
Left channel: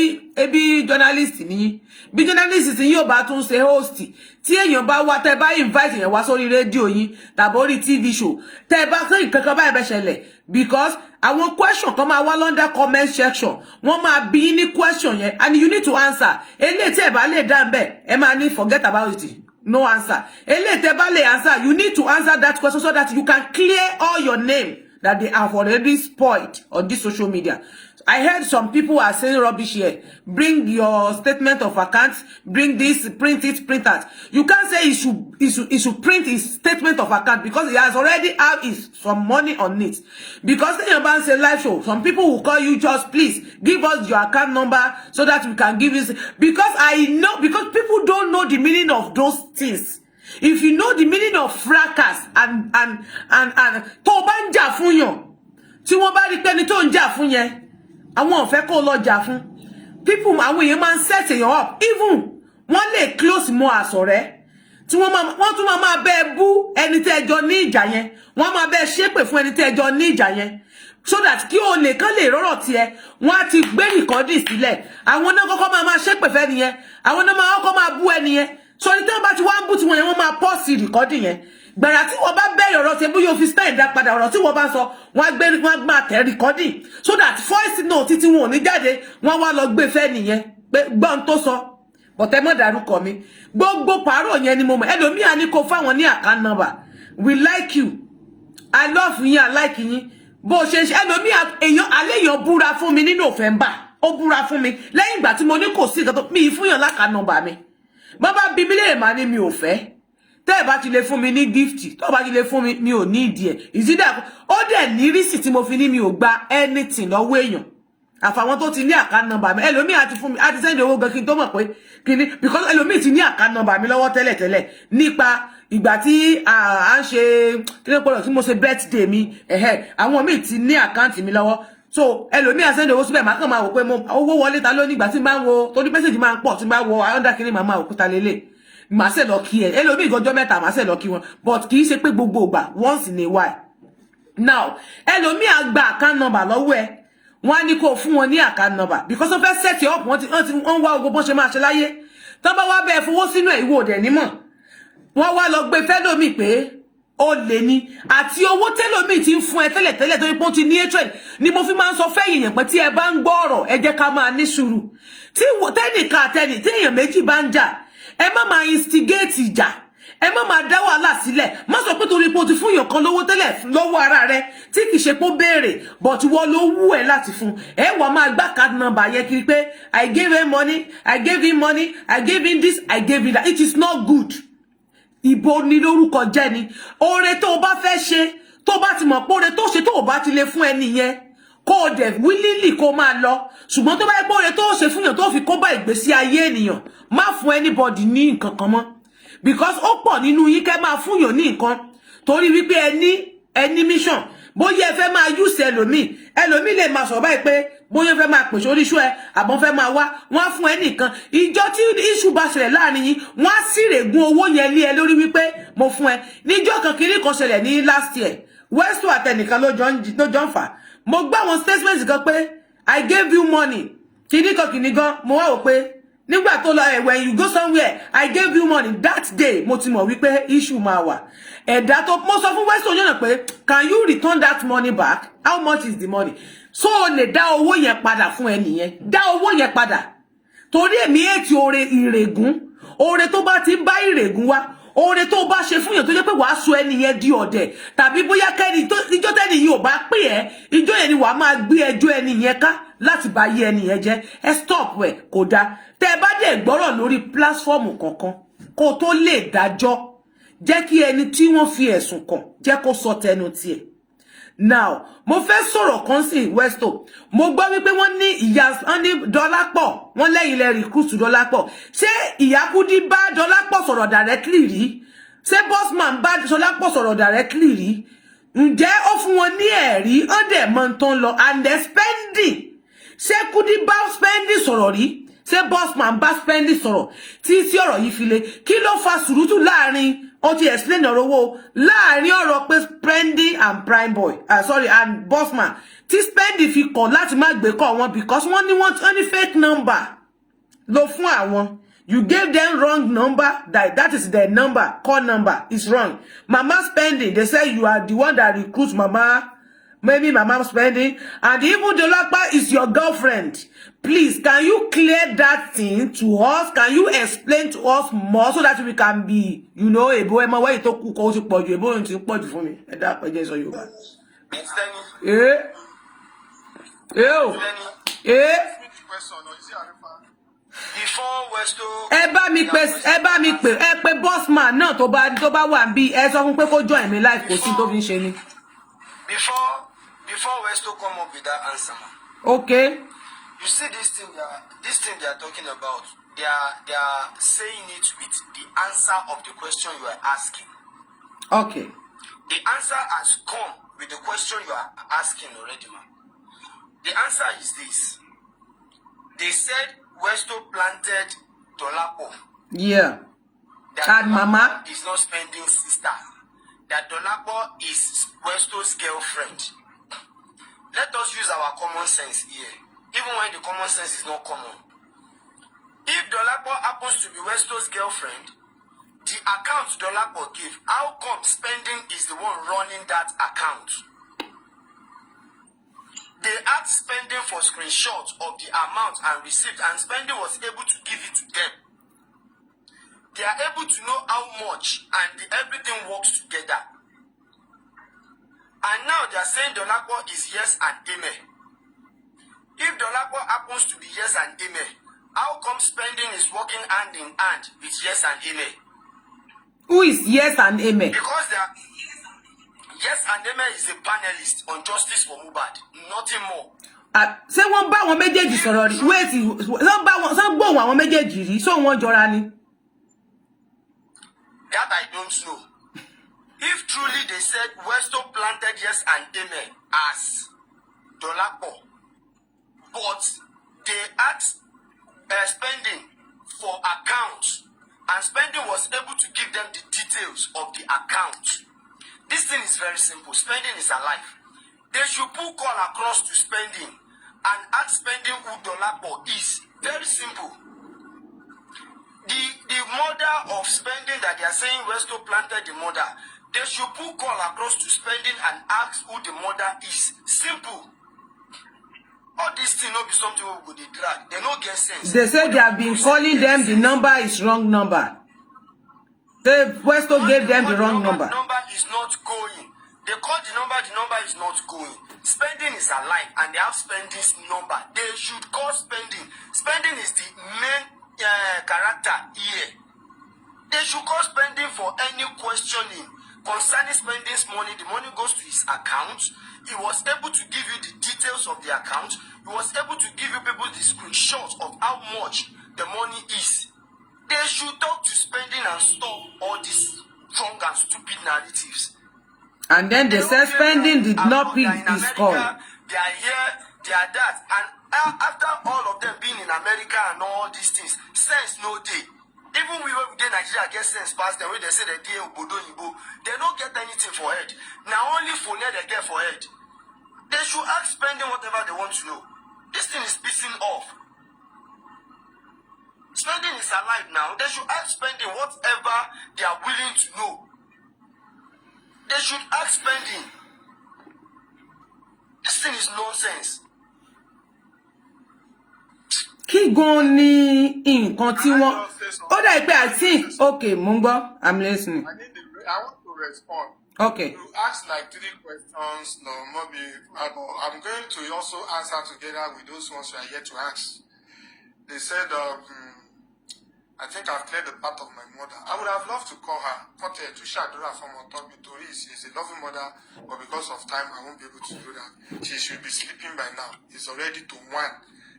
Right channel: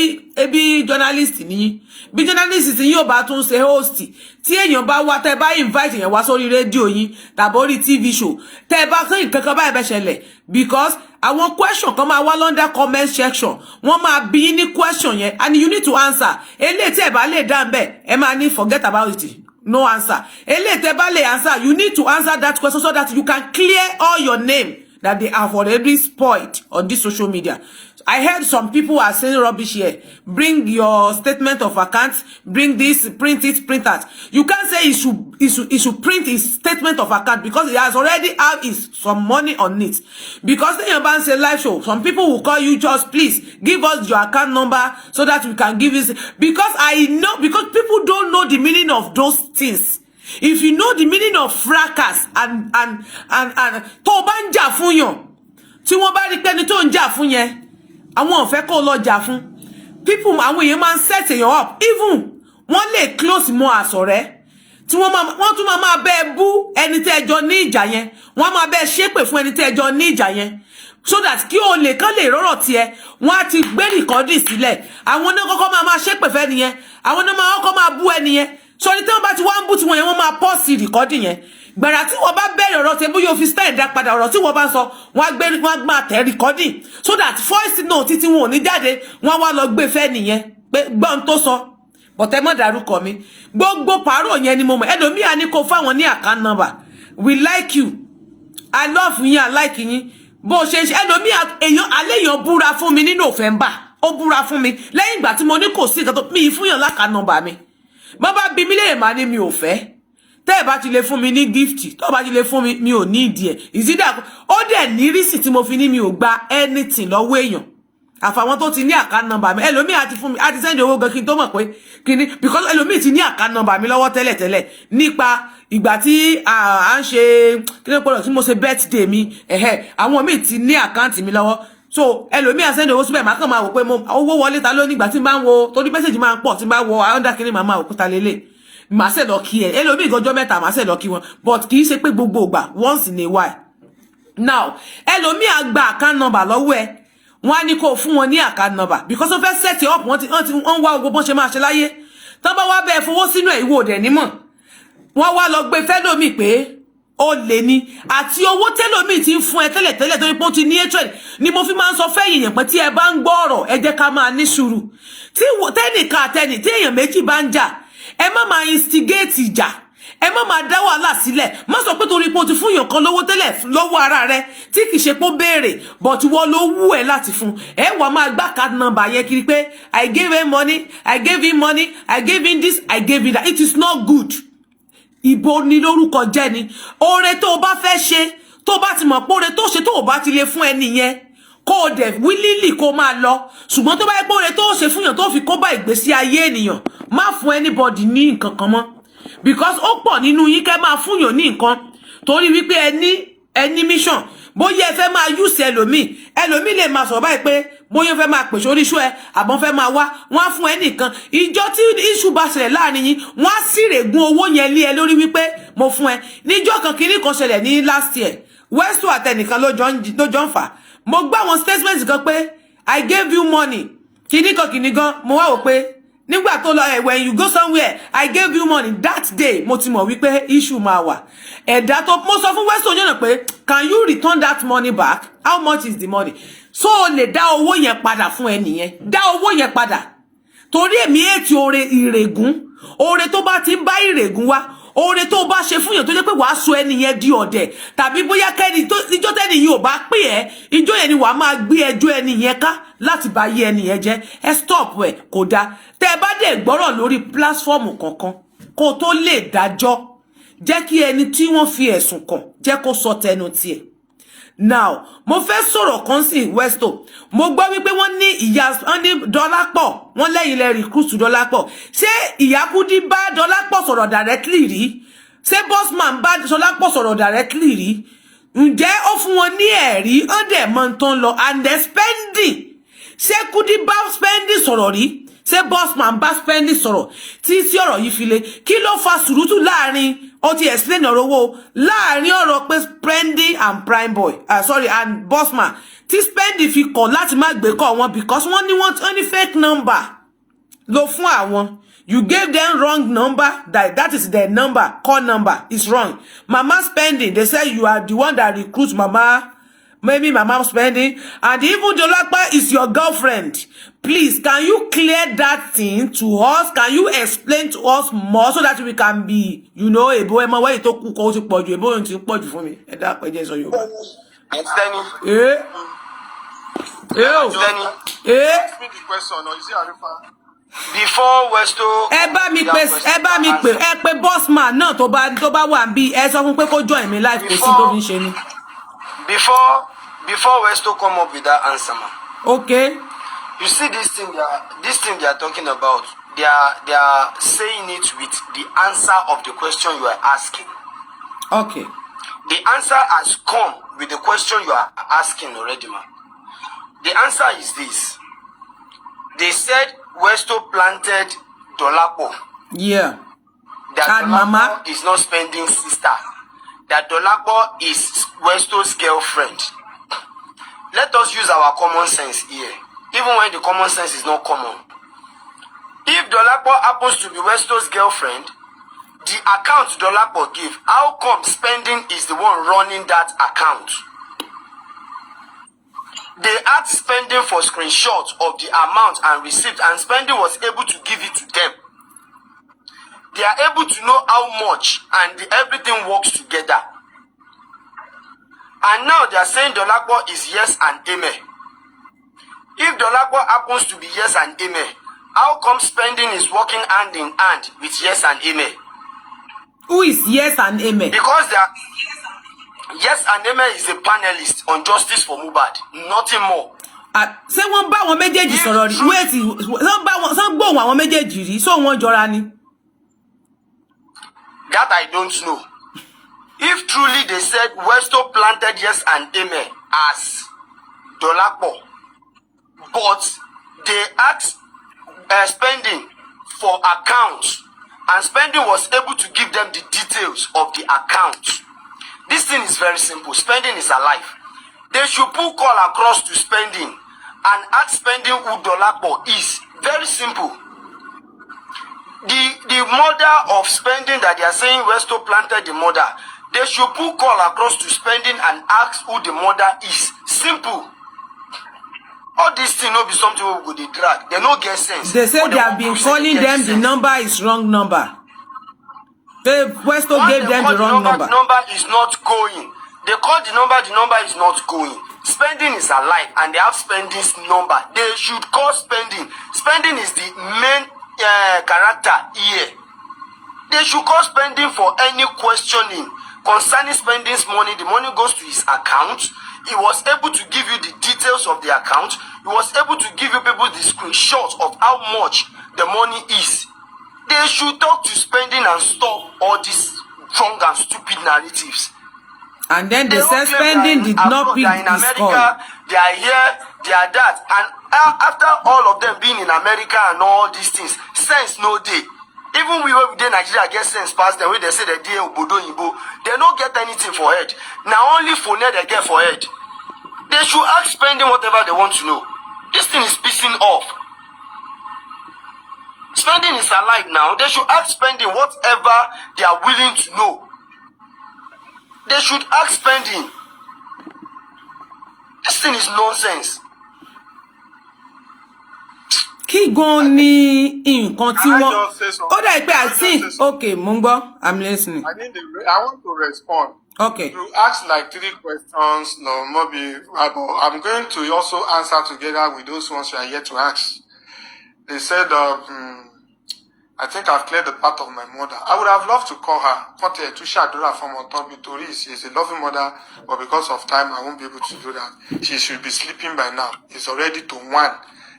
bí journalist ni. Bí journalist ni yóò bá tún ṣe host. Tí èyàn bá wá tẹ́ bá invite yan wá sórí radio yín tàbí orí TV show. Tẹ́ bá kan nǹkan bá be ṣẹlẹ̀, because àwọn question kan máa wá under comment section. Wọ́n máa bi ní question yẹn and you need to answer. Eléyìí tí ẹ bá lè dá ńbẹ̀, ẹ máa ní forget about it. No answer. Eléyìí tẹ́ bá lè answer, you need to answer that question so that you can clear all your name that they have already spoiled on this social media. I heard some people are saying rubbish here. Bring your statement of accounts. Bring this, print it, print that. You can't say he should print his statement of account because he has already had some money on it. Because then your band say live show, some people will call you, just please give us your account number so that we can give you. Because I know, because people don't know the meaning of those things. If you know the meaning of fracas and tó bá ń jà fún yàn, tí wọ́n bá rí pé ní tó ń jà fún yẹn, àwọn ò fẹ́ kó lọ jà fún. People, àwọn èèyàn máa ń set èèyàn up. Even wọ́n lè close mọ́ àsọ̀rẹ́. tí wọ́n tún máa bẹ́ẹ̀ bú ẹni tẹ́ ẹjọ́ ní ìjà yẹn wọ́n máa bẹ́ẹ̀ ṣépè fún ẹni tẹ́ ẹjọ́ ní ìjà yẹn so that kí o lè kán lè rọ́rọ̀ tiẹ̀ wọ́n á ti gbé rìkọ́dì sílẹ̀ àwọn náà kọ́kọ́ máa ṣépè fẹ́ nìyẹn àwọn náà máa kọ́kọ́ máa bú ẹni yẹn so ní tí wọ́n bá ti wá ń bú tiwọn yẹn wọ́n máa pọ́ọ̀sì rìkọ́dì yẹn gbàrà tí wọ́n bá bẹ̀rẹ̀ ọ̀rọ̀ tiẹ̀ bóyá o fi style dá padà ọ̀rọ̀ tí wọ́n bá sọ wọ́n á máa tẹ̀ rìkọ́dì so that voice note tí wọn ò ní jáde wọ́n wá lọ gbé fẹ́ nìyẹn pé gbọ́n tó sọ bọ̀tẹ́ mọ́ dárúkọ mi gbogbo pàárọ̀ yẹn ni mo mọ̀ ẹlòmíà ní kó fáwọn ní account number we like you I love yín I like yín bó ṣe ṣe ẹlòmíà èèyàn aléèyàn búra fún mi ní November ó búra fún mi lẹ́yìn ìgbà tí mo ní kò sí nǹkan tó mi fún yàn account number mi bá bá bí mi lè má ní mi ò fẹ́ tẹ́ ẹ bá ti lè fún mi ní gift tó bá ti lè fún mi mi ò ní ìdí ẹ̀ ìsídà ó dẹ̀ ní rísì tí mo fi ní mi ò gba anything lọ́wọ́ èèyàn àfàwọn tó ti ní account number mi ẹlòmíì àti fún mi àti send owó gan kí n tó mọ̀ pé kíní because ẹlòmíì ti ní account number mi lọ́wọ́ tẹ́lẹ̀tẹ́lẹ̀ nípa ìgbà tí à ń ṣe kí ló pọ̀lọ̀ tí mo ṣe birthday mi àwọn míì ti ní account mi lọ́wọ́ so ẹlòmíì à send owó síbẹ̀ máa kàn máa wò pé owó wọlé ta ló nígbà tí n bá ń wo torí message máa ń pọ̀ tí n bá wọ under kíní màá máa wò kúta lélẹ̀ màá ṣe lọ kí ẹ ẹlòmíì gọjọ́ mẹ́ta màá ṣe lọ kí wọn but kì í ṣe pé gbogbo ìgbà once in a while now ẹlòmíì á gba account number lọ́wọ́ ẹ wọ́n á ní kó fún wọn ní account number because wọ́n fẹ́ set up wọ́n wá ogbó bọ́n ṣe máa ṣe láyé tán bá wá bẹ́ẹ̀ fowó sínú ẹ̀ ìwọ òdẹ̀ nímọ̀ wọ́n wá lọ gbé fẹ́lòmíì pé ó lè ní àti owó tẹ́lòmíì ti ń fún ẹ tẹ́lẹ̀tẹ́lẹ̀ torí pé ó ti ní hatred ni mo fi máa ń sọ fẹ́yìn yẹn pé tí ẹ bá ń gbọ́ ọ̀rọ̀ ẹ jẹ́ ká máa ní sùúrù tí tẹ́nìkan àtẹnì tí èèyàn méjì bá ń jà ẹ má máa instigate ìjà ẹ má máa dá wàhálà sílẹ̀ má sọ pé torí pé o ti fún èèyàn kan lówó tẹ́lẹ̀ lọ́wọ́ ara rẹ tí kì í ṣe pé ó béèrè but wọ́n ló wú ẹ láti fún ẹ wà máa gbá card number yẹn kiri pé I gave him money I gave him money I gave him this I gave him that it is not good. Ìbò ni lórúkọ jẹ́ ni oore tó o bá fẹ́ ṣe tó bá ti mọ̀ pé oore tó ṣe tó o bá ti lè fún ẹni yẹn kó o dẹ̀ willingly kó máa lọ ṣùgbọ́n tó bá yẹ pé oore tó ṣe fún yàn tó fi kó bá ìgbésí ayé ènìyàn má fún anybody ní nǹkan kan mọ́ because ó pọ̀ nínú yín kẹ́ máa fún yàn ní nǹkan torí wípé ẹni mission bóyá ẹ fẹ́ máa use ẹlòmíì lè máa sọ báyìí pé bóyá fẹ́ máa pèsè oríṣu ẹ àbọ̀n fẹ́ máa wá wọ́n á fún ẹ nìkan ìjọ tí iṣu bá ṣẹlẹ̀ láàrin yín wọ́n á sì règùn owó yẹn lé ẹ lórí wípé mo fún ẹ níjọ́ kan kìíní kan ṣẹlẹ̀ ní last year Westo àtẹnìkan ló jọ ń fà mo gbọ́ àwọn statement kan pé I gave you money kìíní kan mo wá wò pé nígbà tó lọ when you go somewhere I gave you money that day mo ti mọ̀ wípé issue máa wà ẹ̀dá tó mo sọ fún Westo yànnà pé can you return that money back how much is the money so o lè dá owó yẹn padà fún ẹnìyẹn dá owó yẹn padà torí èmi ètì oore ìrègùn oore tó bá ti bá ìrègùn wá oore tó bá ṣe fún yàn tó jẹ́ pé wàá sọ ẹnìyẹn di ọ̀dẹ̀ tàbí bóyá kẹ́ni tó ìjọ́ tẹ́ni yìí ò bá pè ẹ́ ìjọ́ yẹn ni wàá máa gbé ẹjọ́ ẹnìyẹn ká láti bá yé ẹnìyẹn jẹ́ ẹ stop ẹ kò dáa tẹ́ ẹ bá dẹ̀ gbọ́rọ̀ lórí pílásífọ́ọ̀mù kankan kó tó lè dájọ́ jẹ́ kí ẹni tí wọ́n fi ẹ̀sùn kàn jẹ́ kó sọ tẹnu tiẹ̀ now mo fẹ́ sọ̀rọ̀ kan sí Westo mo gbọ́ wípé wọ́n ní ìyá wọ́n ní Dọ́lápọ̀ wọ́n lẹ́yìn lẹ́ recruit Dọ́lápọ̀ ṣé ìyá Kúdí bá Dọ́lápọ̀ sọ̀rọ̀ directly rí ṣé Bossman bá Dọ́lápọ̀ sọ̀rọ̀ directly rí ǹjẹ́ ó fún wọn ní ẹ̀rí wọ́n dẹ̀ mọ́ ń tán lọ and the spending ṣé Kúdí bá spending sọ̀rọ̀ rí ṣé Bossman bá spending sọ̀rọ̀ tí sí ọ̀rọ̀ yìí fi le kí ló fa sùúrùtù láàrin ó ti explain ọ̀rọ̀ owó láàrin ọ̀rọ̀ pé spending and prime boy and Bossman tí spending fi kọ̀ láti má gbé kọ́ wọn because wọ́n ní fake number ló fún àwọn you gave them wrong number that is their number call number is wrong mama spending they say you are the one that recruits mama maybe mama spending and even Dolapo is your girlfriend. Please, can you clear that thing to us? Can you explain to us more so that we can be, ebo ema where you talk ko ti pọ̀jù ebo n ti pọ̀jù fún mi. Ẹ dá pé je so Yorùbá. Speak the question or you see Arifa. Before Westo ẹ bá mi pè ẹ pé Bossman náà tó bá wà nbí ẹ sọ fún pé kó join mi live kò sí tó fi ń ṣe ni. Before Westo come up with that answer, man. Okay. You see this thing they are talking about, they are saying it with the answer of the question you are asking. Okay. The answer has come with the question you are asking already, man. The answer is this. They said Westo planted Dolapo. Yeah. that And Mama is not spending sister. That Dolapo is Westo's girlfriend. Let us use our common sense here. Even when the common sense is not common. If Dolapo happens to be Westo's girlfriend, the account Dolapo give, how come spending is the one running that account? They had spending for screenshots of the amount and receipt, and spending was able to give it to them. They are able to know how much, and everything works together. And now they are saying Dolapo is yes and amen. If Dolapo happens to be yes and amen, how come spending is working hand in hand with yes and amen? Who is yes and amen? Because they are yes and amen is a panelist on justice for Mohbad, nothing more. Ṣé wọ́n bá wọn méjèèjì sọ̀rọ̀ rí? Wait, wọ́n gbọ́ àwọn méjèèjì rí, so wọ́n jọra ni. That I don't know. If truly they said Westo planted yes and amen as Dolapo, but they asked spending for accounts, and spending was able to give them the details of the account. This thing is very simple. Spending is alive. They should put call across to spending and ask spending who Dolapo is. Very simple. The mother of spending that they are saying Westo planted the mother, they should put call across to spending and ask who the mother is. Simple. All these things will be something we go dey drag. They no get sense. They say they have been calling them the number is wrong number. Westo gave them the wrong number. The number is not going. They call the number is not going. Spending is alive and they have spending's number. They should call spending. Spending is the main character here. They should call spending for any questioning concerning spending's money. The money goes to his account. He was able to give you the details of the account. He was able to give you people the screenshots of how much the money is. They should talk to spending and stop all these wrong and stupid narratives. And then they said spending did not pick this call. They are here, they are that. And after all of them being in America and all these things, sense no day. Even we were in Nigeria get sense past them where they say that they don't get anything for head. Now only for net they get for head. They should ask spending whatever they want to know. This thing is pissing off. Spending is alive now. They should ask spending whatever they are willing to know. They should ask spending. This thing is nonsense. Kí gan ni nǹkan tí wọ́n ó dà pé I think okay mo ń gbọ́ I'm listening. I want to respond. Okay. You asked like 3 questions, no, maybe I'm going to also answer together with those ones you are yet to ask. They said, I think I've cleared the path of my mother. I would have loved to call her. She's a loving mother, but because of time, I won't be able to do that. She should be sleeping by now. It's already to 1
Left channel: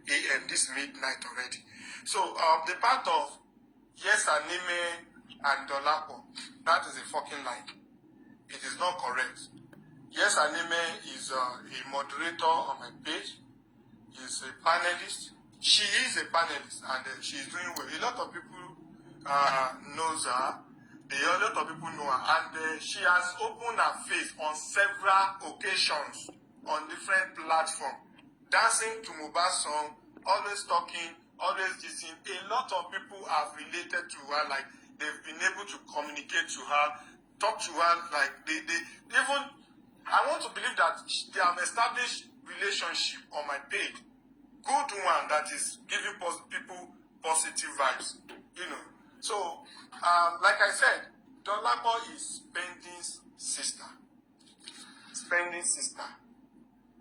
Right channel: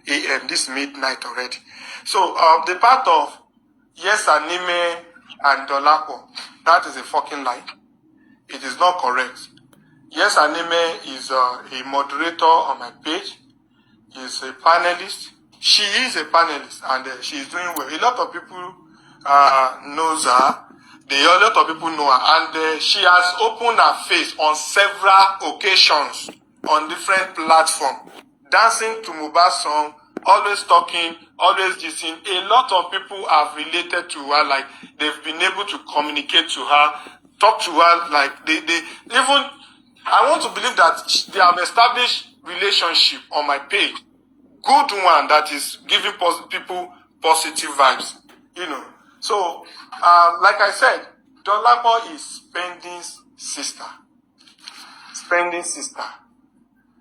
a.m. this midnight already. So the part of yes, Anime and Dolapo, that is a fucking lie. It is not correct. Yes, Anime is a moderator on my page. He's a panelist. She is a panelist and she is doing well. A lot of people knows her. A lot of people know her. And she has opened her face on several occasions on different platforms. Dancing to Mohbad's song, always talking, always listening. A lot of people have related to her, like they've been able to communicate to her, talk to her, like they even, I want to believe that they have established relationship on my page. Good one that is giving people positive vibes, you know. So, like I said, Dolapo is Spending's sister. Spending's sister.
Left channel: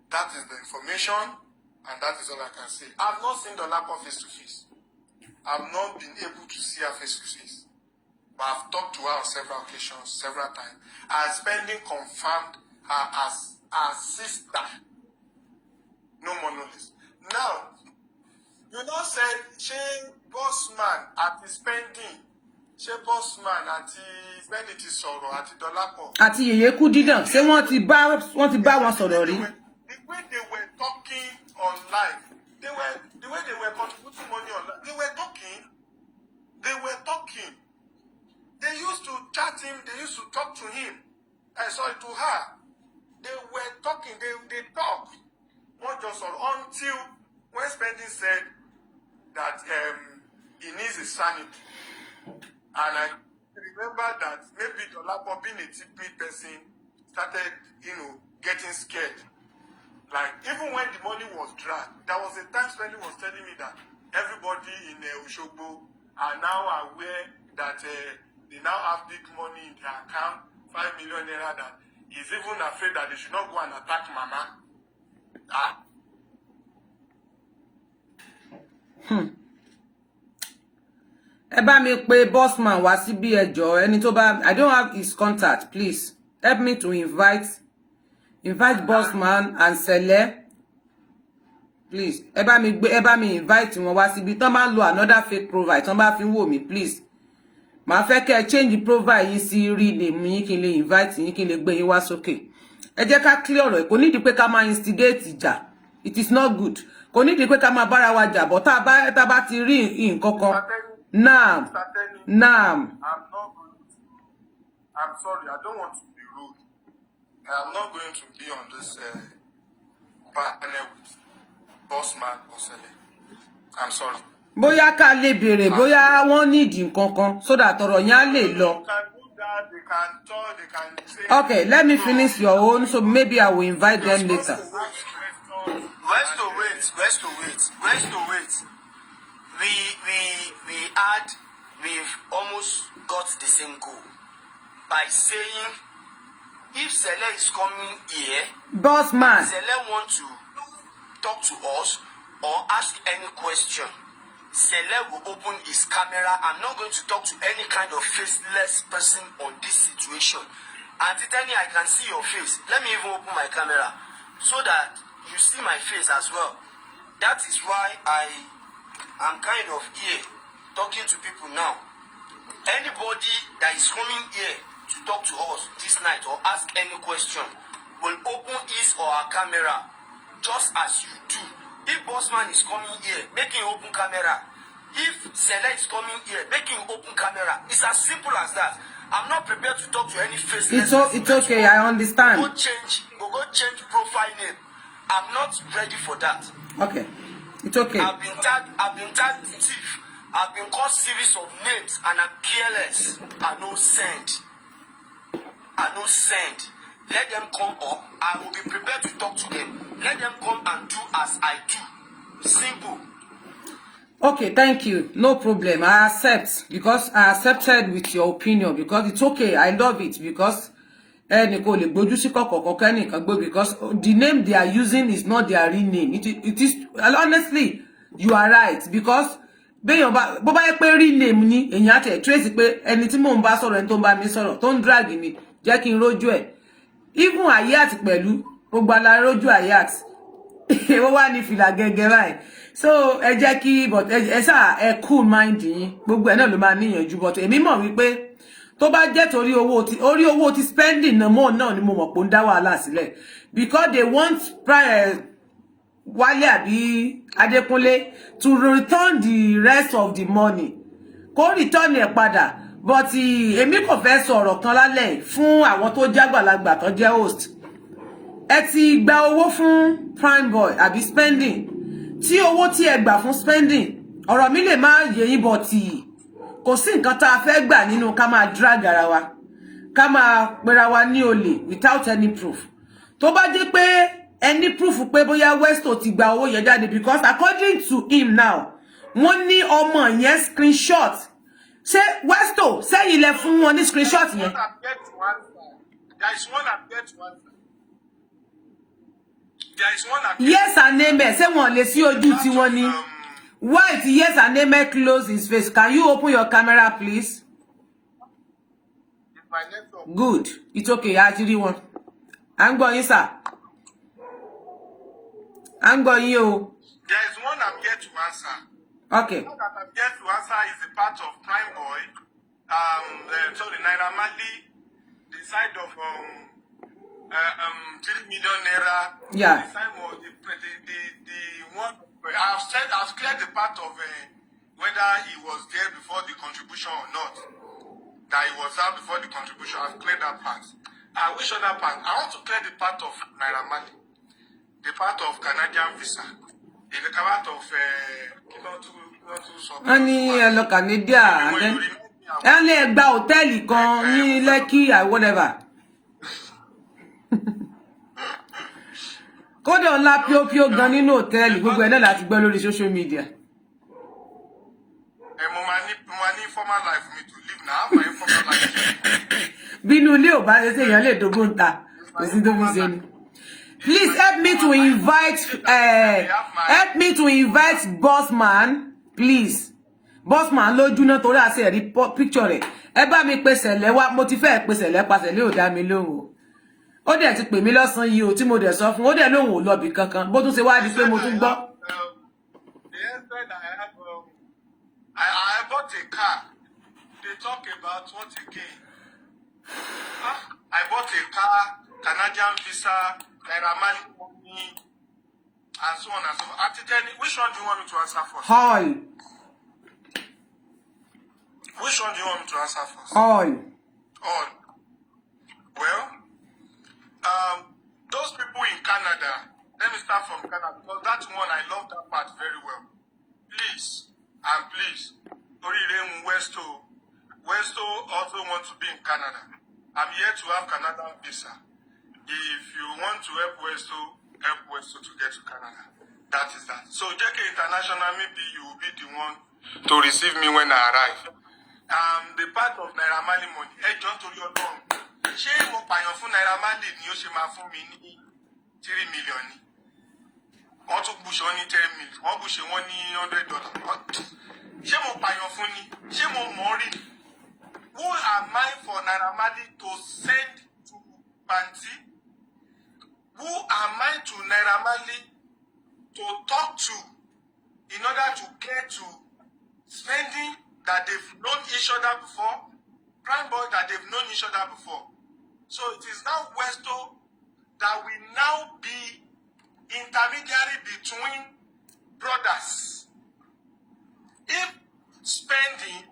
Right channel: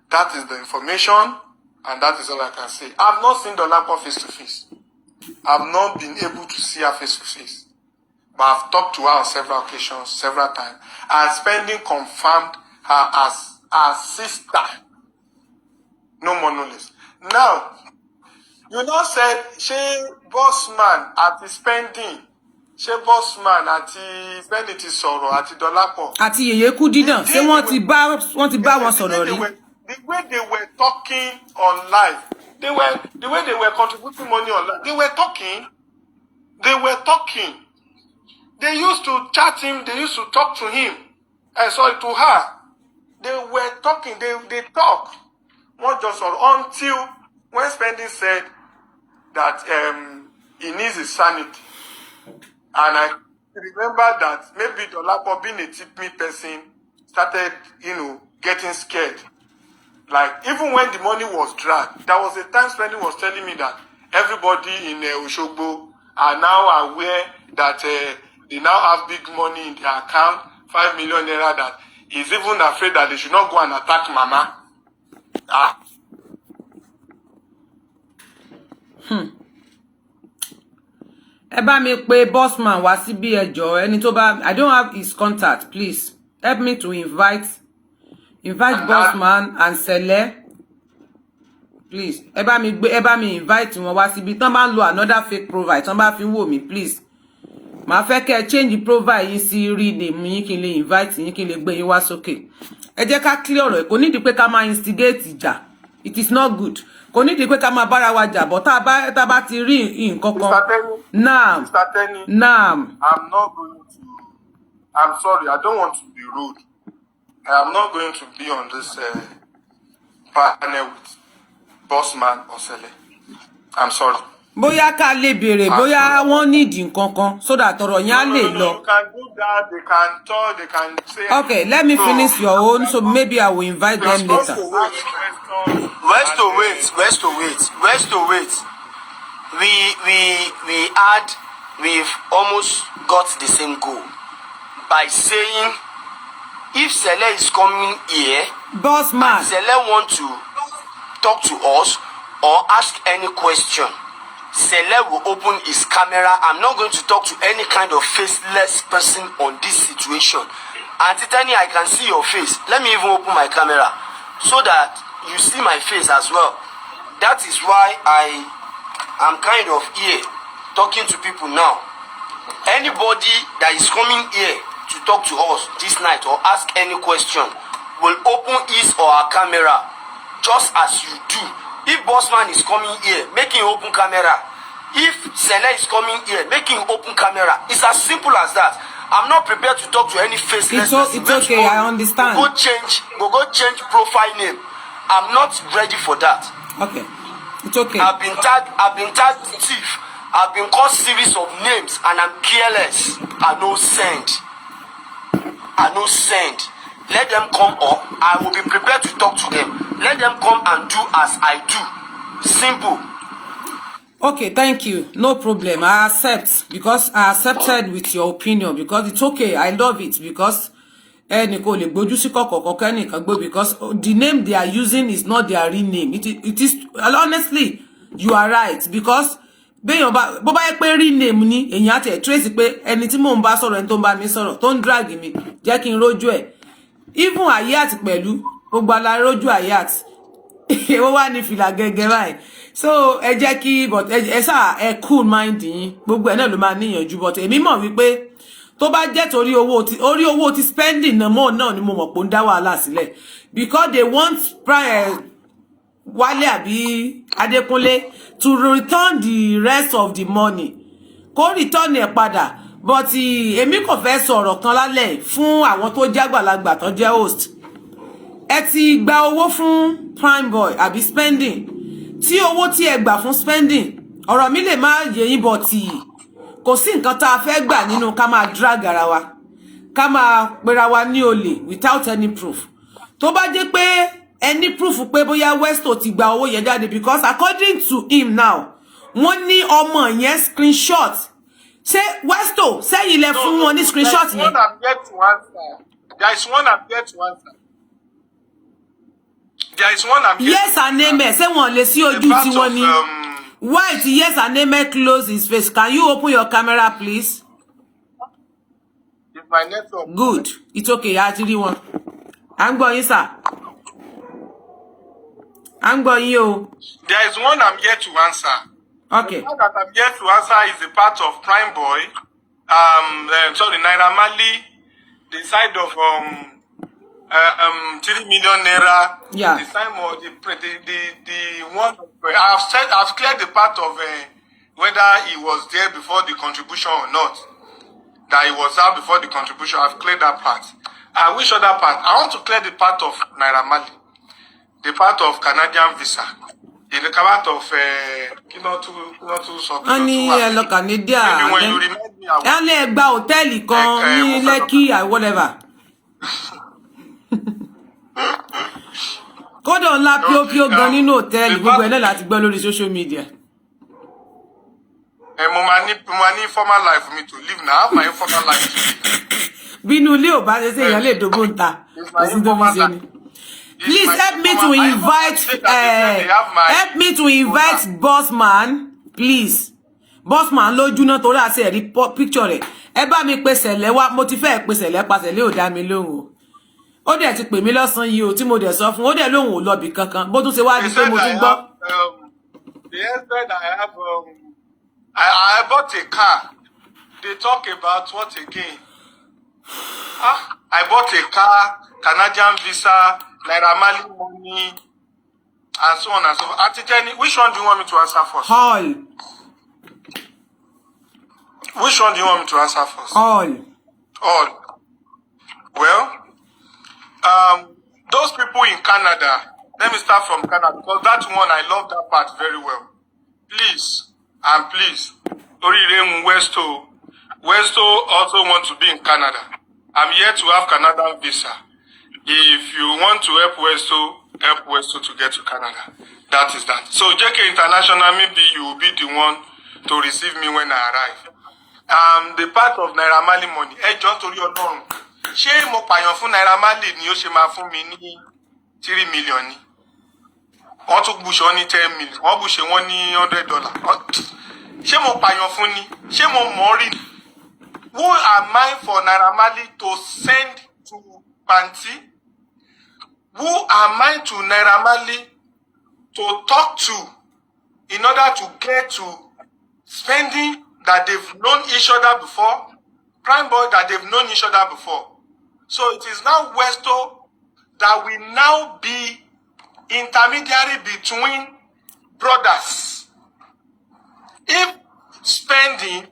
That is the information, and that is all I can say. I've not seen Dolapo face to face. I've not been able to see her face to face. But I've talked to her on several occasions, several times. And Spending confirmed her as her sister. No more, no less. Now, you now said, she bossman at the Spending. She bossman at the Spending ti sọ̀rọ̀ at the Dolapo. Àti Yèyé Kúdí ṣé wọ́n ti bá wọn sọ̀rọ̀ rí. The way they were talking on live, the way they were contributing money on live, they were talking. They used to chat him. They used to talk to him. Sorry, to her. They were talking. They talk. One just until when Spending said that he needs his sanity. And I remember that maybe Dolapo, being a tip-me person, started, getting scared. Like, even when the money was dragged, there was a time Spending was telling me that everybody in Oshogbo are now aware that they now have big money in their account, 5 million naira, that he's even afraid that they should not go and attack Mama. Ẹ bá mi pè bossman wá síbí ẹjọ́, ẹni tó bá, I don't have his contact, please help me to invite bossman and Sele, please. Ẹ bá mi invite wọn wá síbí. Tán bá ń lo another fake profile, tán bá fi ń wò mí, please. Màá fẹ́ kẹ́ change the profile yín sí rename yín kí n lè invite yín kí n lè gbé yín wá sókè. Ẹ jẹ́ ká clear ọ̀rọ̀. Kò nídìí pé ká máa instigate ìjà. It is not good. Kò nídìí pé ká máa bára wa jà, but tá bá ti rí nǹkan kan. Naam. Naam. I'm sorry, I don't want to be rude. I am not going to be on this panel with Bossman or Sele. I'm sorry. Bóyá ká lè béèrè, bóyá wọ́n need nǹkan kan so that ọ̀rọ̀ yẹn á lè lọ. You can do that, they can talk, they can say. Okay, let me finish your own, so maybe I will invite them later. Westo, wait. We've almost got the same goal by saying if Sele is coming here, Bossman, Sele want to talk to us or ask any question, Sele will open his camera. I'm not going to talk to any kind of faceless person on this situation. Auntie Tani, I can see your face. Let me even open my camera so that you see my face as well. That is why I am kind of here talking to people now. Anybody that is coming here to talk to us this night or ask any question will open his or her camera just as you do. If Bossman is coming here, make him open camera. If Sele is coming here, make him open camera. It's as simple as that. I'm not prepared to talk to any faceless person. It's okay, I understand. Go change profile name. I'm not ready for that. Okay, it's okay. I've been tagged thief. I've been called series of names and I'm careless. I no send. Let them come up. I will be prepared to talk to them. Let them come and do as I do. Simple. Okay, thank you. No problem. I accept, because I accepted with your opinion, because it's okay. I love it, because because the name they are using is not their real name. It is honestly, you are right, because bó bá yẹ pé real name ni èyàn àti trace pé ẹni tí mò ń bá sọ̀rọ̀ ẹni tó ń bá mi sọ̀rọ̀ tó ń drag mi jẹ́ kí n rójú ẹ̀. Even Ayat pẹ̀lú gbogbo ala rójú Ayat. Ó wá ní fìlà gẹ́gẹ́ báyìí. So ẹ jẹ́ kí but ẹ sá ẹ cool mind yín. Gbogbo ẹ̀ náà ló máa níyànjú, but èmi mọ̀ wípé tó bá jẹ́ torí owó ti spending náà ni mo mọ̀ pé ó ń dá wàhálà sílẹ̀, because they want Wálé àbí Adékúnlé to return the rest of the money. Kó return ẹ̀ padà, but èmi kò fẹ́ sọ̀rọ̀ kan lálẹ́ fún àwọn tó jẹ́ àgbàlagbà tó jẹ́ host. Ẹ ti gba owó fún prime boy àbí spending. Tí owó tí ẹ gbà fún spending, ọ̀rọ̀ mi lè má yé yín, but kò sí nǹkan tá a fẹ́ gbà nínú ká máa drag ara wa, ká máa pera wa ní olè without any proof. Tó bá jẹ́ pé any proof pé bóyá Westo ti gba owó yẹn jáde, because according to him now, wọ́n ní ọmọ yẹn screenshot. Ṣé Westo sẹ́yìn lẹ fún wọn ní screenshot yẹn? There is one I'm yet to answer. There is one I'm yet yes and amen. Ṣé wọ́n lè sí ojú tí wọ́n ní. Why it yes and amen close his face? Can you open your camera, please? If my network. Good. It's okay. Actually, one. I'm going, sir. I'm going, you. There is one I'm yet to answer. Okay. The one that I'm yet to answer is a part of Prime Boy. Sorry, Naira Marley, the side of 3 million naira. Yeah. The time of the one. I've cleared the part of whether he was there before the contribution or not. that he was out before the contribution. I've cleared that part. Which other part? I want to clear the part of Naira Marley, the part of Canadian visa, the part of Ani lo Canadian. And le gba hotel kan ní Lekki or whatever. Kódà ńlá pio gan nínú hotel gbogbo ẹ̀ náà láti gbọ́ lórí social media. Mo ma ní formal life for me to live now. I have my informal life. Bínú ilé ò bá ṣe ṣe èèyàn lè dogo nta. Kò sí tó fi ṣe ni. Please help me to invite Bossman, please. Bossman lójú náà torí àṣẹ rí picture rẹ̀. Ẹ bá mi pe Sẹ̀lẹ̀ wá, mo ti fẹ́ pe Sẹ̀lẹ̀ pa Sẹ̀lẹ̀ ò dá mi lóhùn o. Ó dẹ̀ ti pè mí lọ́sàn yìí o tí mo dẹ̀ sọ fún. Ó dẹ̀ lóhùn ò lọ bì kankan. Bó tún ṣe wá di pé mo tún gbọ́. The husband I have I bought a car. They talk about what again? I bought a car, Canadian visa, Naira Marley money, and so on and so forth. Which one do you want me to answer first? All. Which one do you want me to answer first? All. Well, those people in Canada, let me start from Canada, because that one, I love that part very well. Please, Orire Westo also want to be in Canada. I'm here to have Canadian visa. If you want to help Westo to get to Canada. That is that. So JK International, maybe you will be the one to receive me when I arrive. The part of Naira Marley money. John torí Ọlọ́run. Ṣé mo pààyàn fún Naira Marley ni ó ṣe máa fún mi ní 3 million ni? Wọ́n tún bùṣe wọ́n ní 10 million. Wọ́n bùṣe wọ́n ní $100. Ṣé mo pààyàn fún ni? Ṣé mo mọ̀ rí? Who am I for Naira Marley to send to Panti? Who am I to Naira Marley to talk to in order to get to spending that they've known each other before? Prime boy that they've known each other before. So it is now Westo that will now be intermediary between brothers. If spending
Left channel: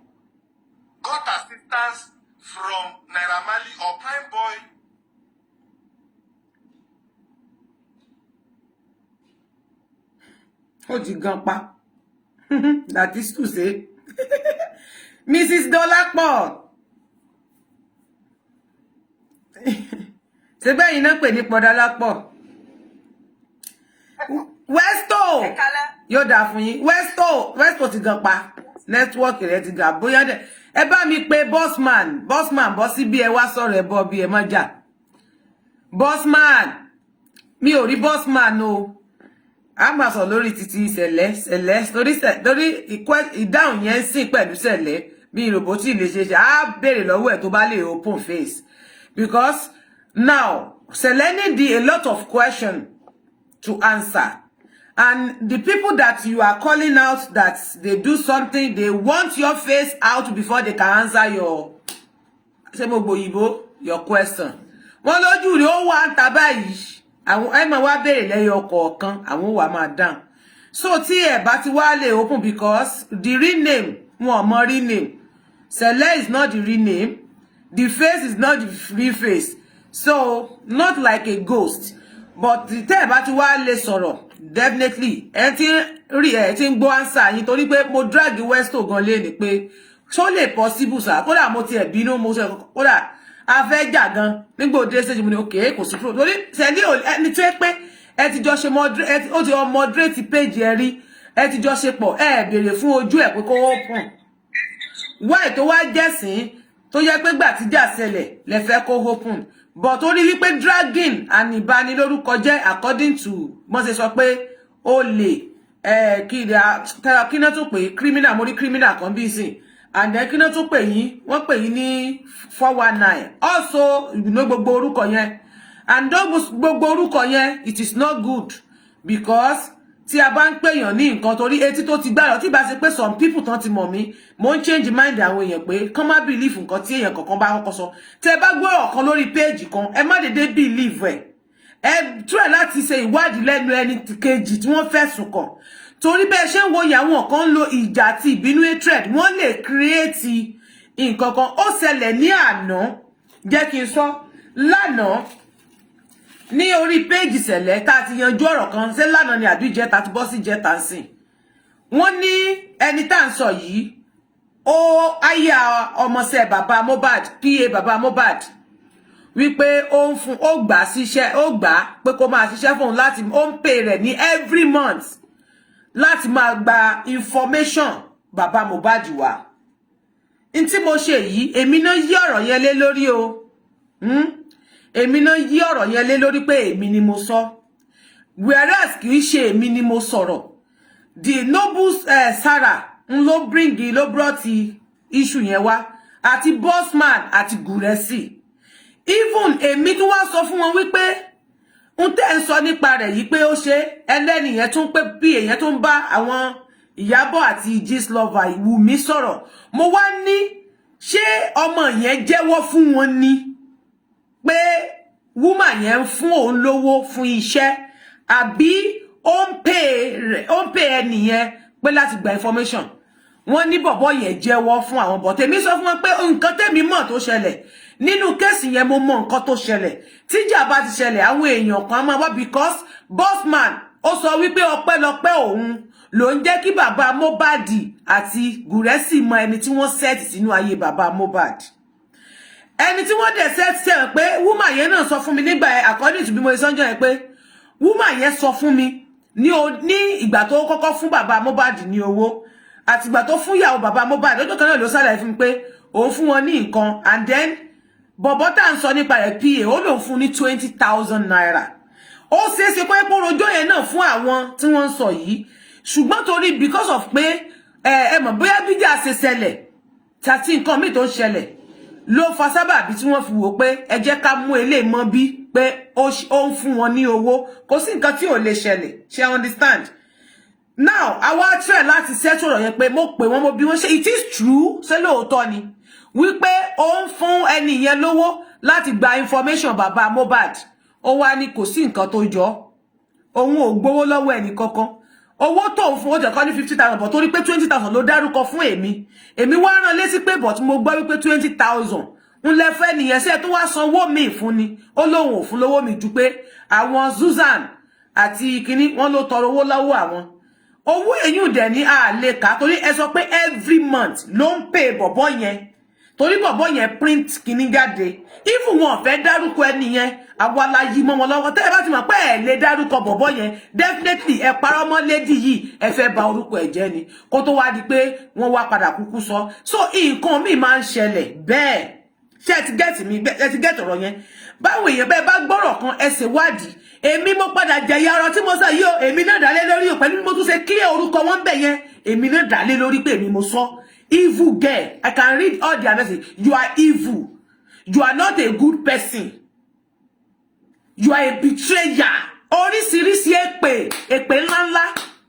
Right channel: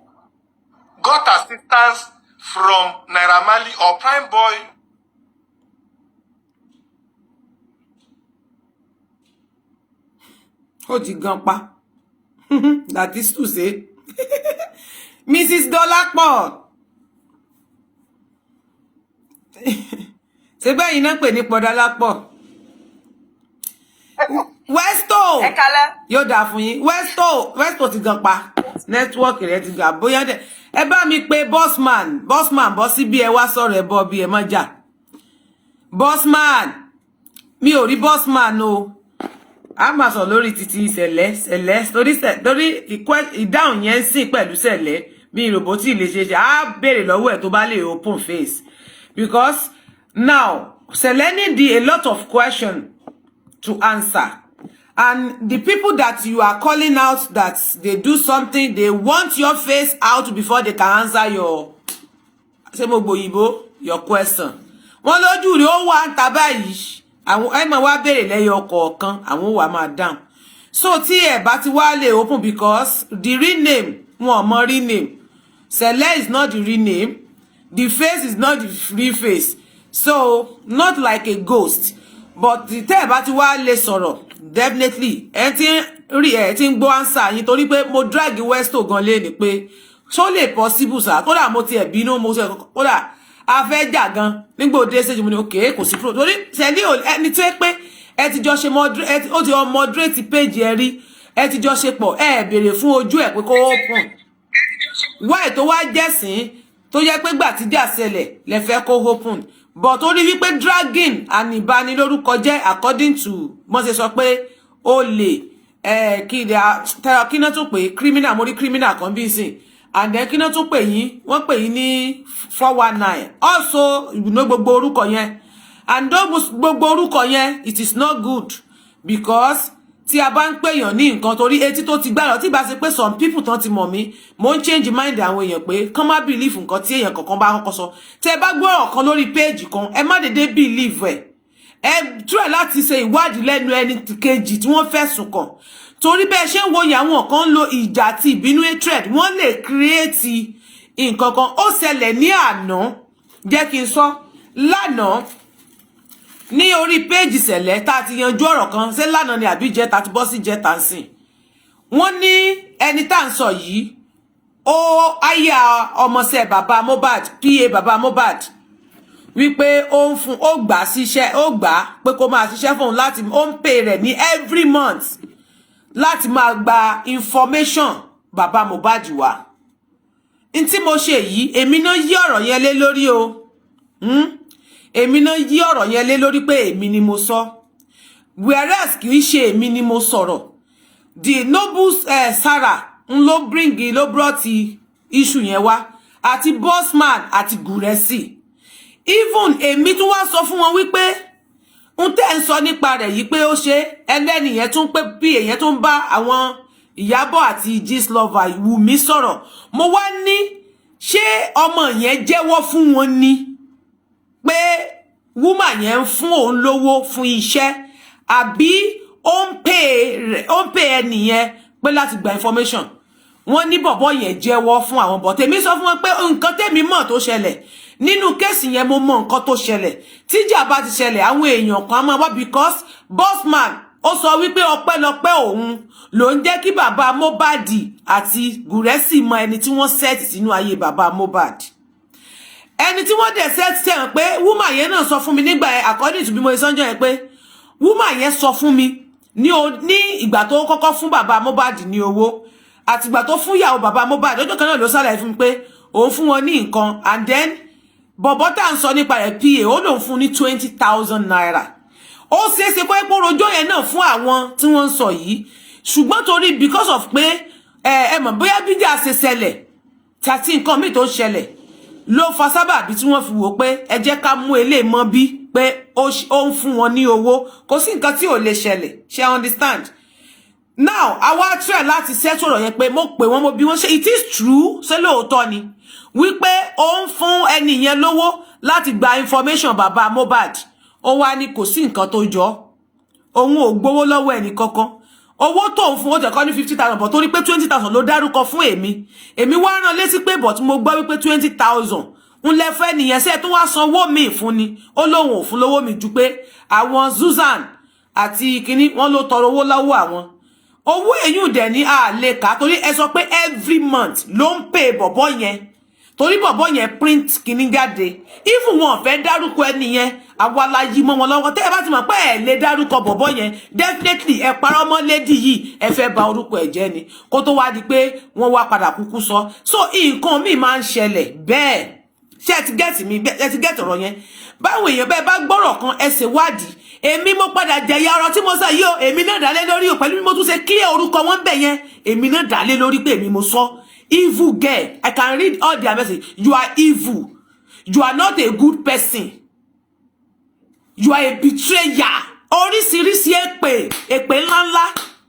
got assistance from Naira Marley or Prime Boy, Gampa. That is to say, Mrs. Dolapo. Ṣé bẹ́ẹ̀ iná pè ní Podolapo. Westo. Yóò dà fún yín. Westo ti Gampa. Network rẹ̀ ti ga bóyá dé. Ẹ bá mi pè Bossman bọ́ sí bí ẹ wá sọ̀rọ̀ ẹ bọ́ bí ẹ má jà. Bossman. Mi ò rí Bossman o. A máa sọ lórí títí Sẹ̀lẹ̀ torí ìdáhùn yẹn sìn pẹ̀lú Sẹ̀lẹ̀ bí roboti lè ṣe á béèrè lọ́wọ́ ẹ̀ tó bá lè open face because now Sẹ̀lẹ̀ need a lot of questions to answer and the people that you are calling out that they do something they want your face out before they can answer your your question. Wọ́n lójú rí ó wà ń ta báyìí. Àwọn ẹ máa wá béèrè lẹ́yọ kọ̀ọ̀kan àwọn wá máa down so tí ẹ bá ti wá lè open because the real name wọn mọ real name Sẹ̀lẹ̀ is not the real name the face is not the real face so not like a ghost but tí ẹ bá ti wá lè sọ̀rọ̀ definitely ẹ ti ń gbọ́ answer yín torí pé mo drag Westo gan lé ní pé so lè possible sir kódà mo ti ẹ̀ bínú mo ṣe kódà a fẹ́ jà gan nígbò dé stage mo ní okay kò sí pro torí Sẹ̀lẹ̀ ẹni tó pé ẹ ti jọ ṣe moderate ó ti moderate page ẹ rí ẹ ti jọ ṣe pọ̀ ẹ béèrè fún ojú ẹ pé kó open why tó wá jẹ́sìn tó jẹ́ pé gbà tí jà ṣẹlẹ̀ lẹ fẹ́ kó open but ó rí wípé dragging and ìbanilórúkọ jẹ́ according to mo ṣe sọ pé ó lè kí náà tó pé criminal mo rí criminal kan bí sìn and then kina tún pè yín wọ́n pè yín ní 419 also you know gbogbo orúkọ yẹn and gbogbo orúkọ yẹn it is not good because tí a bá ń pè yàn ní nǹkan torí etí tó ti gbàrọ̀ tí bá ṣe pé some people tán ti mọ̀ mí mo ń change mind àwọn èèyàn pé kán má believe nǹkan tí èèyàn kankan bá kọ́kọ́ sọ tẹ́ bá gbọ́rọ̀ kan lórí page kan ẹ má dédé believe ẹ try láti ṣe ìwádìí lẹ́nu ẹni kejì tí wọ́n fẹ̀sùn kàn torí bẹ́ẹ̀ ṣe ń wo àwọn kan lo ìjà àti ìbínú hatred wọ́n lè create nǹkan kan ó ṣẹlẹ̀ ní àná jẹ́ kí n sọ lánàá ní orí péèjì Sẹ̀lẹ̀ tá ti yanjú ọ̀rọ̀ kan ṣé lánàá ni àbí jẹta ti bọ́ sí jẹta ń sìn wọ́n ní ẹni tá ń sọ yìí ó aya ọmọọṣẹ́ bàbá Mohbad PA bàbá Mohbad wípé ó ń fún ó gbà síṣẹ́ ó gbà pé kó máa ṣiṣẹ́ fún òun láti ó ń pè rẹ̀ ní every month láti máa gba information bàbá Mohbad wá n tí mo ṣe yìí èmi náà yí ọ̀rọ̀ yẹn lé lórí o èmi náà yí ọ̀rọ̀ yẹn lé lórí pé èmi ni mo sọ whereas kì í ṣe èmi ni mo sọ̀rọ̀ the noble Sarah ń ló brought issue yẹn wá àti bossman àti Guresi even èmi tún wá sọ fún wọn wípé ń tẹ́ ń sọ nípa rẹ̀ yìí pé ó ṣe ẹlẹ́ni yẹn tún pé bí èyàn tún bá àwọn Ìyábọ̀ àti Gistlover Wùmí sọ̀rọ̀ mo wá ní ṣé ọmọ yẹn jẹ́wọ́ fún wọn ni pé woman yẹn ń fún òun lówó fún iṣẹ́ àbí ó ń pè ẹni yẹn pé láti gba information wọ́n ní bọ̀bọ̀ yẹn jẹ́wọ́ fún àwọn bọ̀ tèmi sọ fún wọn pé nǹkan tèmi mọ̀ tó ṣẹlẹ̀ nínú kéèsì yẹn mo mọ̀ nǹkan tó ṣẹlẹ̀ tíjà bá ti ṣẹlẹ̀ àwọn èèyàn kan máa wá because bossman ó sọ wípé ọpẹ́lọpẹ́ òun ló ń jẹ́ kí bàbá Mohbad àti Guresi mọ ẹni tí wọ́n set sínú ayé bàbá Mohbad ẹni tí wọ́n dẹ̀ set ṣe hàn pé woman yẹn náà sọ fún mi nígbà according to bí mo sọ́njọ́ yẹn pé woman yẹn sọ fún mi ní ìgbà tó kọ́kọ́ fún bàbá Mohbad ní owó àti ìgbà tó fún ìyàwó bàbá Mohbad ọjọ́ kan náà ló ṣàlàyé fún mi pé òun fún wọn ní nǹkan and then bọ̀bọ̀ tá ń sọ nípa rẹ̀ PA ó lòun fún ní 20,000 naira ó ṣeéṣe pé rojọ́ yẹn náà fún àwọn tí wọ́n ń sọ yìí ṣùgbọ́n torí because of pé ẹ mọ̀ bóyá bíjà ṣe ṣẹlẹ̀ tàbí nǹkan míì tó ń ṣẹlẹ̀ ló fa sábàbí tí wọ́n fi wò pé ẹ jẹ́ ká mú eléyìí mọ́ bí pé ó ń fún wọn ní owó kò sí nǹkan tí ò lè ṣẹlẹ̀ ṣe understand now àwa try láti settle ọ̀rọ̀ yẹn pé mo pè wọ́n mo bí wọ́n ṣe it is true ṣé lóòótọ́ ni wípé ó ń fún ẹni yẹn lówó láti gba information bàbá Mohbad ó wá ní kò sí nǹkan tó jọ òun ò gbowó lọ́wọ́ ẹni kankan owó tó ń fún ó jẹ́ kọ́ ní 50,000 but torí pé 20,000 ló dárúkọ fún èmi wá rán létí pé but mo gbọ́ wípé 20,000 ń lẹ́fẹ́ nìyẹn sẹ́ẹ̀ tó wá sanwó mi fún ni ó lóun ò fún lówó mi ju pé àwọn Susan àti kínní wọ́n ló tọrọ owó lọ́wọ́ àwọn owó èyún dẹ̀ ní àlè ká torí ẹ sọ pé every month ló ń pè bọ̀bọ̀ yẹn torí bọ̀bọ̀ yẹn print kínní jáde even wọn fẹ́ dárúkọ ẹni yẹn àwa la yí mọ́ wọn lọ́wọ́ tẹ́ ẹ bá ti mọ̀ pé ẹ lè dárúkọ bọ̀bọ̀ yẹn definitely ẹ parọ́ mọ́ lady yìí ẹ fẹ́ bà orúkọ ẹ̀ jẹ́ ni kó tó wá di pé wọ́n wá padà kúkú sọ so nǹkan míì máa ń ṣẹlẹ̀ bẹ́ẹ̀ ṣé ẹ ti gẹ́ẹ̀tì mi ẹ ti gẹ́ẹ̀tì ọ̀rọ̀ yẹn báwo èèyàn bẹ́ẹ̀ bá gbọ́rọ̀ kan ẹ ṣe wádìí èmi mo padà jẹ̀yà ọ̀rọ̀ tí mo sọ yìí o èmi náà dálé lórí o pẹ̀lú bí mo tún ṣe clear orúkọ wọn bẹ̀ yẹn èmi náà dálé lórí pé èmi mo sọ evil girl I can read all their message you are evil you are not a good person you are a betrayer oríṣiríṣi èpè ńláńlá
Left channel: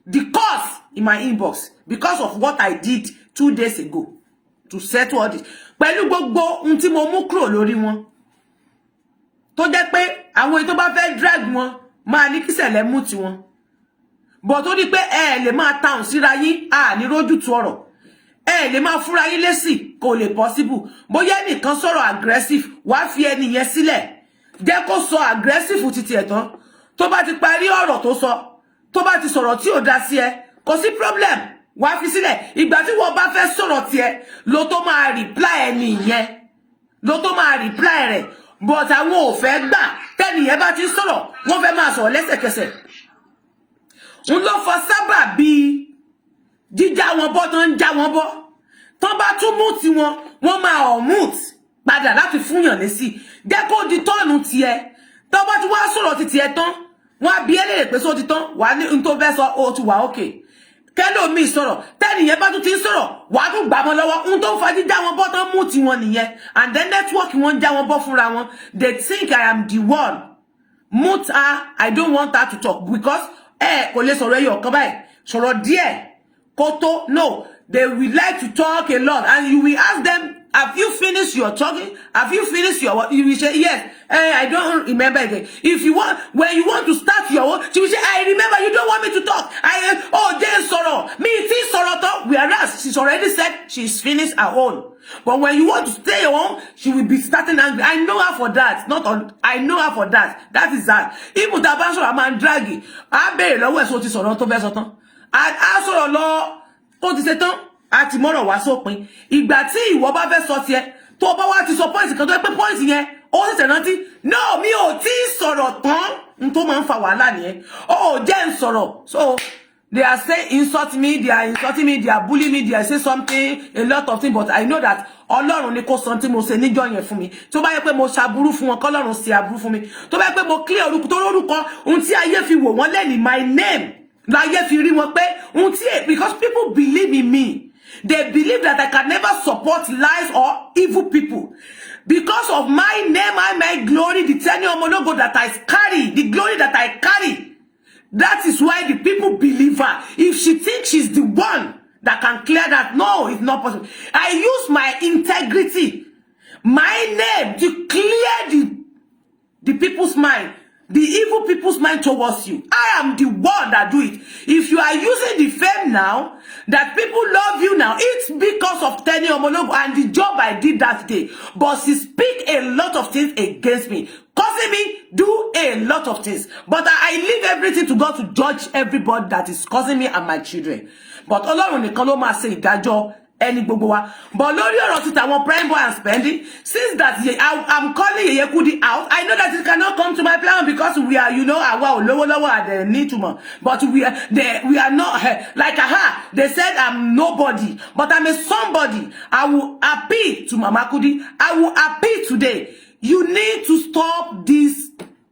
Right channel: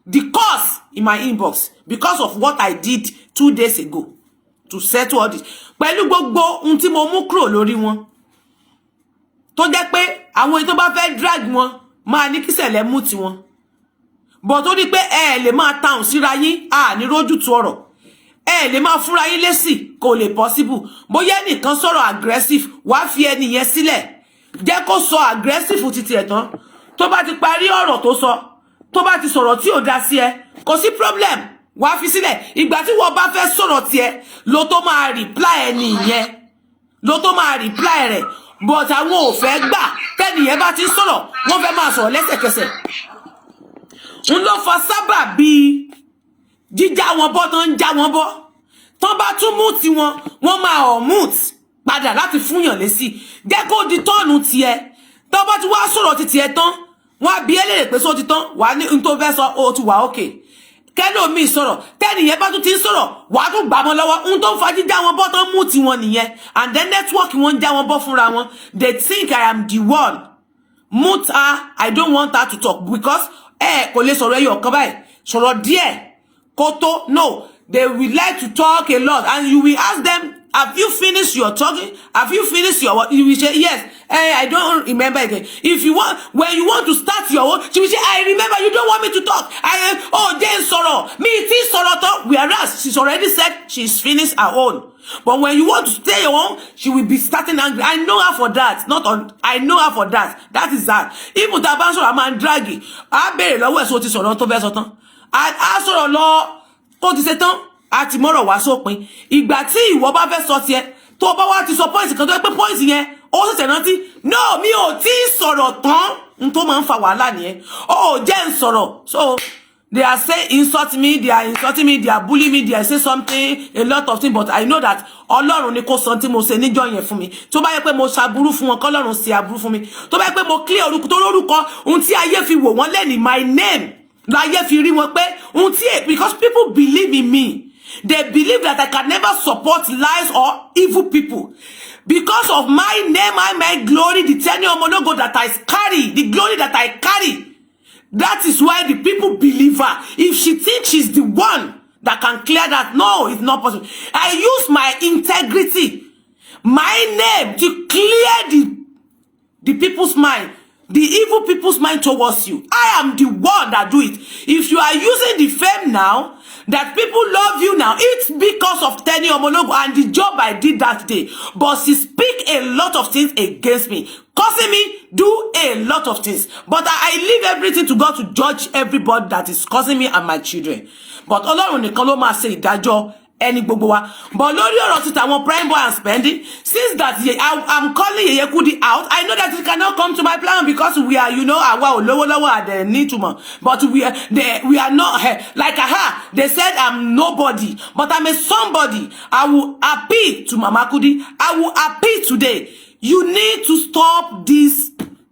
the cause in my inbox because of what I did 2 days ago to settle all this pẹ̀lú gbogbo ohun tí mo mú kúrò lórí wọn tó jẹ́ pé àwọn èyí tó bá fẹ́ drag wọn máa ní kí Sẹ̀lẹ̀ mú ti wọn but ó ní pé ẹ lè máa tàùn síra yín ní rójú tu ọ̀rọ̀ ẹ lè máa fúnra yín lésì kò lè possible bóyá ẹnìkan sọ̀rọ̀ aggressive wàá fi ẹni yẹn sílẹ̀ jẹ́ kó sọ aggressive títí ẹ̀ tán tó bá ti parí ọ̀rọ̀ tó sọ tó bá ti sọ̀rọ̀ tí ò dá sí ẹ kò sí problem wàá fi sílẹ̀ ìgbà tí wọ́n bá fẹ́ sọ̀rọ̀ tiẹ̀ ló tó máa reply ẹni yẹn ló tó máa reply rẹ̀ but àwọn ò fẹ́ gbà tẹ́ni yẹn bá ti sọ̀rọ̀ wọ́n fẹ́ máa sọ̀rọ̀ lẹ́sẹ̀kẹsẹ̀ ń ló fa sábà bíi jíjá wọn bọ́ tán ń já wọn bọ́ tán bá tún mú ti wọn wọ́n máa ọ̀mùt padà láti fúnyàn lésì jẹ́ kó di tọ́ọ̀nù tiẹ̀ tán bá tún wá sọ̀rọ̀ ti tiẹ̀ tán wọ́n á bi ẹ́ léèrè pé só ti tán wà ní n tó fẹ́ sọ ó ti wà ókè kẹ́lòmíì sọ̀rọ̀ tẹ́nìyẹn bá tún ti ń sọ̀rọ̀ wà á tún gbà wọn lọ́wọ́ n tó ń fa jíjá wọn bọ́ tán mú ti wọn nìyẹn and then network wọn ń já wọn bọ́ fúnra wọn they think I am the one mute her I don't want her to talk because kò lè sọ̀rọ̀ ẹyọ kan báyìí sọ̀rọ̀ díẹ̀ Koto, no, they will like to talk a lot and you will ask them have you finished your talking? Have you finished your what? You will say, yes. I don't remember again. If you want, when you want to start your own, she will say, I remember, you don't want me to talk. Then sorrow. Me, it is sorrow talk. Whereas she's already said she's finished her own. But when you want to stay your own, she will be starting angry. I know her for that. I know her for that. That is that. Even the banso a man draggy. I bear the way so to sorrow to verse on. I saw law. Ó ti ṣe tán àti mọ́rọ̀ wá sópin ìgbà tí ìwọ bá fẹ́ sọ tiẹ̀ tó bá wá ti sọ point kan tó pé point yẹn ó ṣẹ̀ṣẹ̀ rántí no mi ò tí sọ̀rọ̀ tán n tó máa ń fa wàhálà nìyẹn ó jẹ́ n sọ̀rọ̀ so they are saying insult me they are insulting me they are bullying me they are saying something a lot of things but I know that Ọlọ́run ni kò sọ tí mo ṣe níjọ́ yẹn fún mi tó bá yẹ pé mo ṣàbúrú fún wọn k'Ọlọ́run ṣe àbúrú fún mi tó bá yẹ pé mo clear orúkọ tó lórúkọ ohun tí ayé fi wò wọ́n lẹ́ni my name láyé fi rí wọn pé ohun tí because people believe in me they believe that I can never support lies or evil people because of my name I my glory the tenure monogo that I carry the glory that I carry that is why the people believe her if she thinks she's the one that can clear that no it's not possible I use my integrity my name to clear the people's mind the evil people's mind towards you. I am the one that do it. If you are using the fame now, that people love you now, it's because of Tenny Omologo and the job I did that day. But she speak a lot of things against me, causing me do a lot of things. But I leave everything to God to judge everybody that is causing me and my children. But Ọlọ́run nìkan ló máa ṣe ìdájọ́ ẹni gbogbo wa. But lórí ọ̀rọ̀ ti tàwọn prime boy and spending, since that I'm calling Yeye Kudi out, I know that it cannot come to my plan because we are, you know, àwa ò lówó lọ́wọ́ at the need to more. But we are not like they said I'm nobody, but I'm a somebody. I will appeal to Mama Kudi. I will appeal today. You need to stop this,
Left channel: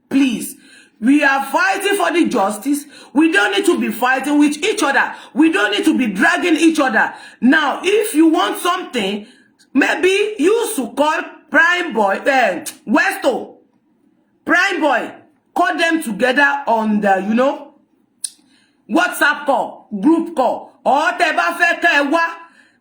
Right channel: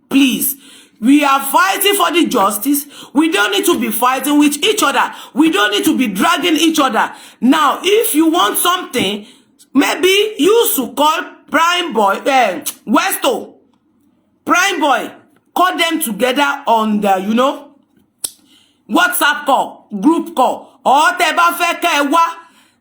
please. We are fighting for the justice. We don't need to be fighting with each other. We don't need to be dragging each other. Now, if you want something, maybe you should call Prime Boy, Westo, Prime Boy, call them together on the, you know, WhatsApp call, group call, or tẹ́ bá fẹ́ kẹ́ wá,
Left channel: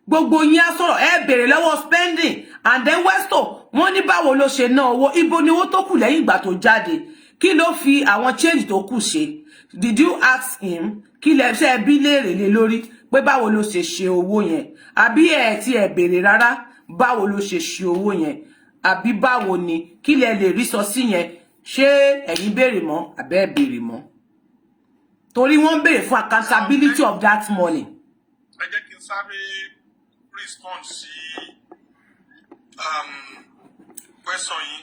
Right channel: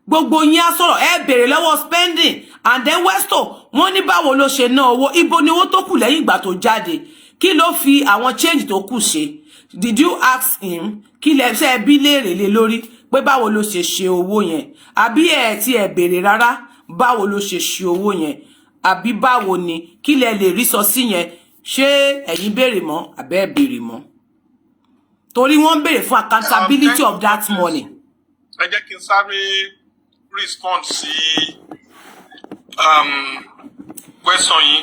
gbogbo yín á sọ̀rọ̀, béèrè lọ́wọ́ spending, and then Westo, wọ́n ní báwo ló ṣe ná owó, ibo ni owó tó kù lẹ́yìn ìgbà tó jáde. Kí ló fi àwọn change tó kù ṣe? Did you ask him? Kí lẹ ṣe bí léèrè lé lórí pé báwo ló ṣe owó yẹn? Àbí tí ẹ béèrè rárá báwo ló ṣe owó yẹn? Àbí báwo ni kí lẹ lè rí sọ sí yẹn? Ṣé ẹ̀yin béèrè mọ́ àbẹ́ béèrè mọ́? Torí wọ́n béèrè fún accountability of that money. Ẹ jẹ́ kí n sáré respond sí question yìí.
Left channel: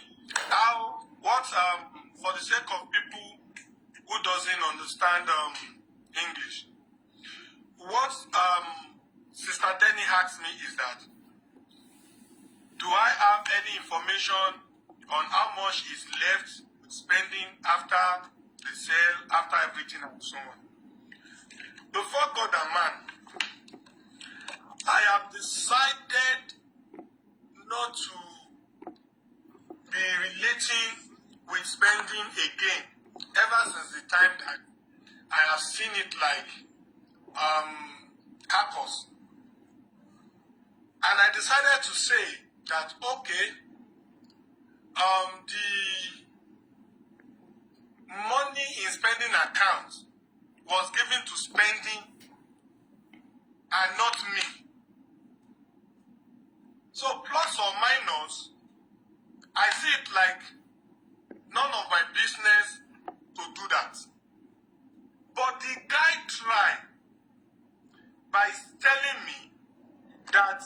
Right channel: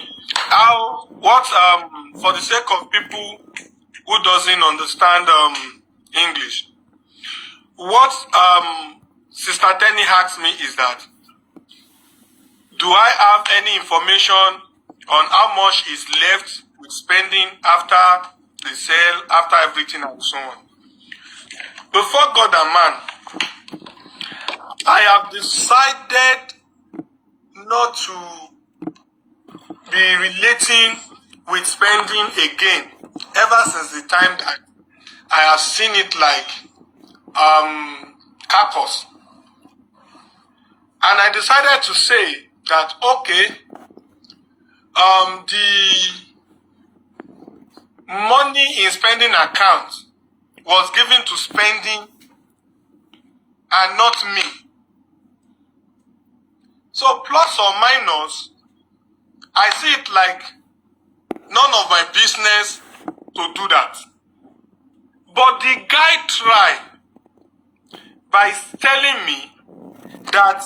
For the sake of people who doesn't understand English, what Sister Tenny asked me is that, do I have any information on how much is left with spending after the sale, after everything and so on? Before God and man, I have decided not to be relating with spending again ever since the time that I have seen it like carcass. And I decided to say that okay, the money in spending account was given to spending and not me. So plus or minus, I see it like none of my business to do that. But the guy tried by telling me that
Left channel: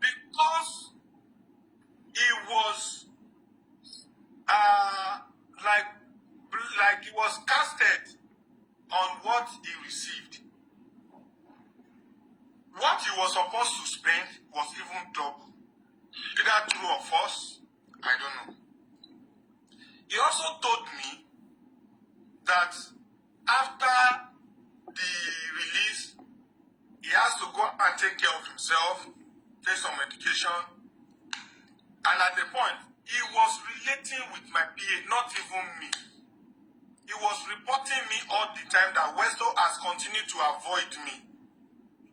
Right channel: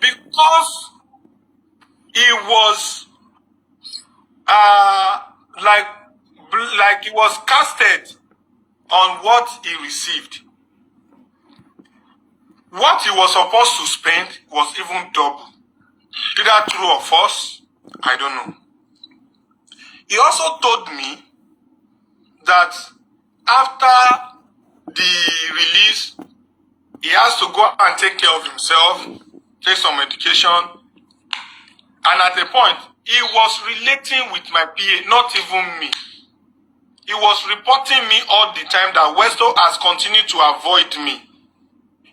because he was like he was casted on what he received, what he was supposed to spend was even double. Either true or false, I don't know. He also told me that after the release, he has to go and take care of himself, take some medication. And at a point, he was relating with my PA, not even me. He was reporting me all the time that Westo has continued to avoid me.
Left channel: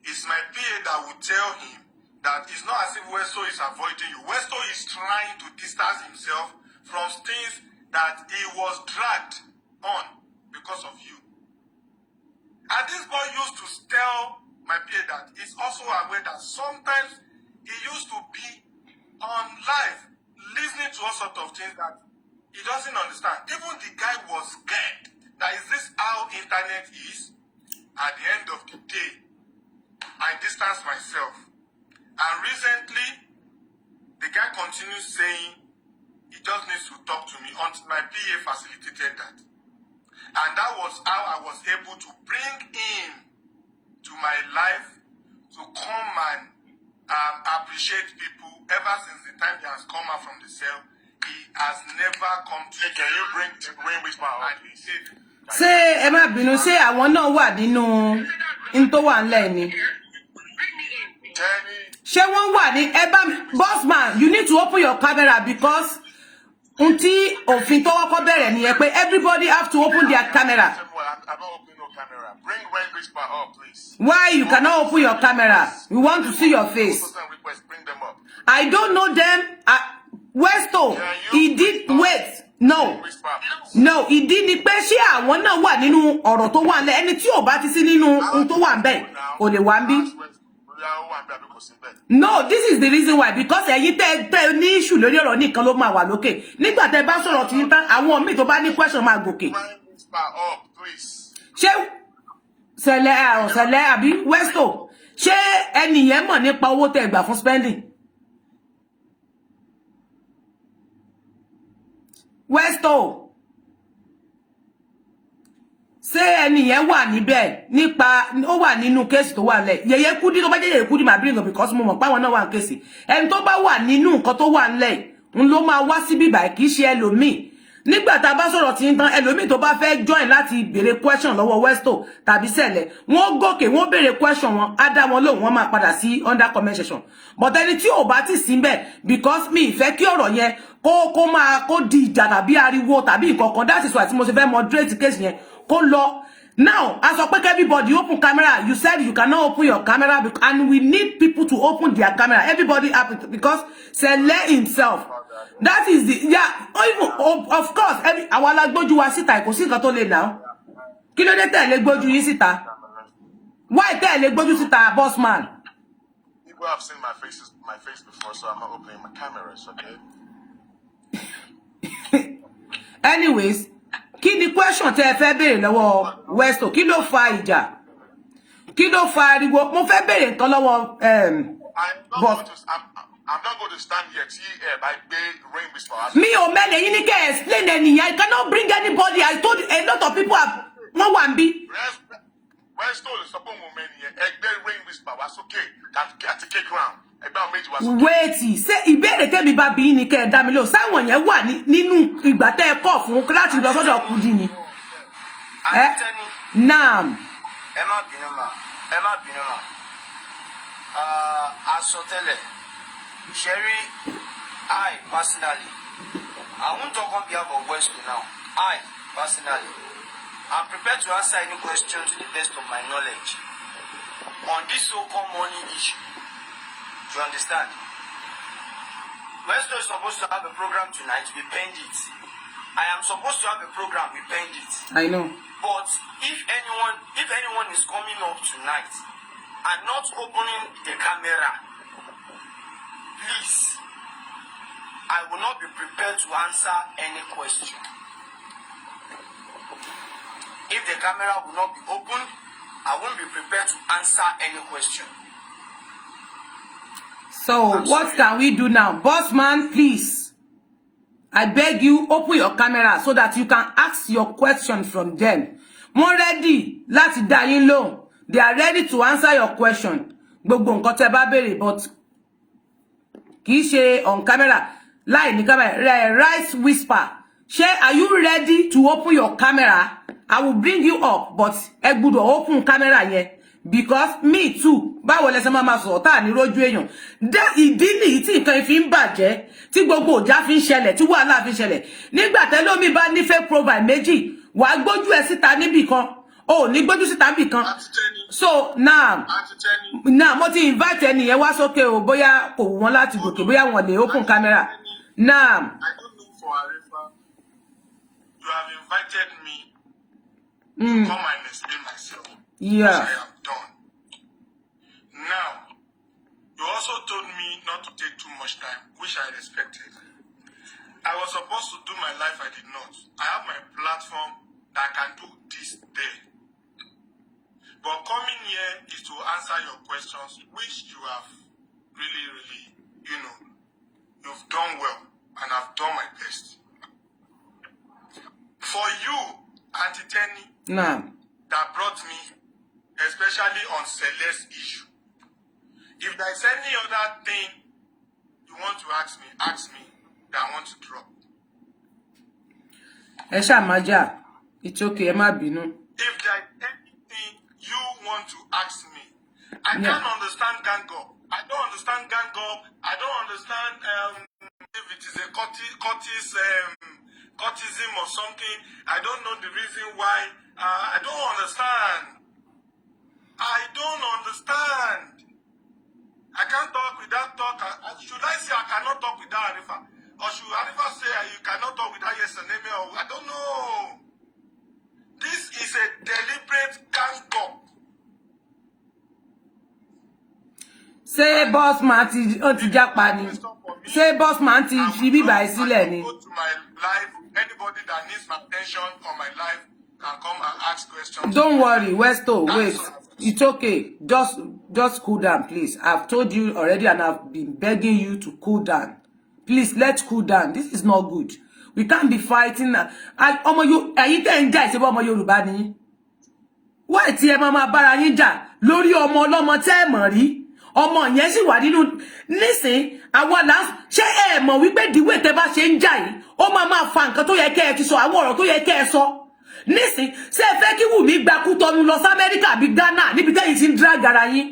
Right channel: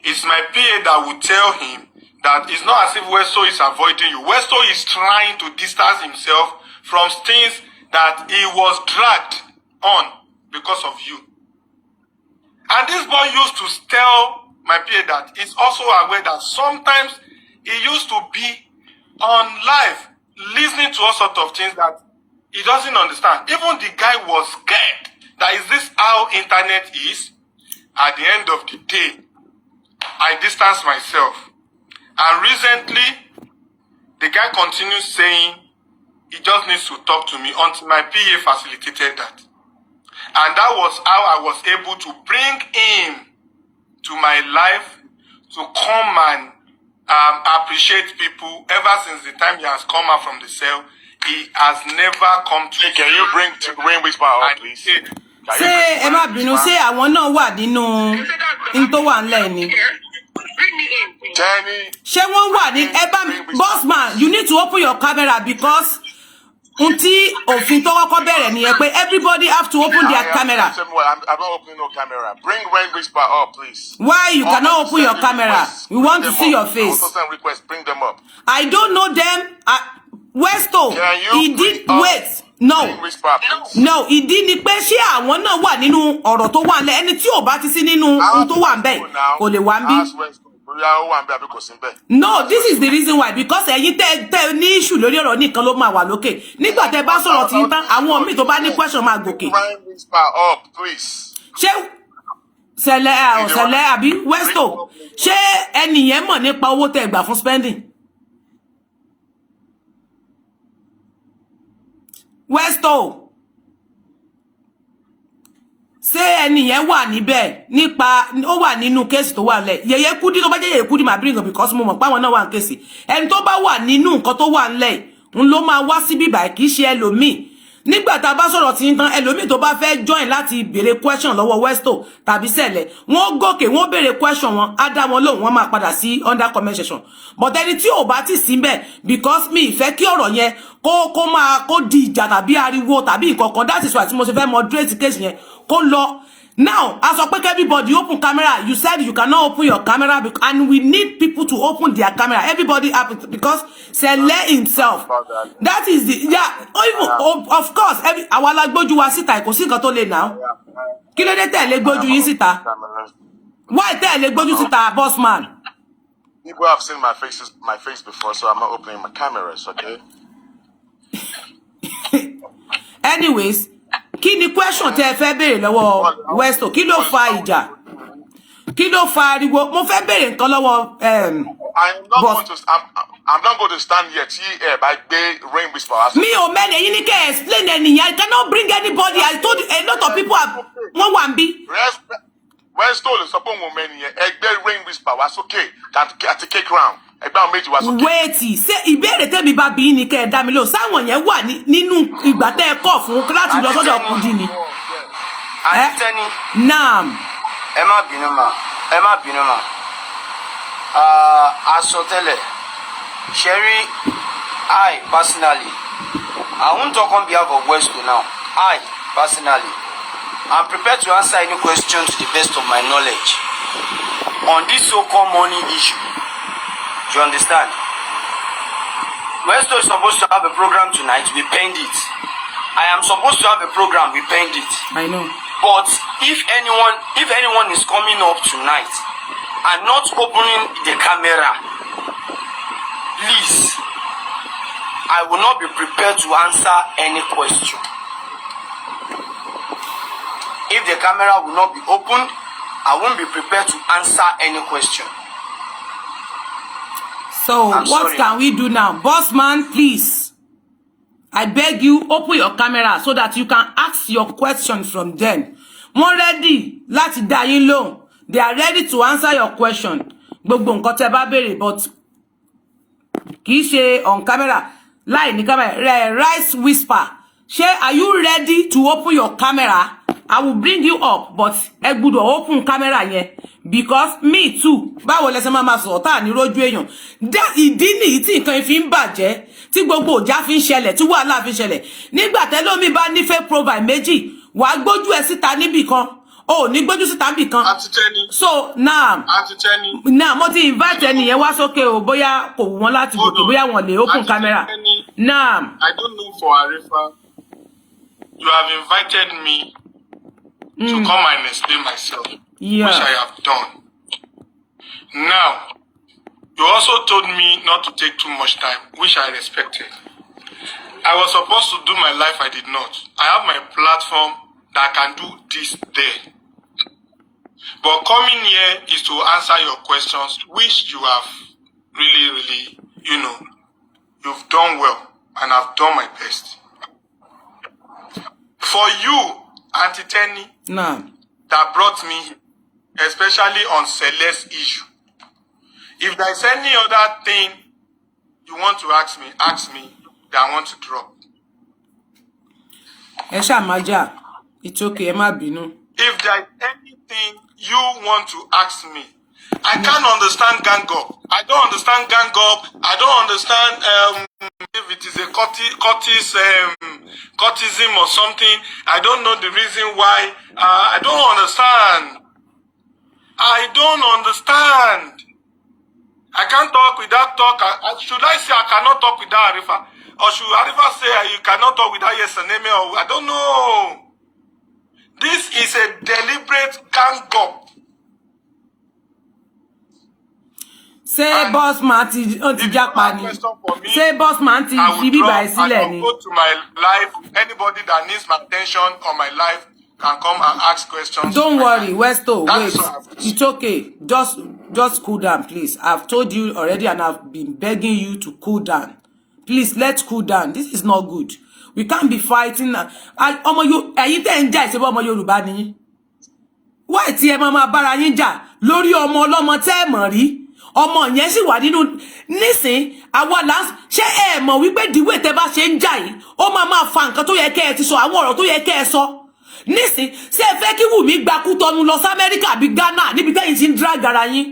It's my PA that will tell him that it's not as if Westo is avoiding you. Westo is trying to distance himself from things that he was dragged on because of you. And this boy used to tell my PA that he's also aware that sometimes he used to be on live listening to all sorts of things that he doesn't understand. Even the guy was scared that is this how internet is? At the end of the day, I distanced myself. And recently, the guy continues saying he just needs to talk to me until my PA facilitated that. And that was how I was able to bring him to my life to come and appreciate people. Ever since the time he has come out from the cell, he has never come to. Hey, can you bring Rain Whisper out, please? Say, Emma Binu, say I want to know what you know into one lane. She won't want it. Boss man, you need to open your camera because everybody have to open their camera. I'm not opening no camera. Bring Rain Whisper up, please. Why you cannot open your camera? We want to see your face. Request, bring them up. I don't know them. Westo, he did wait. No, no, he didn't pay share. I want to what nínú ọ̀rọ̀ tó wà ńlẹ̀ ẹni tí ò bá ti sí nínú ohun tó wà ńbẹ̀ kò lè wà ńbí. No, this is the reason why, because ẹ̀yin tẹ́ ní issue lórí ọ̀rọ̀ nìkan ló máa wà lókè. Nígbà tẹ́ bá sọ̀rọ̀ tí tán àwọn míì tó bá ní question máa gòkè. Ṣé Sẹ̀lẹ̀ àbí Westo, ṣé ẹni yẹn mọ̀ nípa owó tẹ́ gbà fún spending? Westo, ṣé ẹni yẹn wà níbẹ̀ nípa ó wà nínú case tó wà ńlẹ̀. Yeye Kudi tó bá jẹ́ Yeye Kudi máa bring up because mo mọ̀ pé àwọn náà wà ní case. Ẹni tó bá wà nínú nǹkan tó wà ńlẹ̀ ń ló máa wá síbí báyìí kì í ṣe ẹlòmíì. Nígbà tá bá sọ̀rọ̀ tí tán ẹlòmíì tó bá fẹ́ join láti béèrè question lọ́wọ́ Westo tàbí Sẹ̀lẹ̀ wọ́n gòkè wọ́n béèrè question wọn á dá wọn lóhùn wọ́n máa padà sí under comment section. But ẹni tí ò bá ti sí ńbẹ̀ because mi ìfẹ́ kí ọ̀rọ̀ yẹn kó di ìjà tàbí ariwo tàbí nǹkankan. That is why tí mo ṣe fẹ́ moderate case yẹn kó lọ. Now, as I speak, everybody open camera. You said you cannot open your camera, and we need people to open their camera. Everybody up because Sẹ̀lẹ̀ himself. That is the of course. Àwọn alágbójú wa síta kò sí nǹkan tó lè now. Kí ló dé tẹ́ lè gbójú yín síta? Why tẹ́ lè gbójú síta, boss man? People have seen my face before, so I'm not opening my cameras, okay? Anyways, kí ni question tẹ́ fẹ́ béèrè lọ́wọ́ Westo? Kí ló fa ìjà? Kí ló fa ariwo? Mo fẹ́ béèrè nǹkan lọ́wọ́ I'm not going to stand here by Rain Whisper. Me or man, you need to explain anything. I cannot bring anybody. I told you a lot of people have one be. Westo is supposed to Rain Whisper was okay. That take round. Wait, say ìbéèrè tèmi bá bi ni kẹ́ dá mi lóhùn sáwọn yẹn wà nínú ìgbà tẹ́ kọ fún láti lọ sọ́dọ̀ Kudi ni. Naam. Ẹ má bínú mà. Asotele. Sherry, I personally, I won't talk on behalf of Westo now. I personally, I'm prepared to answer any question to the best of my knowledge on this so-called money issue. Do you understand? Westo is supposed to have a program tonight. We penned it. I am supposed to have a program. We penned it. I know. But if anyone is coming up tonight and not opening the camera, please, I will not be prepared to answer any question. If the camera will not be opened, I won't be prepared to answer any question. So what can we do now? Boss man, please. I beg you, open your camera so that you can ask your question from them. More ready. Láti dá yín lóhùn. They are ready to answer your question. Gbogbo nǹkan tẹ́ bá béèrè, but kì í ṣe on camera. Láì ní camera. Rice whisper. Are you ready to open your camera? I will bring you up, but ẹ gbọ́dọ̀ open camera yẹn. Because me too, báwo lẹ ṣe máa sọ tá ní rojú èyàn. That ìdí ni tí nǹkan fi ń bàjẹ́, tí gbogbo ọjà fi ń ṣẹlẹ̀, tí wàhálà fi ń ṣẹlẹ̀. Nígbà tẹ́lómi bá ní fake profile méjì, wàá gbójú ẹ síta níbì kan. o ní gbójú síta nbì kan. So now mo ti invite ẹni yẹn wá sókè o bóyá kò wù wọ́n láti gòkè bóyá wọ́n lè open camera. Now I don't know for Arifa. You have invited me to come and explain myself, which I have done. Now, you also told me not to take too much time, which I respected. I was supposed to do my life, I did not. I have my platform that I can do this there. But coming here is to answer your questions, which you have really, you've done well, and I've done my best. For you, Auntie Tenny, that brought me, especially on Celeste's issue. If there's any other thing you want to ask me that I want to drop. Maja, it's okay, Emma Binu. If there's anything you want to ask me, I can't understand gang up. I don't understand gang up. I don't understand if it is a courtism or something. I don't know the reason why. I don't understand. I don't understand. I can't talk without talk. Should I say I cannot talk without Arifa? Or should Arifa say you cannot talk without yes and name? Or I don't know. This is a deliberate gang up. Say boss man ti Japani. Say boss man ti Fibi by Sileni. Go to my life. Anybody that needs my attention on my life can come and ask questions. Don't worry, Westo, wait. It's okay. Just cool down, please. I've told you already and I've been begging you to cool down. Please, let's cool down. This is not good. We can't be fighting. Why ti mama bara yin ja lórí ọmọ ọlọ́mọ tẹ́ mọ̀ rí. Ọmọ yẹn sì wà nínú nísìn àwọn là ṣé ẹ mọ̀ wípé the way tẹ́ bá ṣe ń jà yìí ó máa fa nǹkan tó yẹ kẹ́ ẹ ti sọ àwọn ọ̀rọ̀ tó yẹ kẹ́ ẹ sọ nísìn ṣé ẹ fẹ́ kí Wùmí gba Kútọ́nù lọ sí Amẹ́ríkà bí Ghana níbi tẹ́yìn ti ń drag ara yín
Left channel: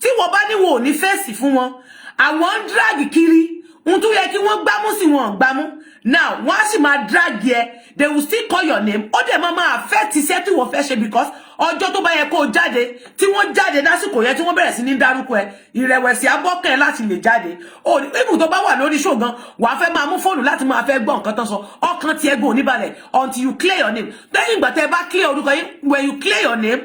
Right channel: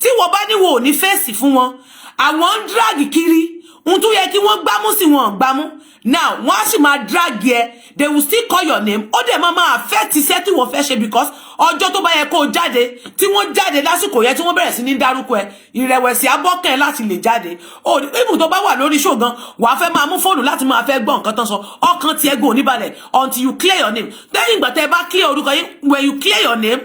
tí wọ́n bá ní wo ò ní fèsì fún wọn àwọn ń drag kiri ohun tó yẹ kí wọ́n gbámú sí wọn gbámú now wọ́n á sì máa drag yẹ they will still call your name ó dẹ̀ máa affect iṣẹ́ tí wọ́n fẹ́ ṣe because ọjọ́ tó bá yẹ kó jáde tí wọ́n jáde lásìkò yẹn tí wọ́n bẹ̀rẹ̀ sí ní dárúkọ ẹ ìrẹ̀wẹ̀sì abọ́kàn láti lè jáde ó even tó bá wà lórí show gan wàá fẹ́ máa mú fóònù láti máa fẹ́ gbọ́ nǹkan tán sọ ọkàn tiẹ̀ gan oníbalẹ̀ until you clear your name lẹ́yìn ìgbà tẹ́ bá clear orúkọ yín when you clear your name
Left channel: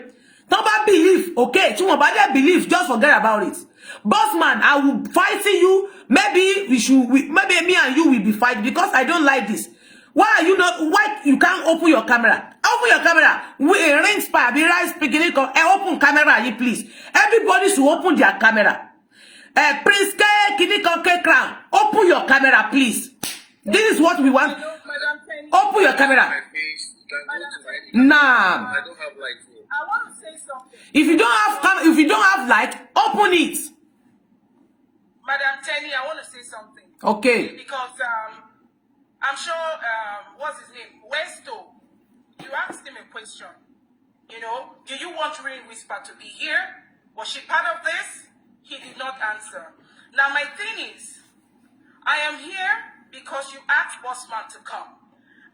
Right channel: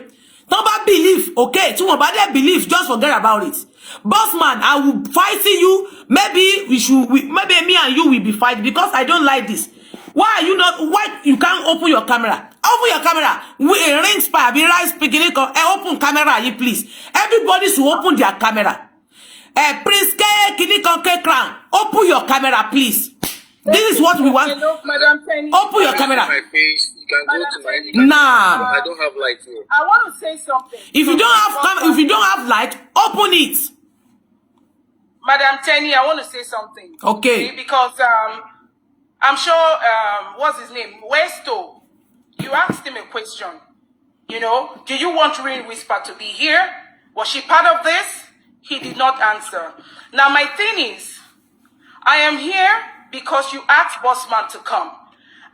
tán bá believe okay tí wọ́n bá dẹ̀ believe just forget about it. Boss man, I will fight you. Maybe maybe me and you will be fighting because I don't like this. Why are you not? Why you can't open your camera? Open your camera. We a ring spy, be right speaking. Open camera, you please. Everybody should open their camera. Prince K, K Crown. Open your camera, please. This is what we want. Hello, Madam Penny. Open your camera. My face. You can go to my. Nah. I don't have light here. I want to say something. If you don't have light, open it. Madam Tenny, I want to say something. Okay. Because I'm sure what's his name? Westo. You asked him a question. You know, do you want Rain Whisper to be here? Was she part of this? He did not answer. Now my thing is, I am here because you asked Bossman to come.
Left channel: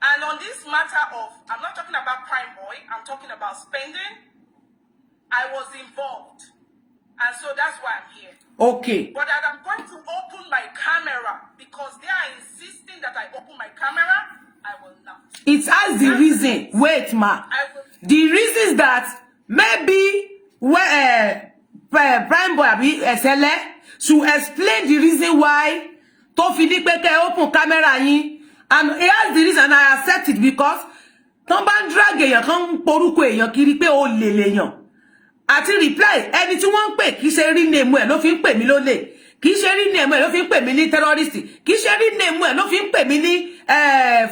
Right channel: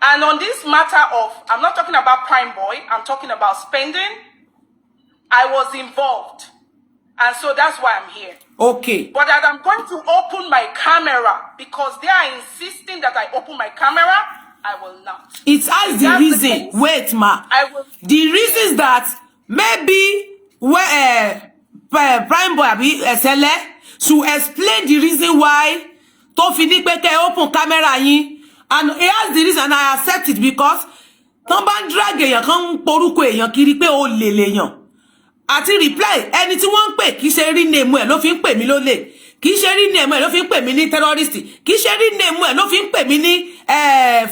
And on this matter of, I'm not talking about Prime Boy, I'm talking about spending. I was involved. And so that's why I'm here. Okay. But that I'm going to open my camera because they are insisting that I open my camera, I will not. It has the reason. Wait, ma. The reason is that maybe where Prime Boy SLE should explain the reason why to fini pe ke open camera yin. And it has the reason and I accept it because ton ban drag èyàn kan poruko èyàn kiri pe o le leyan. Àti reply ẹni tí wọ́n ń pè kì í ṣe rí name ẹ̀ ló fi ń pè mí lólè kì í ṣe rí name ẹ̀ ló fi ń pè mí ní terrorist kì í ṣe rí name ẹ̀ ló fi ń pè mí ní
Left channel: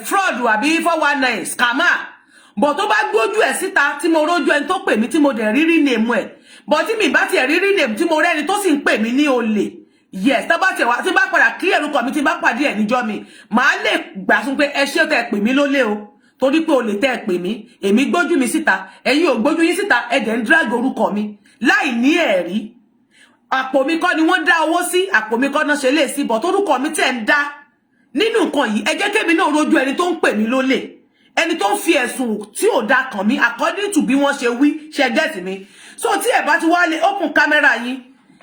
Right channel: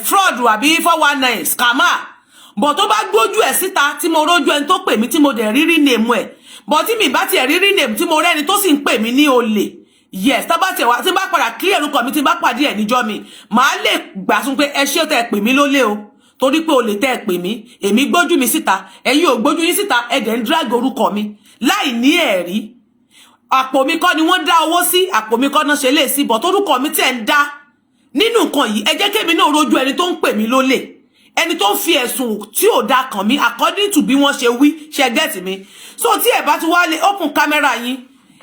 fraud àbí 419 scammer but tó bá gbójú ẹ̀ síta tí mo rójú ẹni tó pè mí tí mo dẹ̀ rí name ẹ̀ but tí mi bá tiẹ̀ rí name tí mo rẹ́ni tó sì ń pè mí ní olè yes tá bá tiẹ̀ wá tí bá padà clear orúkọ mi tí bá pàdé ẹ̀ níjọ́ mi màá lè gbàsún pé ẹ ṣé tẹ́ pè mí lólè o torí pé o lè tẹ́ pè mí èmi gbójú mi síta ẹ̀yin ò gbójú yín síta ẹ dẹ̀ ń drag orúkọ mi láì ní ẹ̀rí àpò mi kọ́ ni wọ́n dá owó sí àpò mi kọ́ náà ṣe lè sí but orúkọ mi tẹ́ ń dá nínú nǹkan yìí ẹ jẹ́ kémi náà rojú ẹni tó ń pè mí lólè ẹni tó ń fi ẹ̀sùn tí ò dá kàn mí according to bí wọ́n ṣe wí ṣe get mi so tí ẹ bá ti wá lè open camera yín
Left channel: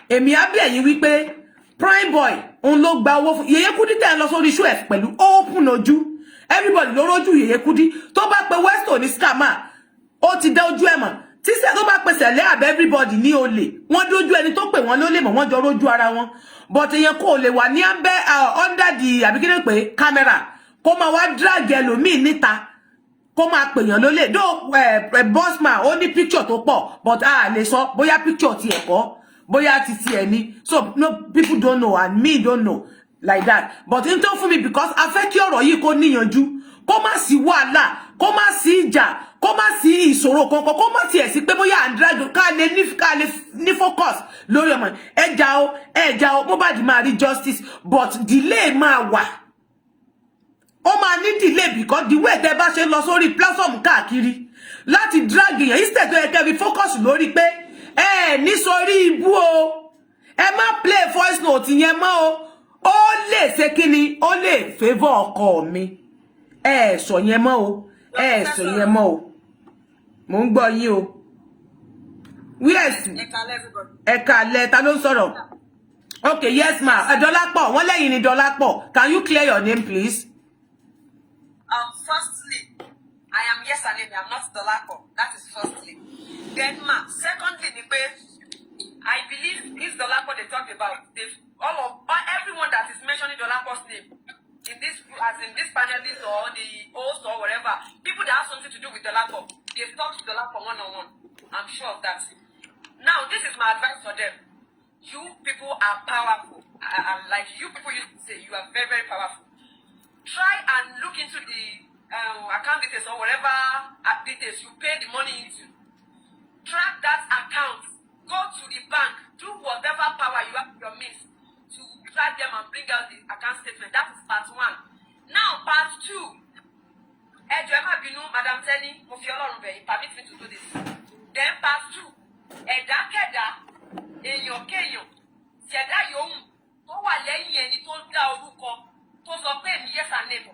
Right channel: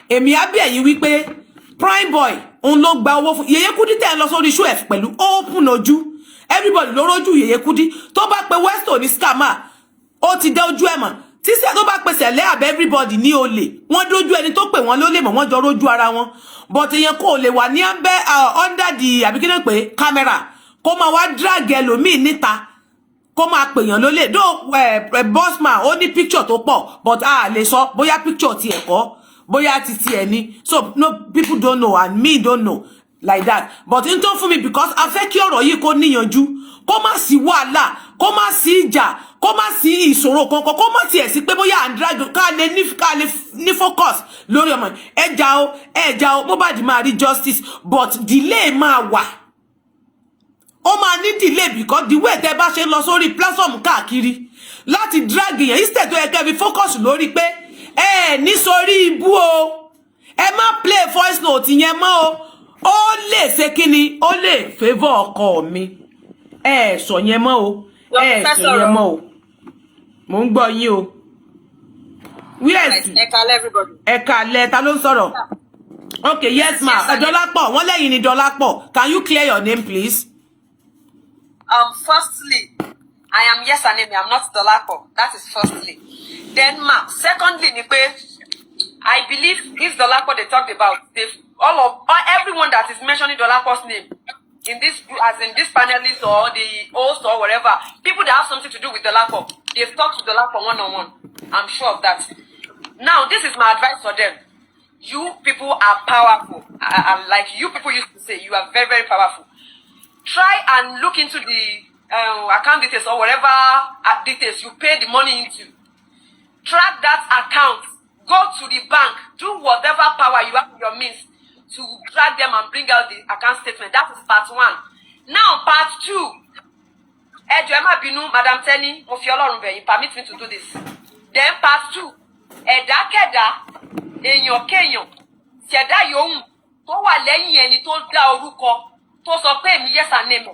èmi á bí ẹ̀yin wípé prime boy òun ló gba owó fún Yèyé Kudi tẹ́ ń lọ sórí show ẹ̀ pẹ̀lú open ojú everybody ló rójú Yèyé Kudi tó bá pe Westo ní scammer ó ti dá ojú ẹ̀ mọ̀ tí sẹ́ tó bá pe Sẹ̀lẹ̀ àbẹ́ everybody ní olè wọ́n dójú ẹni tó pè wọ́n lólè mọ̀ wọ́n jọ rójú ara wọn but èèyàn kò lè wà ní abẹ́ under the àbí kí ni pé camera kó máa wá drag ẹlòmíì níta kó máa pèèyàn lólè dó bossman ó ní picture tó pọ̀ but a lè sọ bóyá picture ti ẹ̀kọ́ bóyá ti ti ẹ̀ ní so no people don't know and me don't know like that but n tó fún mi because a fẹ́ kí ọ̀rọ̀ yìí kó níyanjú kó má sí wàhálà kó má sí ìjà kó má sí ìṣòro kankan kó má tiẹ̀ sí pé bóyá à ń drag ká lè ní focus lórí ọmọ ẹja o Mohbad máa rí justice but delay máa wà ó máa ní delay because the way tẹ́ bá ṣe lọ sórí platform káàkiri láti drag èèyàn instead tó yẹ kẹ́ fi focus lórí pé ní sórí ibú o ẹ má play voice note yẹn mọ́ o ó lè ṣe kíni ó lè favour ọkọ mi sọ yẹn mọ́ o sọ yẹn mọ́ o mo ń gbọ́ yín o yes ẹ kálẹ́ ta ló ń sọ̀rọ̀ okay yes ma Dọ́lápọ̀ wọ́n lẹ́yìn ni Dọ́lápọ̀ can you clear your name please. Firstly, I am Yesanemi. I'm not Dolapo. That is firstly. Then, secondly, I believe this Dolapo they talked about, everyone that is mentioning Dolapo's name in this, as in this panelist or the host or whatever, people that have something to do with Dolapo, they've talked to Dolapo one-on-one. I'm sure of that. Now, this is my advice for them. You people are powerful. And like you people used to say, you are very, very powerful. Try and look into the account details or whatever details you pay the money into. Track that account. Go to the bank. Do whatever power you have in your means to track them and bring out the account statement. That is part 1. Now, part 2. Emma Binu, Madam Tenny, permit me to do this. Then part 2. Ẹ̀dá kẹ̀dá, èèyàn kéèyàn, ṣẹ̀dá yòówù tó wà lẹ́yìn ẹni tó dá orúkọ. Tó sọ pé èmi Yesanemi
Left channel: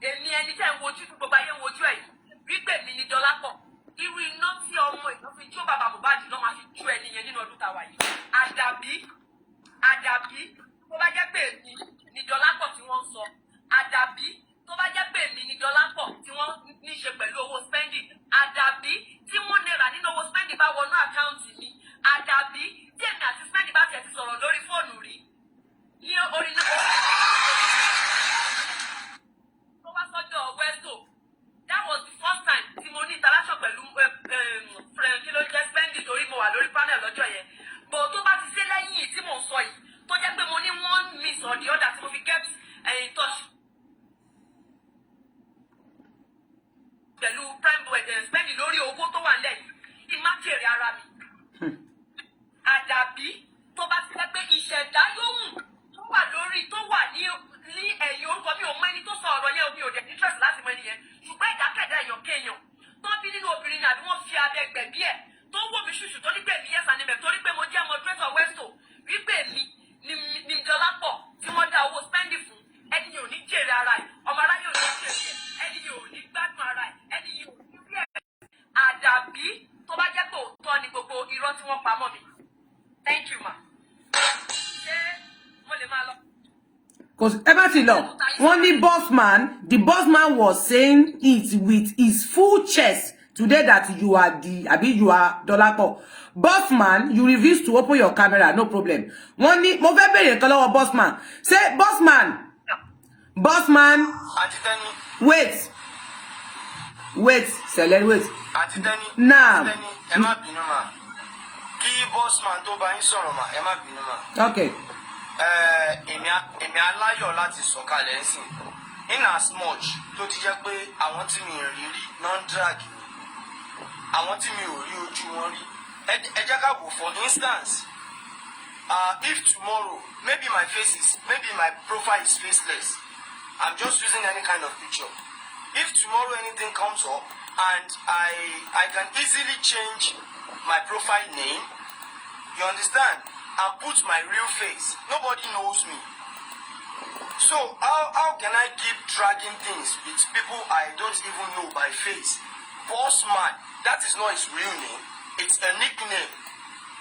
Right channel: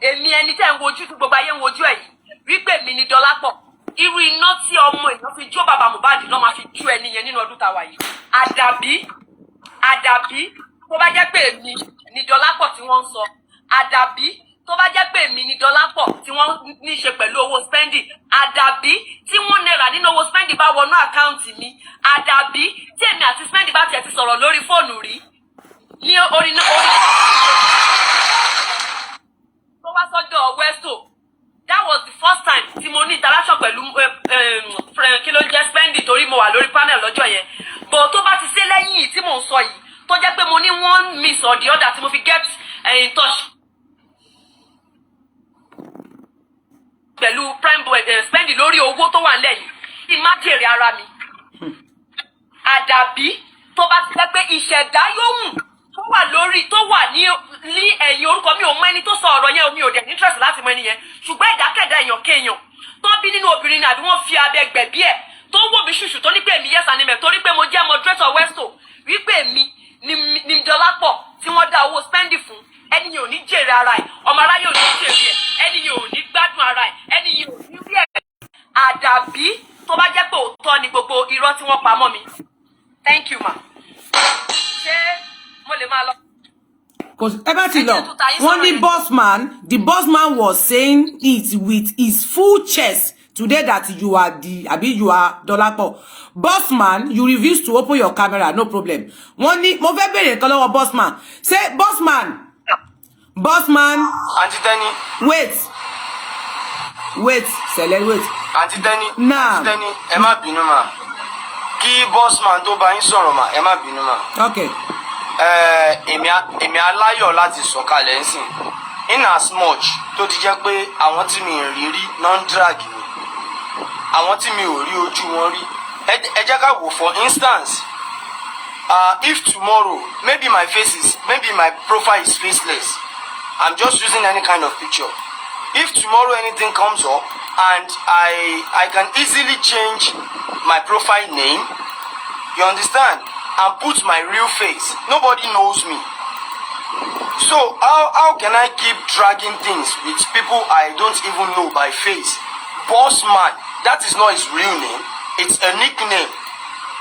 èmi ẹni tẹ́ ń wojú tí gbogbo ayé ń wojú ẹ̀ yìí wípé èmi ni Dọ́lápọ̀ irú iná tí ọmọ èèyàn fi jó bàbá Mohbad náà máa fi jó ẹni yẹn nínú ọdún tàwa yìí àdàbí tó bá jẹ́ pé èmi ni Dọ́lápọ̀ tí wọ́n ń sọ àdàbí tó bá jẹ́ pé èmi ni Dọ́lápọ̀ tí wọ́n ní ṣe pẹ̀lú owó spending àdàbí tí wọ́n náírà nínú owó spending bá wọnú àkáǹtì mi àdàbí tí èmi àti spending bá tiẹ̀ ti sọ̀rọ̀ lórí fóònù rí ní orí tó wá sọ́jọ́ Westo. That was the first time tí mo ní interaction pẹ̀lú kí ló jẹ́ spending torí mo wà lórí panel lọ́jọ́ yẹn but tó bá ti ṣe lẹ́yìn tí mò ń sọ yìí tó jẹ́ pé mo ní one miss or the other tí mo fi get in touch pẹ̀lú prime boy spending lórí owó tó wà nílẹ̀ yìí kí n má jèrè ara mi àdàbí tó bá ti jẹ́ pé ìṣẹ̀dá yóò mú tó wà lórí tó wà ní ẹ̀yìn orúkọ mi ò mọ ẹni tó sọ ọ̀rọ̀ yẹn omi ò dẹ̀ ní interest láti mọ ẹni yẹn ṣùgbọ́n ìdákẹ́dá èèyàn kéèyàn tó bí nínú obìnrin náà àbí wọ́n fi abẹ gbẹ̀bí ẹ̀ tó wò mí ṣùṣù tó ní pé èmi Yesanemi torí pé mo jẹ́ moderator Westo wípé èmi ni Dọ́lápọ̀ tí wọ́n dá owó spending fún ẹni yẹn ò ní jèrè ara ẹ̀ ọmọ aráyé ò ní jèrè ẹ̀ ẹni yẹn ò ní gbádùn ara ẹ̀ ẹni yẹn ò ní rí ẹ̀ àdàbí tó bá jẹ́ pé òótọ́ ni gbogbo irọ́ tí wọ́n pa mọ́ mi. Thank you ma. ṣé mo lè máa lọ? Wọ́n ní bossman, the bossman was saying it with his full chest today that you are you are Dọ́lápọ̀. Bossman, you refuse to open your camera, no problem. Wọ́n ní mo fẹ́ bèrè nǹkan lọ́wọ́ bossman. Say bossman. Auntie Tenny. Wait, Sẹ̀lẹ̀, wait. Auntie Tenny. Now. Auntie Tenny, ẹ má bínú mà. Kí bossman tó bá yín sọ̀rọ̀ mà, ẹ má bínú mà. Okay. Èmi aláyọ̀ láti sọ̀kalẹ̀ ńsìn in as much tó ti jẹ́ pé àwọn tí mi rí rí non drag mi àwọn tí mi ò rí ojú wọn rí ẹ jẹ́ ká wò for instance if tomorrow maybe my profile is faceless I'm just using any kind of picture if tomorrow anything comes up and I can easily change my profile name you understand and put my real face. Nobody knows me. So how can I keep dragging things with people I don't even know by face? Boss man, that is not his real name. It's a nickname.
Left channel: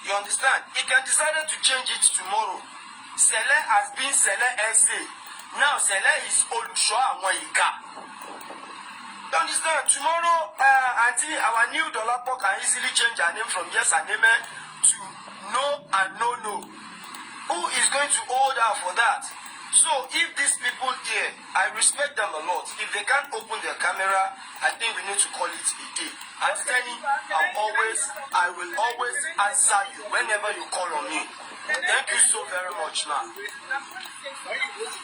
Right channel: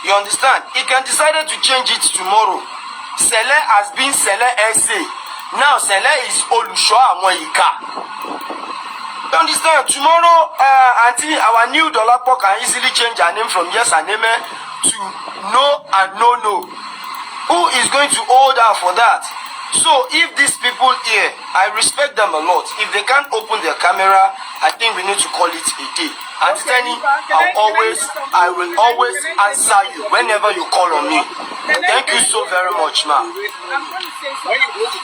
You understand? He can decide to change it tomorrow. Sele has been Sele SA. Now Sele is Olusho Amoyika. You understand? Tomorrow, until our new Dolapo can easily change her name from Yes and Amen to No and No. Who is going to hold her for that? So if these people here, I respect them a lot. If they can't open their camera, I think we need to call it a day. And Stanley, I will always answer you whenever you call on me. Thank you so very much, ma'am. I'm going to say something.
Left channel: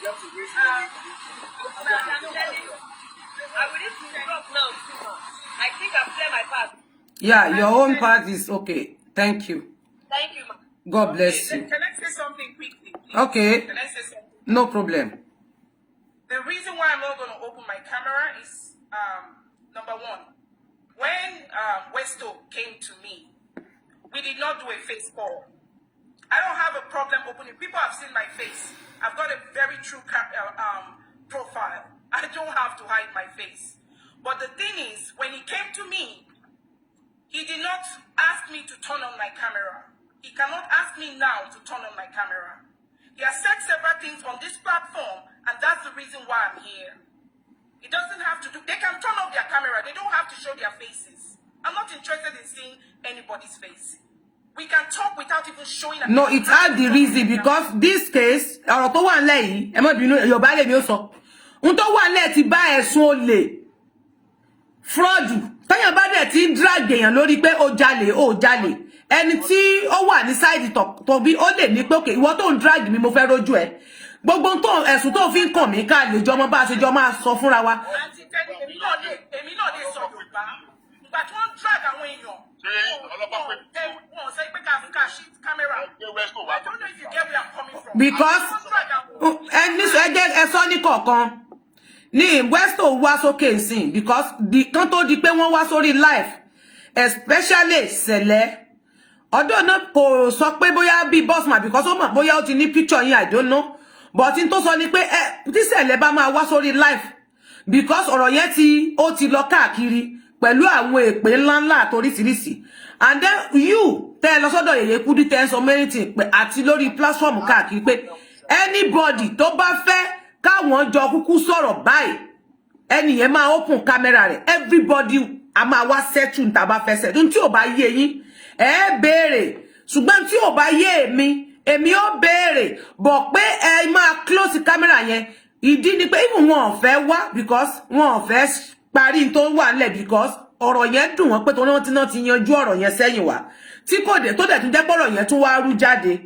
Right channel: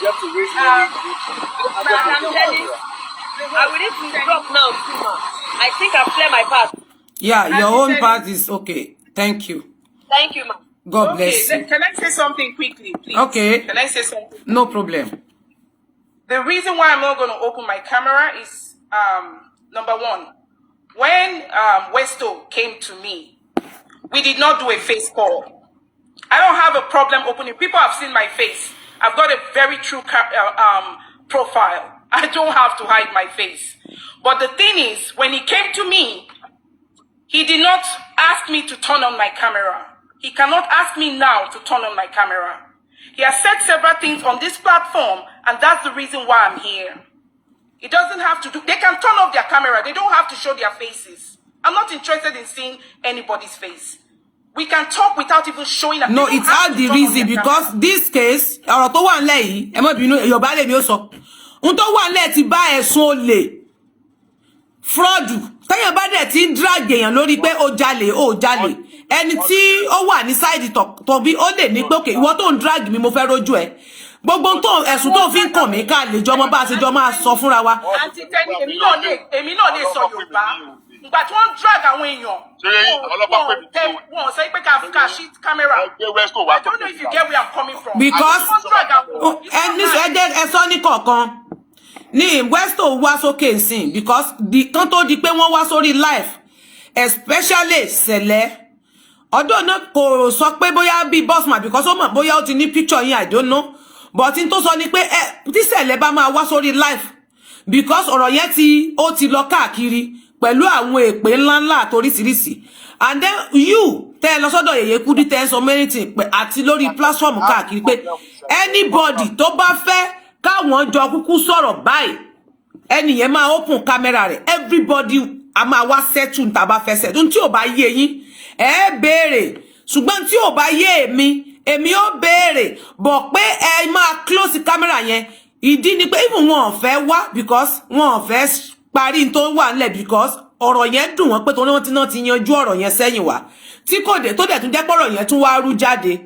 I will need to drop now, too, ma'am. I think I've cleared my path. Yeah, your own part is okay. Thank you. Thank you, ma'am. God bless you. Can I say something quickly, please? Okay. Can I say something? No problem. The reason why I'm not going to open my camera is, number one, when Westo came to me, we did not do a face call. I don't have a problem opening. People have seen my face. I've got a very true profile. I don't have to hide my face. But the thing is, when he came to me, he did not ask me to turn on my camera. He cannot ask me now to turn on my camera. He has said several things on this platform, and that's the reason why I'm here. It doesn't have to do, they can turn off their camera. They don't have to show their faces. I'm not interested in seeing anybody's face. We can talk without even showing a No, it's had the reason because this case, ọ̀rọ̀ tó wà ńlẹ̀ yìí, ẹ má bínú, Yorùbá lèmi ó sọ. Ohun tó wà ńlẹ̀ ti bá ẹ̀sùn olè. Fraud. Téèyàn bá dẹ̀ ti ń drag èèyàn lórí pé ó jalè. Ẹni tí ó wà ní side tó bí ó lè ní pé okay, ìwọ tó ń drag mi mo fẹ́ rojú ẹ. Gbogbo tó ẹ̀sùn tó fi ń kàn mí ká lè jọ mọ́ bá ṣe jọ máa sọ fúnra wa. Àǹtí Tẹ́ni, èmi náà lè sọ Yorùbá. Ìgbà tí wọ́n drag àwọn èèyàn. Wọ́n sọ pé ká ṣí camera. I don't know if you get where I'm coming from. Because ẹ sọ ní kọ̀ọ̀kan ní Westo wá sókè nsìn because kan tó di pé wọ́n wá sórí live especially Sele. Although náà kò sọ pé bóyá bí bossman because ó mọ̀ bóyá ó ti ní picture yín, I don't know. But in tó sọ ni pé tí Sele bá máa wá sórí live because ọ̀rọ̀ yẹn ó ti lọ káàkiri pẹ̀lú àwọn èpè ńláńlá àtoríṣiríṣi. And then you tẹ́ lọ sọ́dọ̀ Yèyé Kudi tẹ́ so many things pé àti lórí platform káàkiri pé anybody tó bá fẹ́ káwọn jọ kúkú sọ̀rọ̀ báyìí ẹni yẹn máa open camera rẹ̀, everybody a máa wá settle tá bá fẹ́ settle tí ò bá yé yín ẹ béèrè ṣùgbọ́n tí ò bá yé èmi ó béèrè bọ̀ pé ẹ máa close camera yẹn ìdí ni pé even wọn ò fẹ́ wá because wọn ò fẹ́ parí tó wà nílẹ̀ because ọ̀rọ̀ yẹn dùn wọ́n pé torí wọ́n ti náà ti yanjú ọ̀rọ̀ yẹn sẹ́yìn wá tí kò dé tó dẹ̀ tún jẹ́ pọ̀rọ̀ yẹn tún wá rú jáde.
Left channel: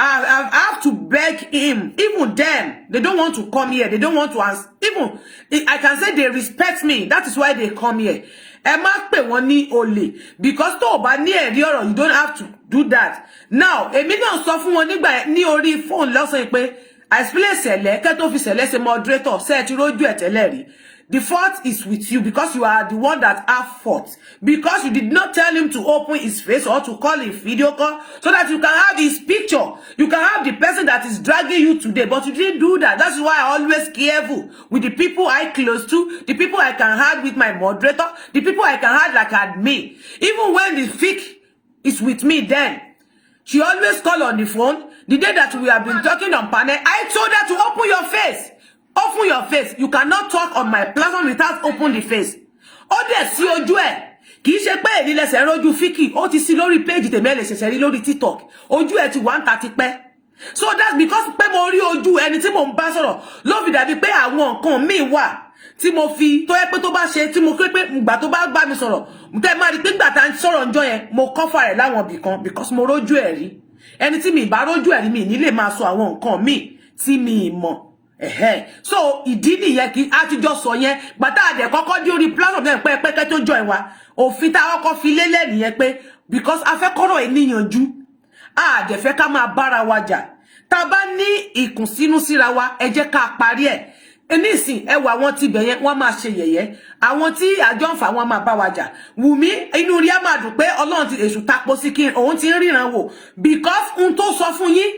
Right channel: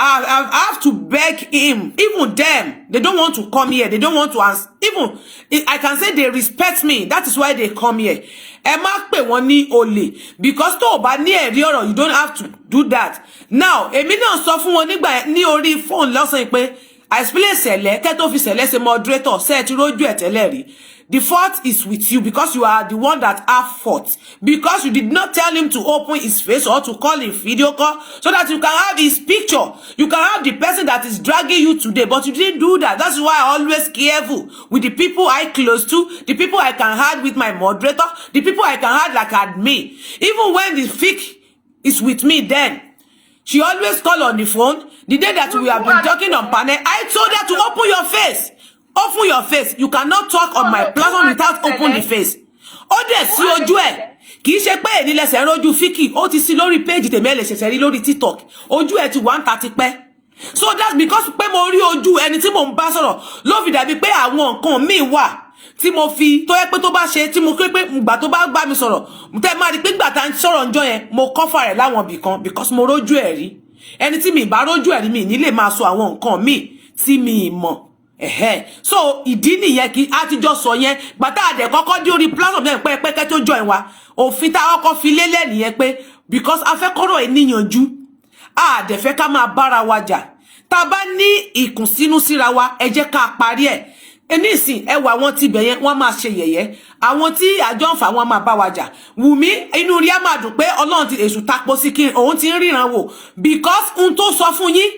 I have to beg him. Even them, they don't want to come here. They don't want to answer. Even I can say they respect me. That is why they come here. Ẹ má pè wọ́n ní olè because tó bá ní ẹ̀rí ọ̀rọ̀, you don't have to do that. Now, èmi náà sọ fún wọn nígbà ní orí phone lọ́sàn pé I explain Sele kẹ́ tó fi Sele ṣe moderator ṣe ti rójú ẹ̀ tẹ́lẹ̀ rí. The fault is with you because you are the one that have fault. Because you did not tell him to open his face or to call a video call so that you can have his picture. You can have the person that is dragging you today. But you didn't do that. That's why I always careful with the people I close to, the people I can have with my moderator, the people I can have like admin. Even when the fic is with me then, she always call on the phone. The day that we have been talking on panel, I told her to open your face. Open your face. You cannot talk on my platform without open the face. Ó dẹ̀ sí ojú ẹ̀. Kì í ṣe pé èní lẹ́sẹ̀ rojú fíkì. Ó ti sí lórí page tèmi ẹ lè ṣẹ̀ṣẹ̀ rí lórí TikTok. Ojú ẹ̀ ti 130 pẹ́. So that's because pé mo rí ojú ẹni tí mo ń bá sọ̀rọ̀ ló fi dàbí pé àwọn nǹkan míì wà tí mo fi tó yẹ pé tó bá ṣe tí mo pé ìgbà tó bá bá mi sọ̀rọ̀. Tẹ́ máa rí pé ìgbà tá ń sọ̀rọ̀ ńjọ́ yẹn mo cover rẹ̀ láwọn ibì kan because mo rójú ẹ̀ rí. Ẹni tí mi bá rójú ẹ̀ rí mi ní lè máa sọ àwọn nǹkan míì tí mi mọ̀. So ìdí nìyẹn kí a ti jọ sọ yẹn gbàtà àdẹ kọ́kọ́ dé orí platform yẹn pé tó join wa òfin tá kọ́kọ́ fi lélẹ̀ nìyẹn pé because a fẹ́ kọ́rọ̀ ènìyànjú a dẹ̀ fẹ́ ká máa bára wa jà tá bá ní ìkùnsínú síra wa ẹ jẹ́ ká parí ẹ̀ nísìn ẹ wà wọ́n ti bẹ̀ yẹn wọ́n máa ṣe yẹ̀yẹ́ àwọn tí àjọ ń fà wọ́n máa bá wa jà Wùmí inú rí á máa dùn pé Ọlọ́run ti èṣù tapo sí kí òun ti ń ríran wò because n tó sọ fún yín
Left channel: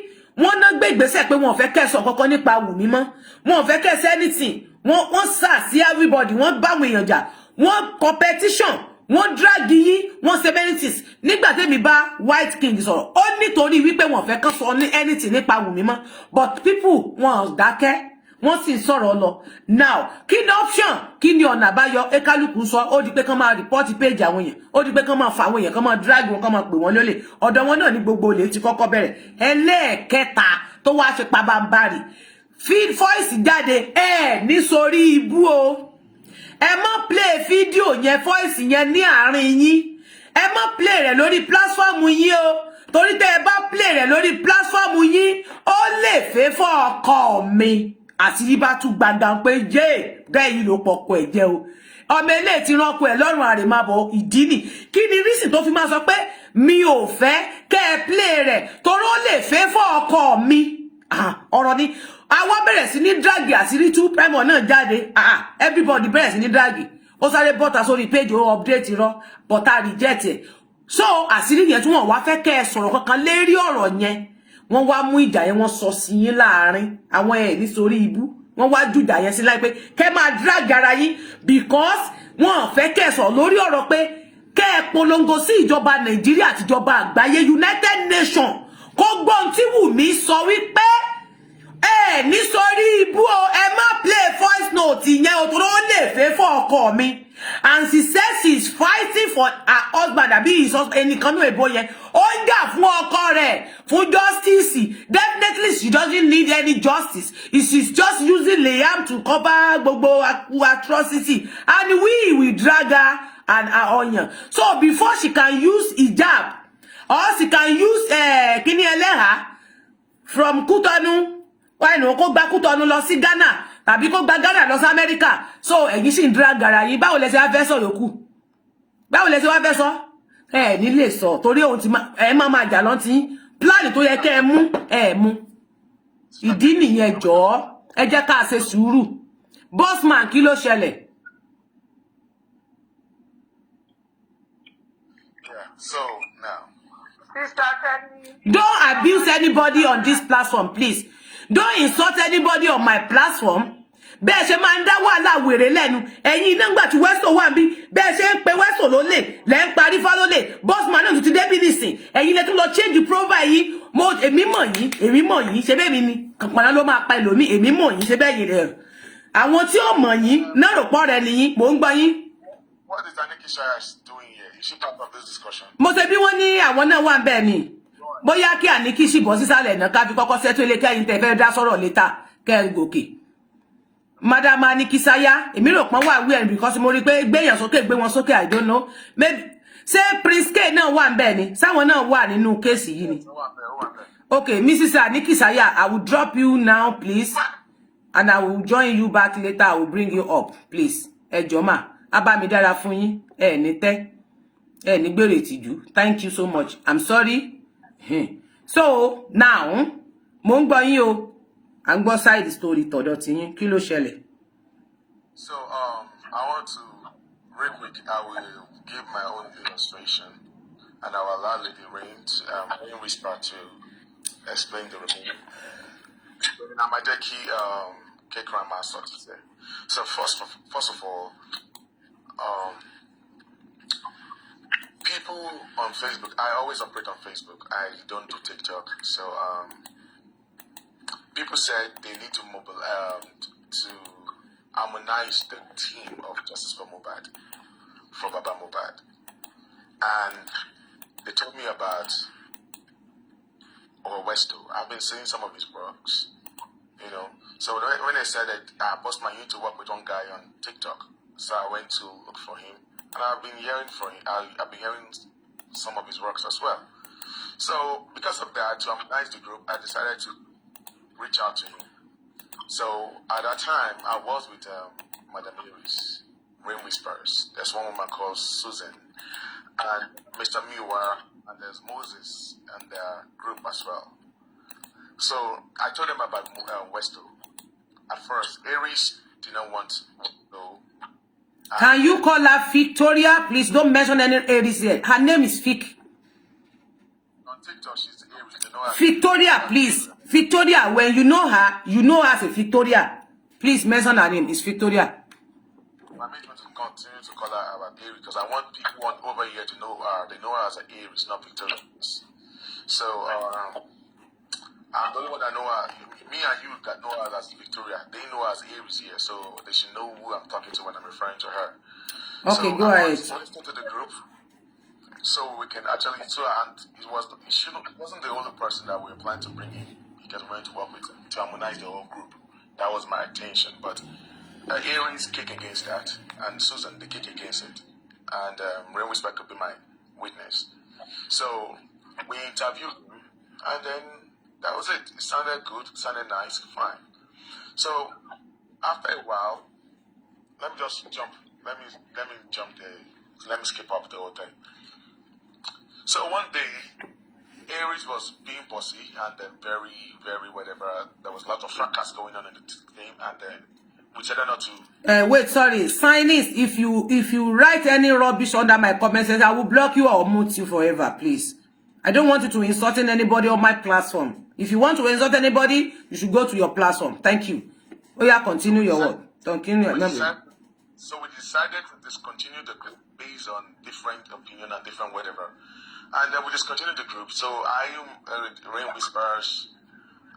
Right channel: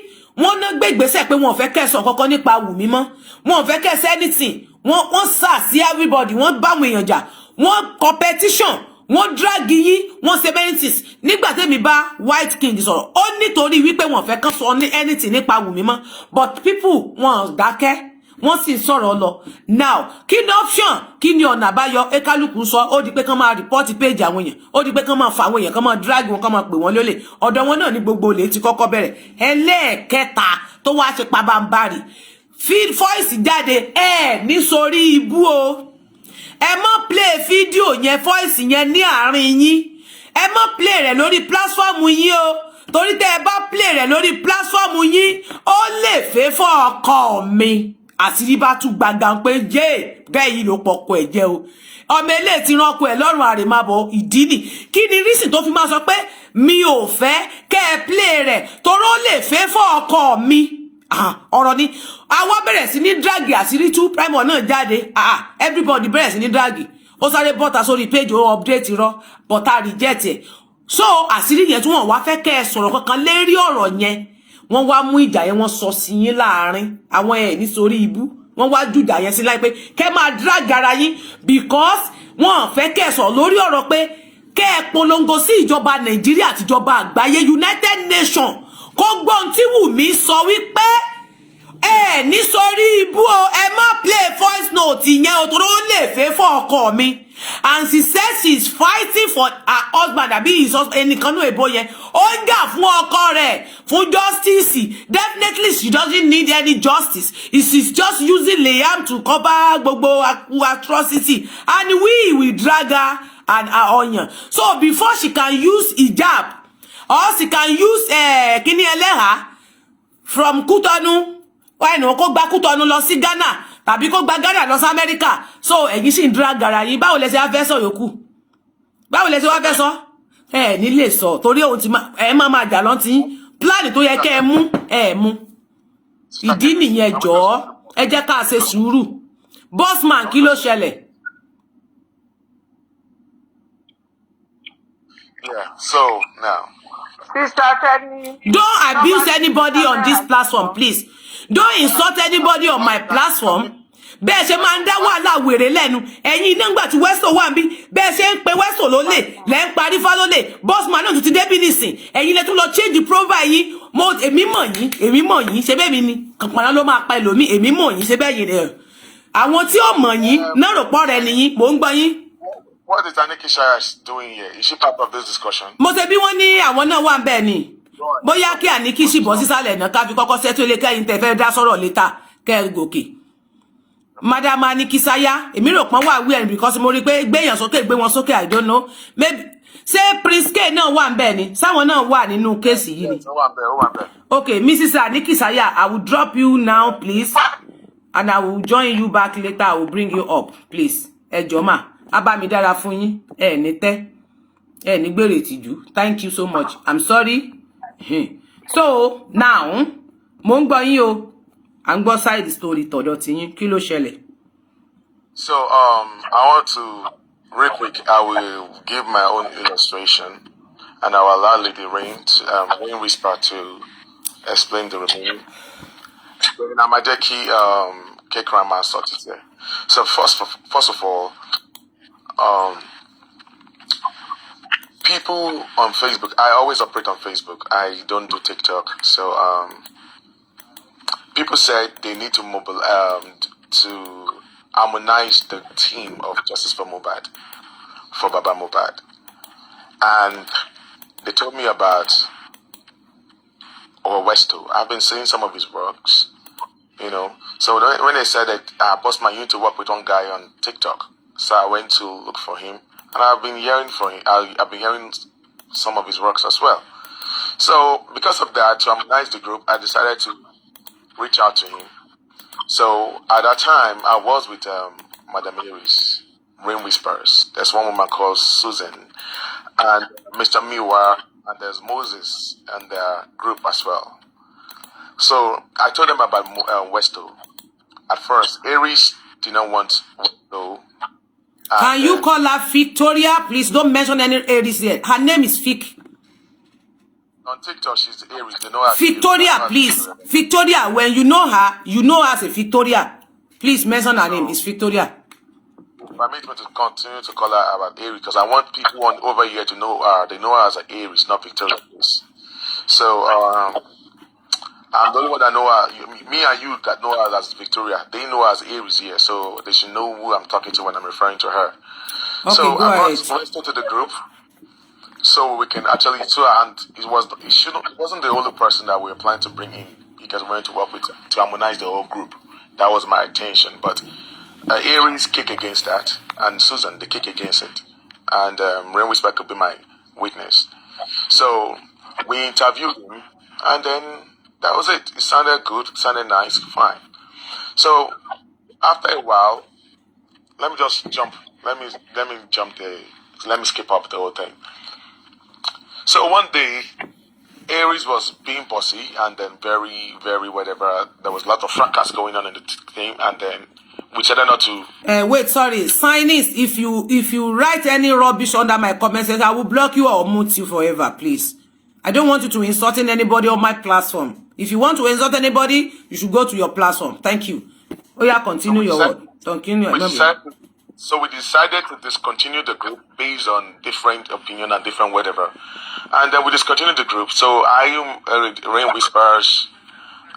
wọ́n ná gbé ìgbésẹ̀ pé wọ́n fẹ́ kẹ́sọ̀ kankan nípa Wùmí mọ́ wọ́n fẹ́ kẹ́sẹ̀ anything wọ́n sà sí everybody wọ́n bá àwọn èèyàn jà wọ́n competition wọ́n drag yín wọ́n ṣe many things nígbà tẹ́mi bá White King sọ̀rọ̀ ó nítorí wípé wọ́n fẹ́ kàn sọ anything nípa Wùmí mọ́ but people wọ́n dákẹ́ wọ́n sì sọ̀rọ̀ lọ now kí ni option kí ni ọ̀nà àbáyọ ekaluku sọ ó di pé kán máa report page àwọn èèyàn ó di pé kán máa fa àwọn èèyàn kán máa drag wọn kán máa pè wọ́n lólè ọ̀dọ̀ wọn náà ní gbogbo olè ti kọ́kọ́ bẹ̀rẹ̀ ẹlẹ́ẹ̀kẹta tó wá ṣe pabambarì feed voice jáde ní sórí ibú o ẹ má play fídíò yẹn voice yẹn ní àárín yín ẹ má play rẹ̀ lórí platform yín o torí tẹ́ ẹ bá play rẹ̀ lórí platform yín ó lè fẹ́ fọ́ ọkọ mi àṣírí bá tún gbàgbà pé jẹ́ bẹ́ẹ̀ yìí ló pọ̀kọ ẹ̀ jẹ́ o ọmọ ilé ti rán ọkọ ẹ̀ lọ́rùn àrèmábọ̀ ìdí nì kí ni rísì tó fi máa sọ pé mi ò fẹ́ kẹ́ ẹ play rẹ̀ torí ó lè fẹ́ fọ́ ọkọ mi ọ̀rọ̀ ni àwa bẹ̀rẹ̀ sí ní dragi àṣírí tú primer náà jáde everybody bẹ̀rẹ̀ sí ní dragi ó sáré bọ́ta sórí page ó update rọ bọ́ta reject ẹ̀ so àṣírí yẹn tí wọ́n wá fẹ́ kẹ́ ẹ sọ̀rọ̀ kankan lérí ọ̀rọ̀ yẹn wọ́n wá mú ìjà yẹn wọ́n sọ sí yín láàrin àwọn nítorí ibú wọ́n wá jù ìjà yẹn sí láì pé kẹ́ máa drag ara yín because wọ́n fẹ́ kẹ́ ẹ sọ̀rọ̀ lórí ọ̀rọ̀ pé kẹ́ ẹ polongo sí ìjọba Nàìjíríà àti ìjọba àgbáyé United Nations kó gbọ́n tí Wùmí sọ wípé nítorí ibú o ẹ má play voice note yẹn o tó lè fẹ́ fọ́ ọkọ mi and she says she's fighting for her husband àbí ẹnìkan náà èbó yẹn ó ń jà fún ọkọ rẹ̀ fún justice definitely she doesn't need any justice she's just using Liam to cover gbogbo atrocity and we will drag her and her onion so before she can use hijab or she can use kini eleha from Kútọ́nù kó gba Kútọ́nù lọ sí Ghana tàbí kó gba Ghana lọ sí America so ẹ̀yin sì ń drag ara yín báwo lẹ ṣe wá fẹ́ sọ yòókù báwo lẹ ṣe wá fẹ́ sọ ní lè sọ torí ohun tí máa jà lọ́n tí plan tó yẹ kẹ́ ẹ mú ìdí nìyẹn jọ̀ọ́ ẹ jẹ́ ká ṣe sùúrù bossman kí ló ṣẹlẹ̀. Yeah, so now. Sister Tenny. Don't abuse anybody on this platform, please. Don't insult anybody on my platform. Bẹ́ẹ̀ ṣe máa ń dá wàhálà wèrè lẹ́nu. Ẹ̀yin iná ńgbà tí Westo wà níbí. Bẹ́ẹ̀ ṣe ń pe Westo lólè. Lẹ́ ń pa Arifa lólè. Bossman náà tún ti débí nísìn. Ẹ̀yin lẹ tún lọ change the profile yín. Èmi mọ̀ yín. Ṣé bẹ́ẹ̀ mi ni? Kànpàná ló máa pa ẹlòmíì. Èmi mọ̀ yín. Ṣé bẹ́ẹ̀ yín rẹ̀? Àwọn tí ó mọ̀ yín náà rò pọ̀ rẹ̀ nìyín. Mò ń gbọ́ yín. What is Aniki Shaya doing here? Is she part of this discussion? Mo ṣe bí wọ́n ní àwọn náà wà ńbẹ̀ ni. Bóyá kí Aniki sì bọ́ sísàlẹ̀ náà ká fi kọ́kọ́ ṣètò ilé kẹ́yìn tẹ́ fẹ́ dá sọ̀rọ̀ létà kẹ́ gòkè. Madam Aniki Shaya, èmi rò pọ́n wà weird because mo rí pé gbé wọn sókè I don't know. Maybe ṣé Prince K náà wà ńbẹ̀ ni? Sáwọn náà wà nínú kéèsì yìí ni. Okay, Mrs. Aniki Shaya, I will drop you now please and I will join you back later. I will bring you up please. Ẹ jọ̀ọ́ mà. Abami dára fún yín ní tẹ́ ní gbèrè ìtìjú. Thank you so much. I'm sorry. So now mo ń gbọ́ yín o à ń gbọ́ side story tọ̀dọ̀ tí yín kí ló ṣẹlẹ̀. So I want to real quick I will give my own illustration and I will allow Lady Rain Whisper to explain the remaining. Namadeki Kekrama started there. So first of all, people on Facebook, I always operate on Facebook. I don't do TikTok. So people said they need to harmonize the team of Justice for Mohbad, for Baba Mohbad. And they told me about Westo. I've been seeing some of his works, you know. So when they said that, Bossman, you need to work with one guy on TikTok. So I went to look for him, and I've been hearing I've been hearing some of his works as well. So because of that, to harmonize the group, I decided to reach out to him. So at that time, I was with Madam Mary's Rain Whispers. There's one woman called Susan, and Mr. Miwa, and there's Moses and the group as well. So I told them about Westo. At first, Aries did not want Westo. Can you call her Victoria? Please don't mention any Aries there. Her name is Vic. No. on TikTok, she's Aries. They know her. Victoria, please. Victoria, when you know her as a Victoria. Please mention her name. It's Victoria. Permit me to continue to call her about Aries because I want people over here to know her. They know her as an Aries, not Victoria. So I'm the only one that know her. Me and you that know her as Victoria. They know her as Aries here, so they should know who I'm talking to when I'm referring to her. Okay, so go I ahead. brought Westo to the group, so we can actually. So and it wasn't the only person that we were planning to bring in because we wanted to work with to harmonize the whole group. That was my intention, but Aries kick against that, and Susan they kick against it, and Rain Whisper could be my witness. So we interviewed him, and then that was it. It sounded good, it sounded nice, fine. So after a while, let me skip up the whole thing. So one day, Aries was being bossy, and then very, very whatever. There was a lot of fracas going on in the team, and then we decided not to. Wait, sorry. Signings, if you write any rubbish under my comment section, I will block you or mute you forever, please. I don't want you to insulting anybody on my platform. If you want to insult anybody, you should go to your platform. Thank you. Oh yeah, continue your word. Continue. So we decided to discontinue the group based on different opinion and different whatever. And then we discontinued the group. So Rain Whispers,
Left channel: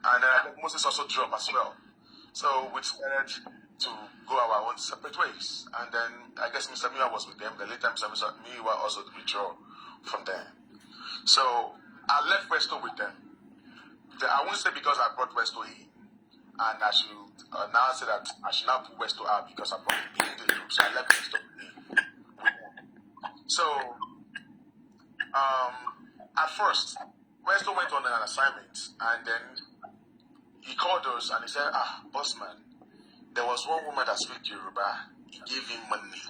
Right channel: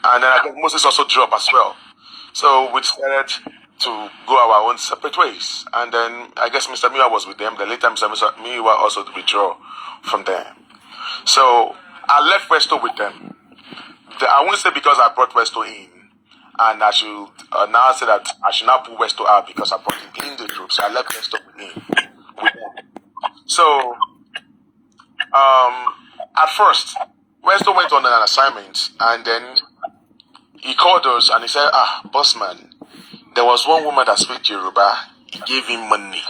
and then I think Moses also dropped as well. So we decided to go our own separate ways. And then I guess Mr. Miwa was with them. The later Mr. Miwa also withdraw from them. So I left Westo with them. I won't say because I brought Westo in. And I should now say that I should not put Westo out because I brought him in the group. So I left Westo in with them. So at first, Westo went on an assignment, and then he called us and he said, boss man, there was one woman that speaks Yoruba. He gave him money.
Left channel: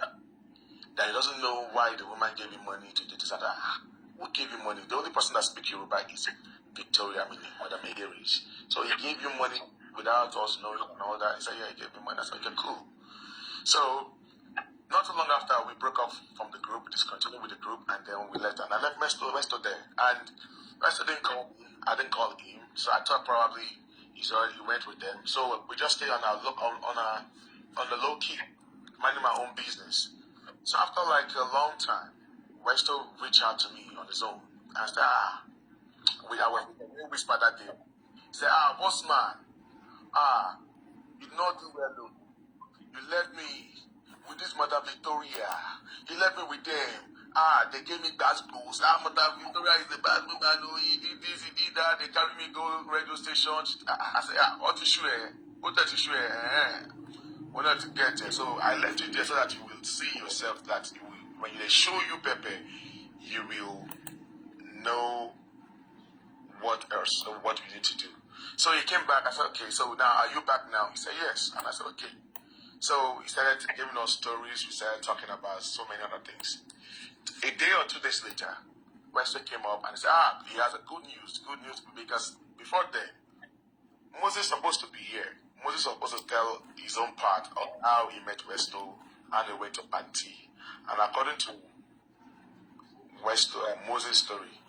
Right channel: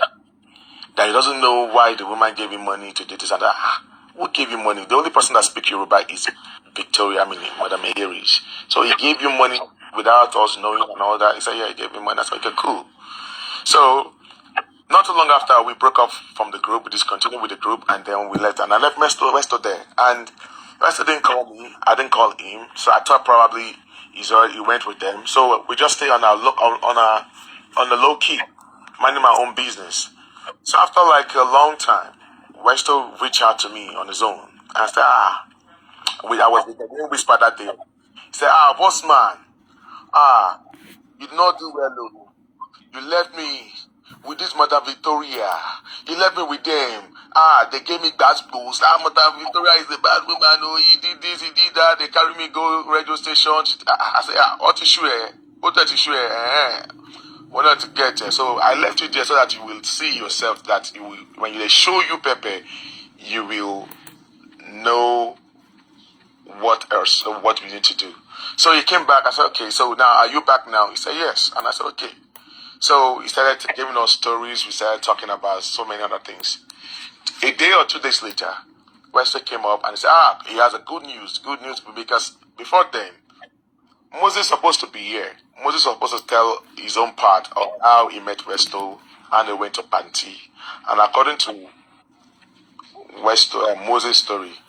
That he doesn't know why the woman gave him money to do this and that. Who gave him money? The only person that speaks Yoruba is Victoria, meaning Madam Aries. So he gave you money without us knowing and all that. He said, yeah, he gave me money. I said, okay, cool. So not too long after, we broke up from the group. We discontinued with the group, and then we left. And I left Westo there. And Westo didn't call me. I didn't call him. So I thought probably he went with them. So we just stay on the low key, minding my own business. So after like a long time, Westo reached out to me on his own. And I said, I was with the Rain Whisper that day. He said, boss man, you did not do well, though. You left me with this Mother Victoria. You left me with them. They gave me bad schools. Mother Victoria is the bad woman. Oh, he did this, he did that. They carry me go radio station. I said, what issue? What that issue? What not to get there? So I left you there so that you will see yourself that when they show you Pepe, you will know what else, what we need to do. So he came back. I said, okay, so now are you back now? He said, yes. And I said, okay. So he started giving us stories. We started talking about so many other things. A day or 2 days later, Westo came up and he said, he has a good news because before then, Moses is supposed to be here. Moses was supposed to tell his own part of how he met Westo and they went to Panti. And according to Moses' story,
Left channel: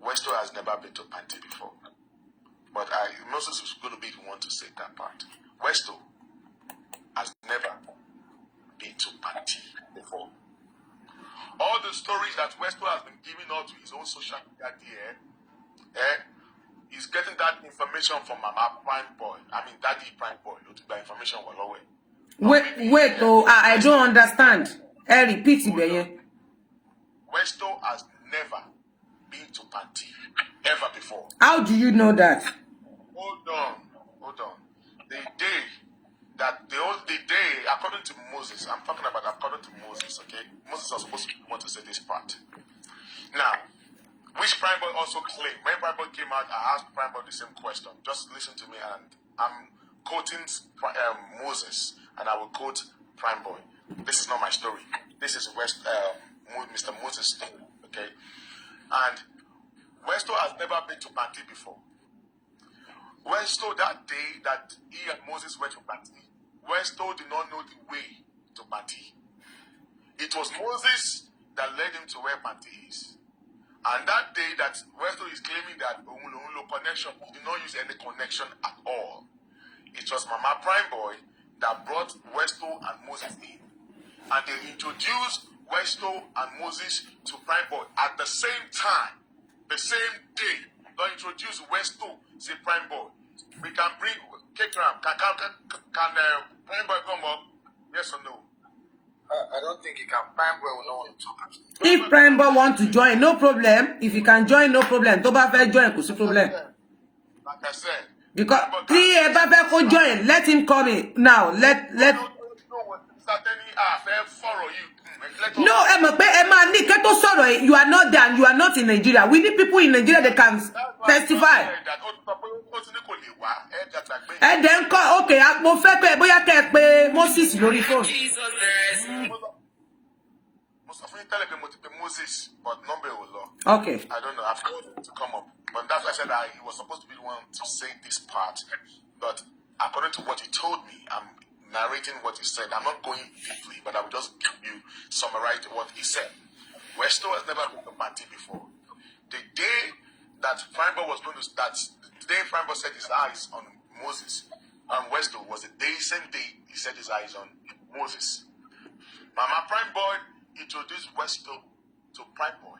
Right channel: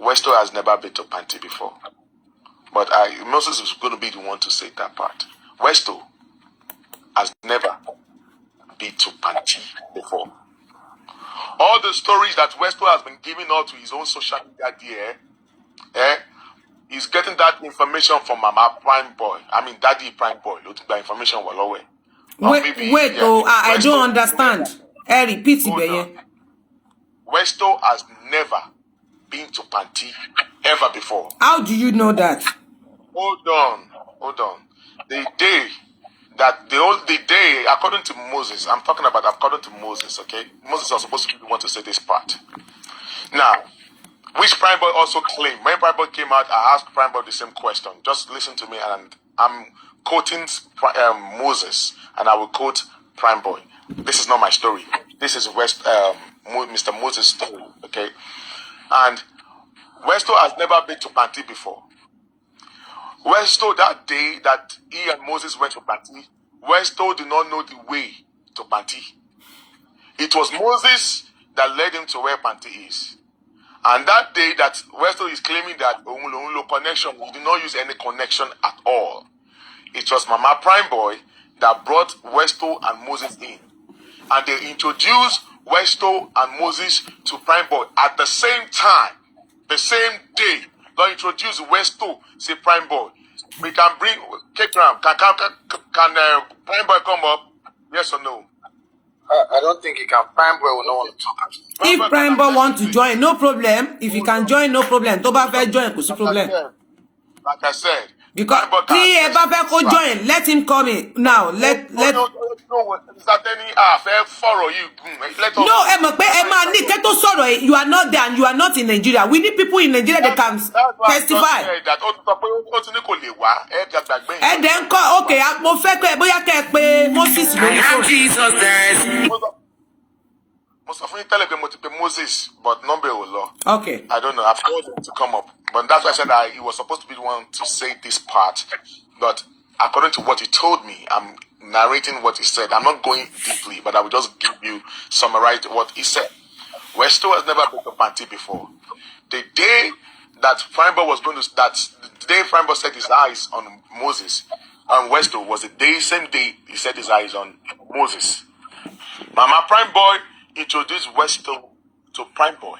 Westo has never been to Panti before. But Moses is going to be the one to say that part. Westo has never been to Panti before. All the stories that Westo has been giving out to his own social media there, he's getting that information from Mama Prime Boy. Daddy Prime Boy. The information was away. Wait, I don't understand. Repeat it. Westo has never been to Panti ever before. How do you know that? Hold on. The day, according to Moses, I'm talking about according to Moses, okay? Moses was supposed to be the one to say this part. Now, which Prime Boy also claimed, when Prime Boy came out, I asked Prime Boy the same question. Just listen to me, and I'm quoting Moses, and I will quote Prime Boy. This is not my story. This is Mr. Moses' story, okay? And Westo has never been to Panti before. Westo, that day that he and Moses went to Panti, Westo did not know the way to Panti. It was Moses that led him to where Panti is. And that day that Westo is claiming that Omulo connection, he did not use any connection at all. It was Mama Prime Boy that brought Westo and Moses in. And they introduced Westo and Moses to Prime Boy at the same time, the same day. They introduce Westo to Prime Boy. We can bring K-Cram. Can Prime Boy come up? Yes or no? I don't think he can. Prime Boy will not want to talk. If Prime Boy want to join, no problem. If he can join, no problem. Tó bá fẹ́ join, kò sí problem. Like I said. Because tí ẹ bá fẹ́ kó join, let him come in. Now, let. No, ẹ mọ̀ pé ẹ máa ní kẹ́ tó sọ̀rọ̀, you are not there and you are not in Nigeria. We need people in Nigeria that can testify. And then call, okay, mo fẹ́ pé bóyá kẹ́ pé Moses lórí phone. Moses, but number will law. Okay. I don't know. I've told him to come up, but that's why I said he was supposed to be the one to say this part. But according to what he told me, I'm narrating what he said. I'm not going deeply, but I will just give you summarize what he said. Westo has never been to Panty before. The day that Prime Boy was going to the day Prime Boy set his eyes on Moses and Westo was the same day he set his eyes on Moses. Mama Prime Boy introduced Westo to Prime Boy.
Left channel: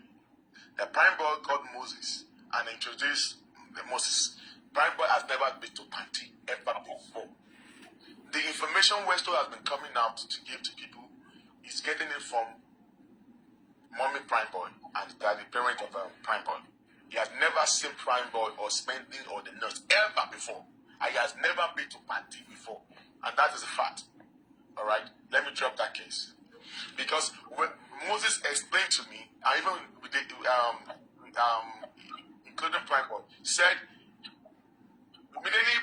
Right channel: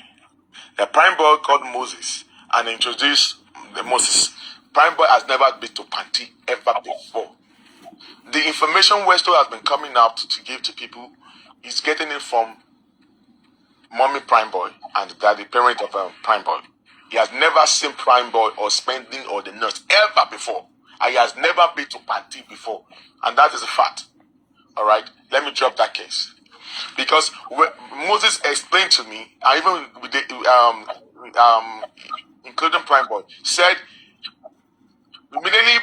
The Prime Boy called Moses and introduced the Moses. Prime Boy has never been to Panty ever before. The information Westo has been coming out to give to people is getting it from Mommy Prime Boy and Daddy, parent of Prime Boy. He has never seen Prime Boy or spending or the nurse ever before. And he has never been to Panty before. And that is a fact. All right? Let me drop that case. Because Moses explained to me, and even with the, including Prime Boy, said immediately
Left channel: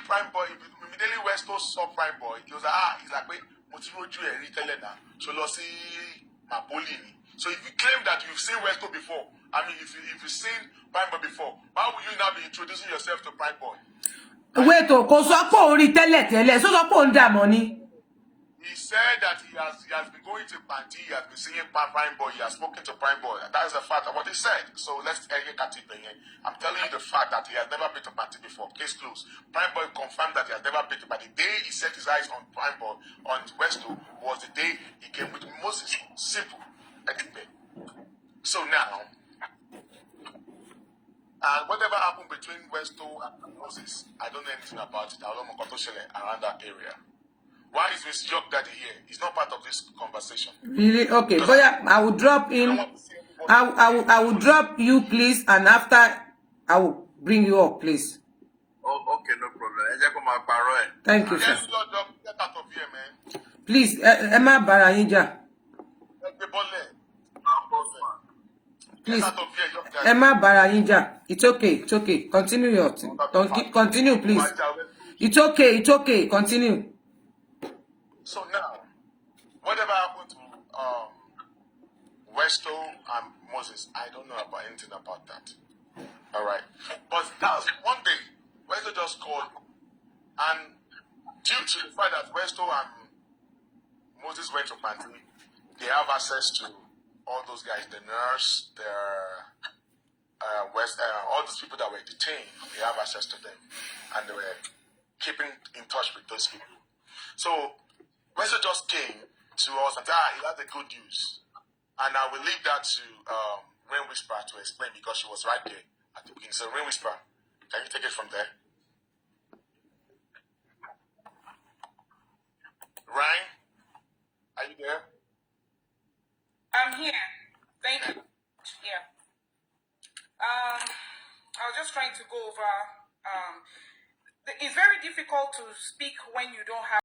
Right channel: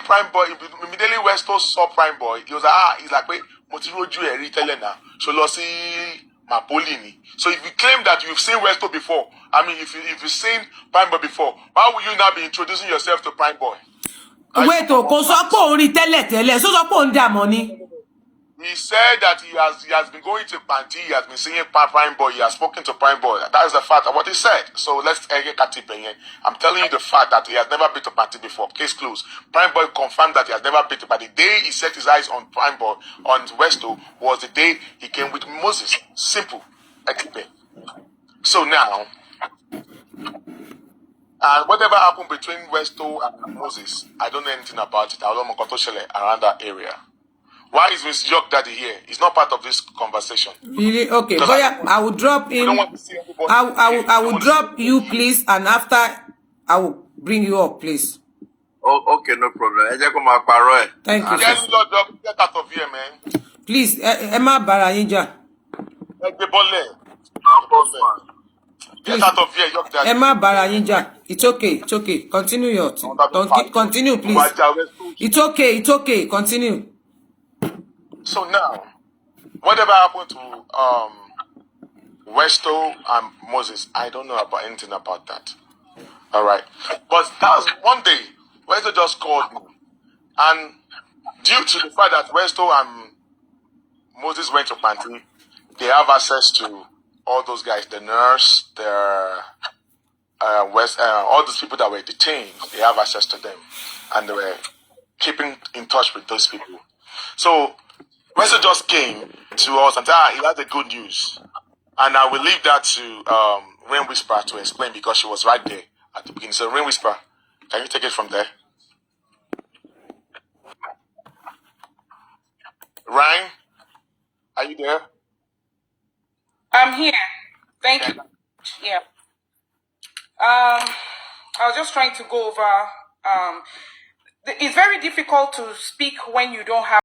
Westo saw Prime Boy, he was like, he's like, wait, so if you claim that you've seen Westo before, I mean, if you've seen Prime Boy before, why would you not be introducing yourself to Prime Boy? Wait, kò sọ pé òun rí tẹ́lẹ̀, so sọ pé òun dà mọ́ ni. He said that he has been going to Panty, he has been seeing Prime Boy, he has spoken to Prime Boy. That is the fact of what he said. So let's get it. I'm telling you the fact that he has never been to Panty before. Case closed. Prime Boy confirmed that he has never been to Panty. The day he set his eyes on Prime Boy, on Westo, was the day he came with Moses. Simple. So now, and whatever happened between Westo and Moses, I don't know anything about it. I don't know around that area. Why is Miss York Daddy here? He's not part of this conversation. Really? Okay, but yeah, I will drop him. I will drop you, please, and after I will bring you up, please. Oh, okay, no problem. Thank you. Yes, Lord, get out of here, man. Please, Emma Barayinja. Get out of here, York Daddy. Emma Barayinja. It's okay. It's okay. Continue your thing. Continue, please. It's okay. Continue. So now, whatever happened to Westo and Moses, I don't know about anything about that. All right, but that was one day Westo just called me, and due to the fact that Westo and Moses went to Panty, they have access to all those guys, the nurse, all those people that were detained. They have access to them, and they were keeping in touch with those people. So Westo just came to us and said, he had the good news. And I will leave that to Rain Whisper to explain because she was right there at the beginning. So Rain Whisper, can you take it from there? Ryan, are you there? I'm here. Thank you. Yeah. I was just trying to go over. It's very difficult to speak when you don't have